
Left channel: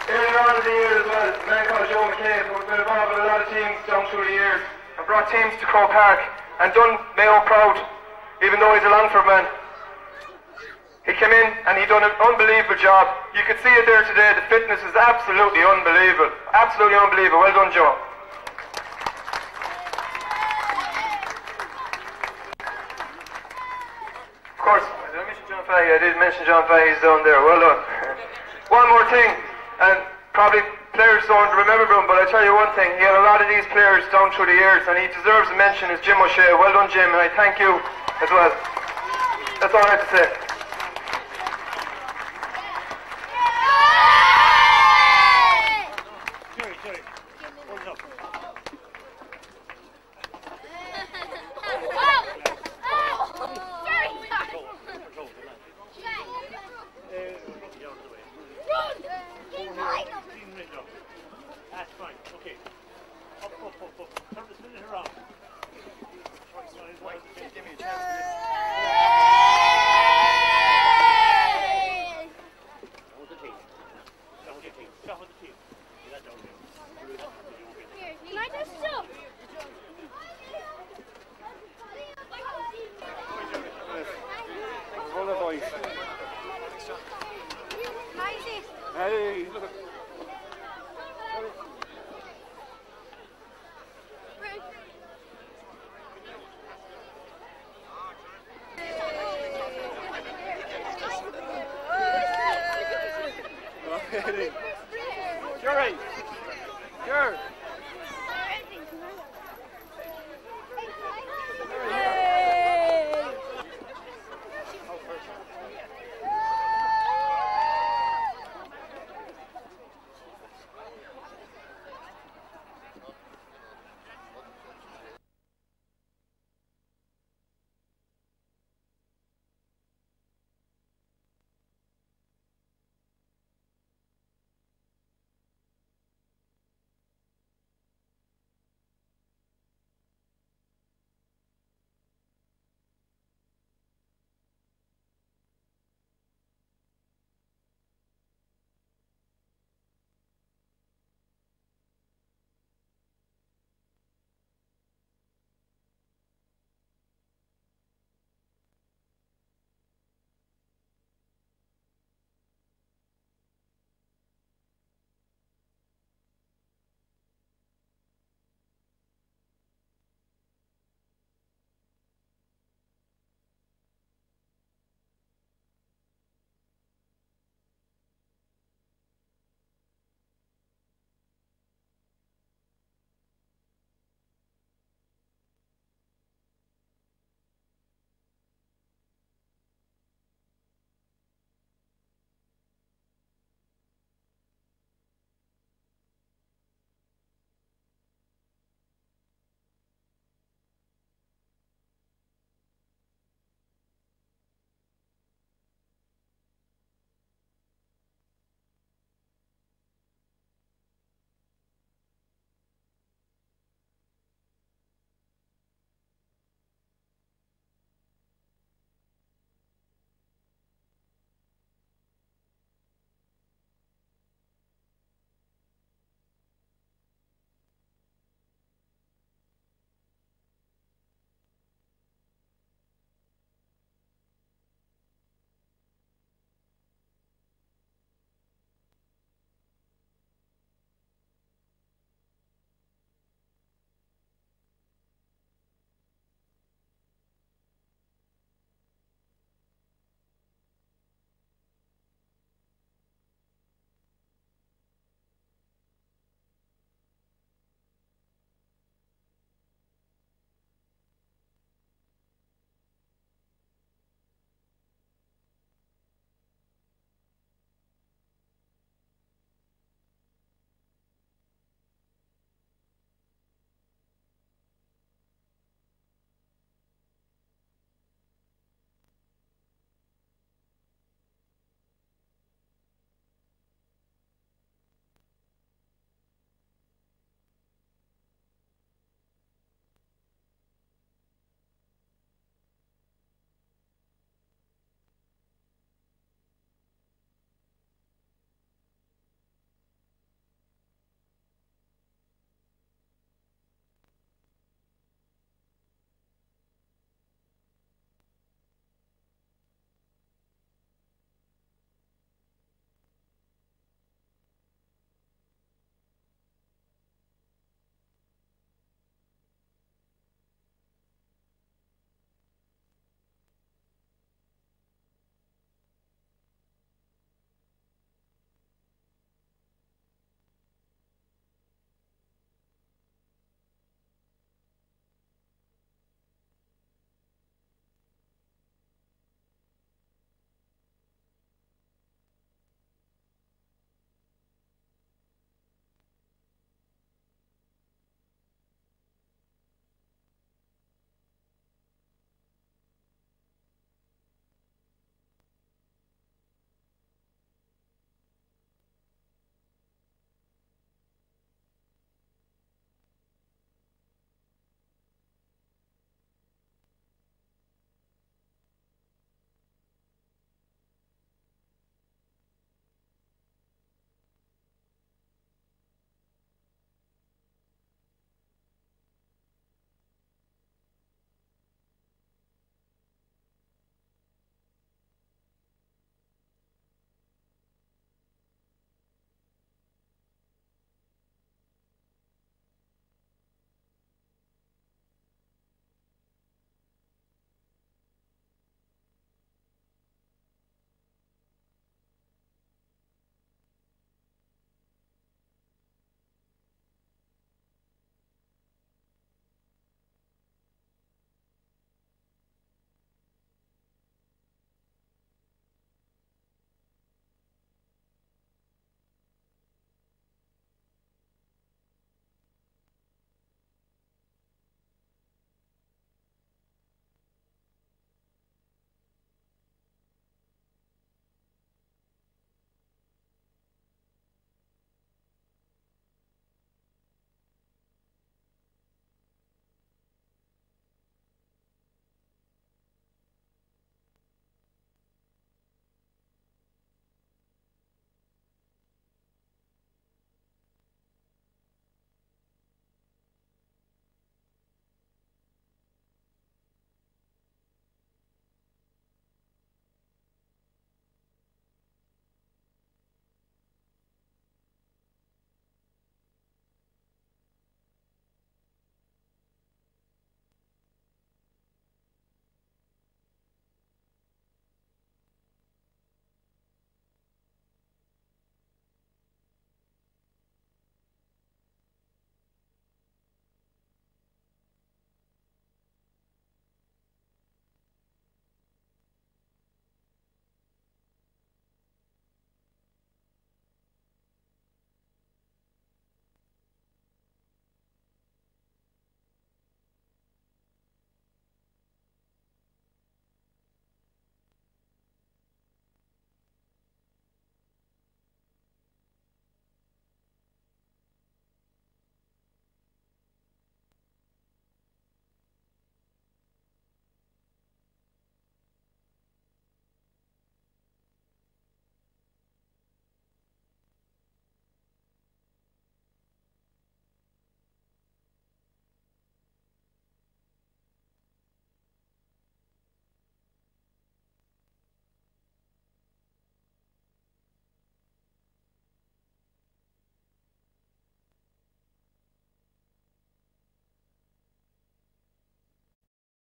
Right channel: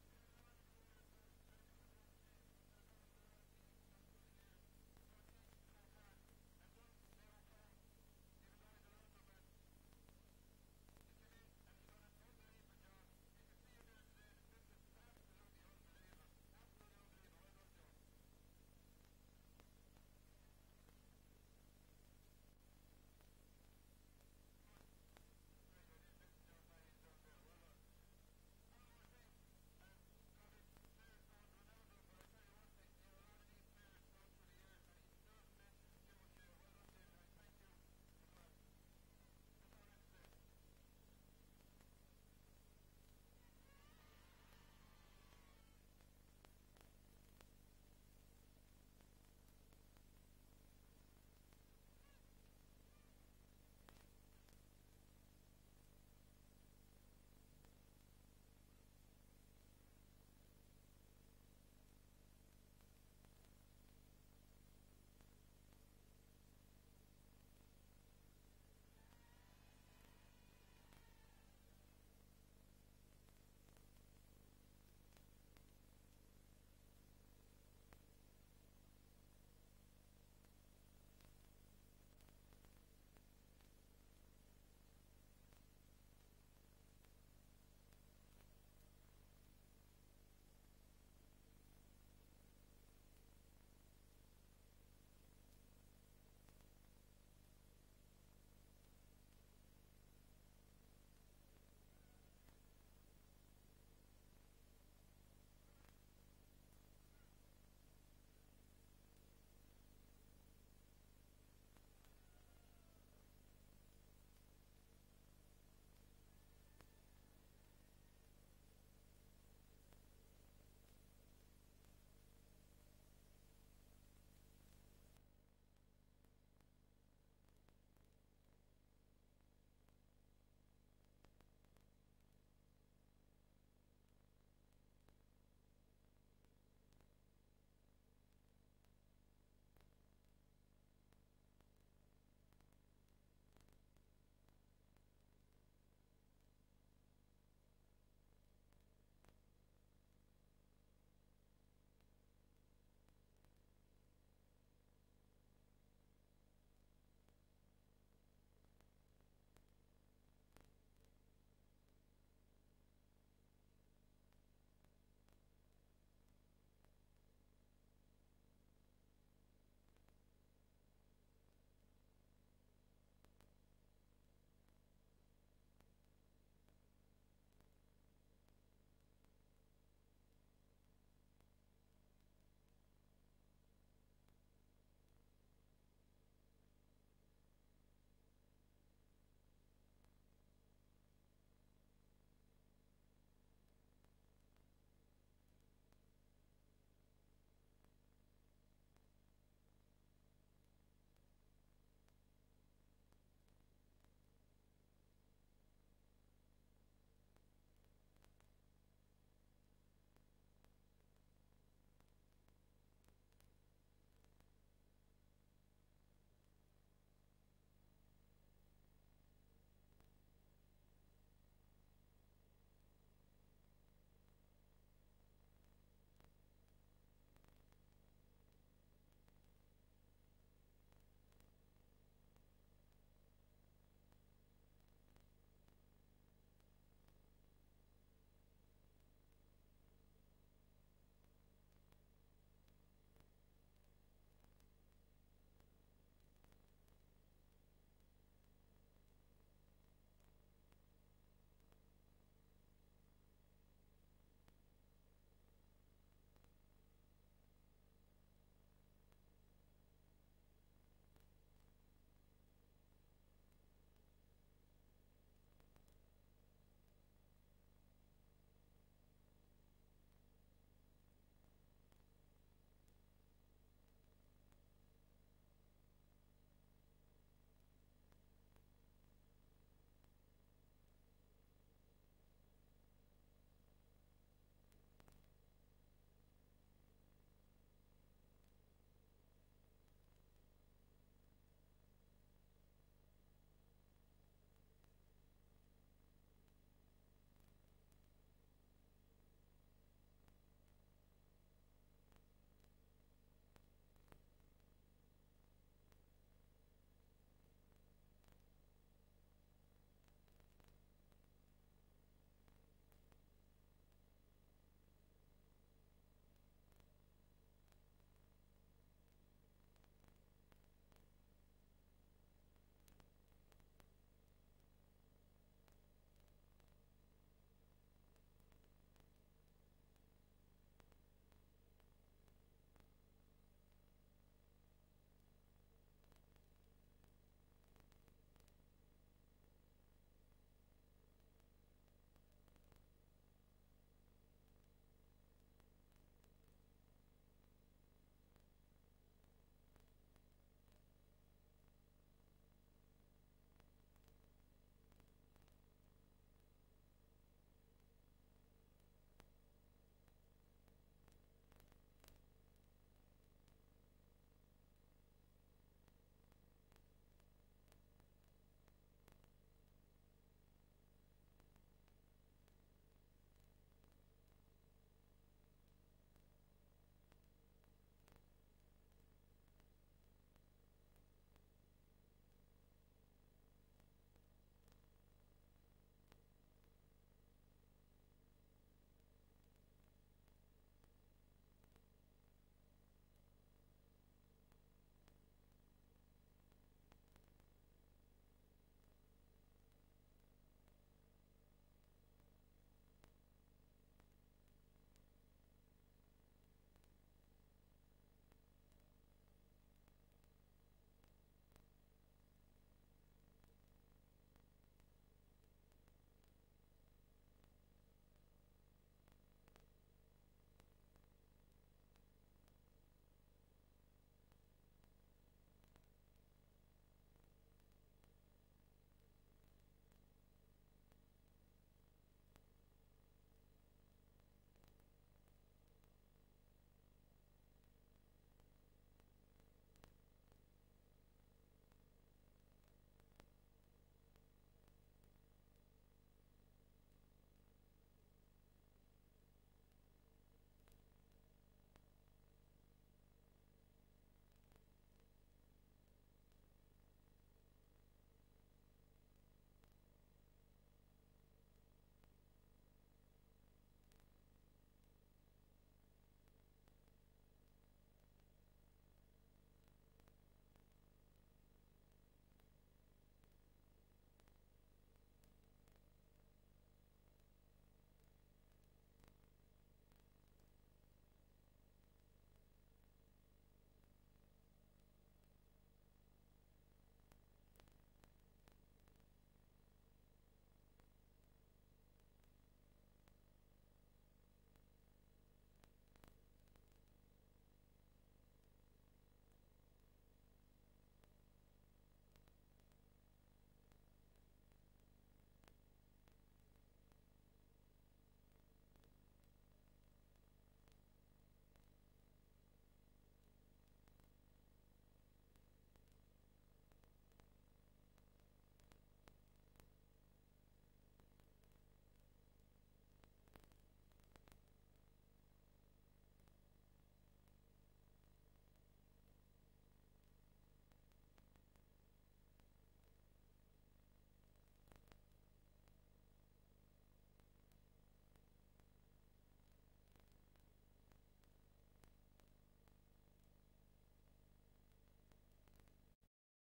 Earlier on in the year as well, a man called Joe McCabe, who's been involved with a lot of teams down through the years and brought teams to Croke Park and done Mayo proud, even though he's a Longford man. He came in and he done an unbelievable job. You could see it there today. The fitness is absolutely unbelievable. Absolutely unbelievable. Well done, Joe. Of course, did I mention John Fahey? I did mention John Fahey. He's down there. Well done. One more thing, and probably players don't remember him, but I tell you one thing. He had a lot of these players down through the years, and he deserves a mention. Is Jim O'Shea. Well done, Jim, and I thank you as well. That's all I have to say.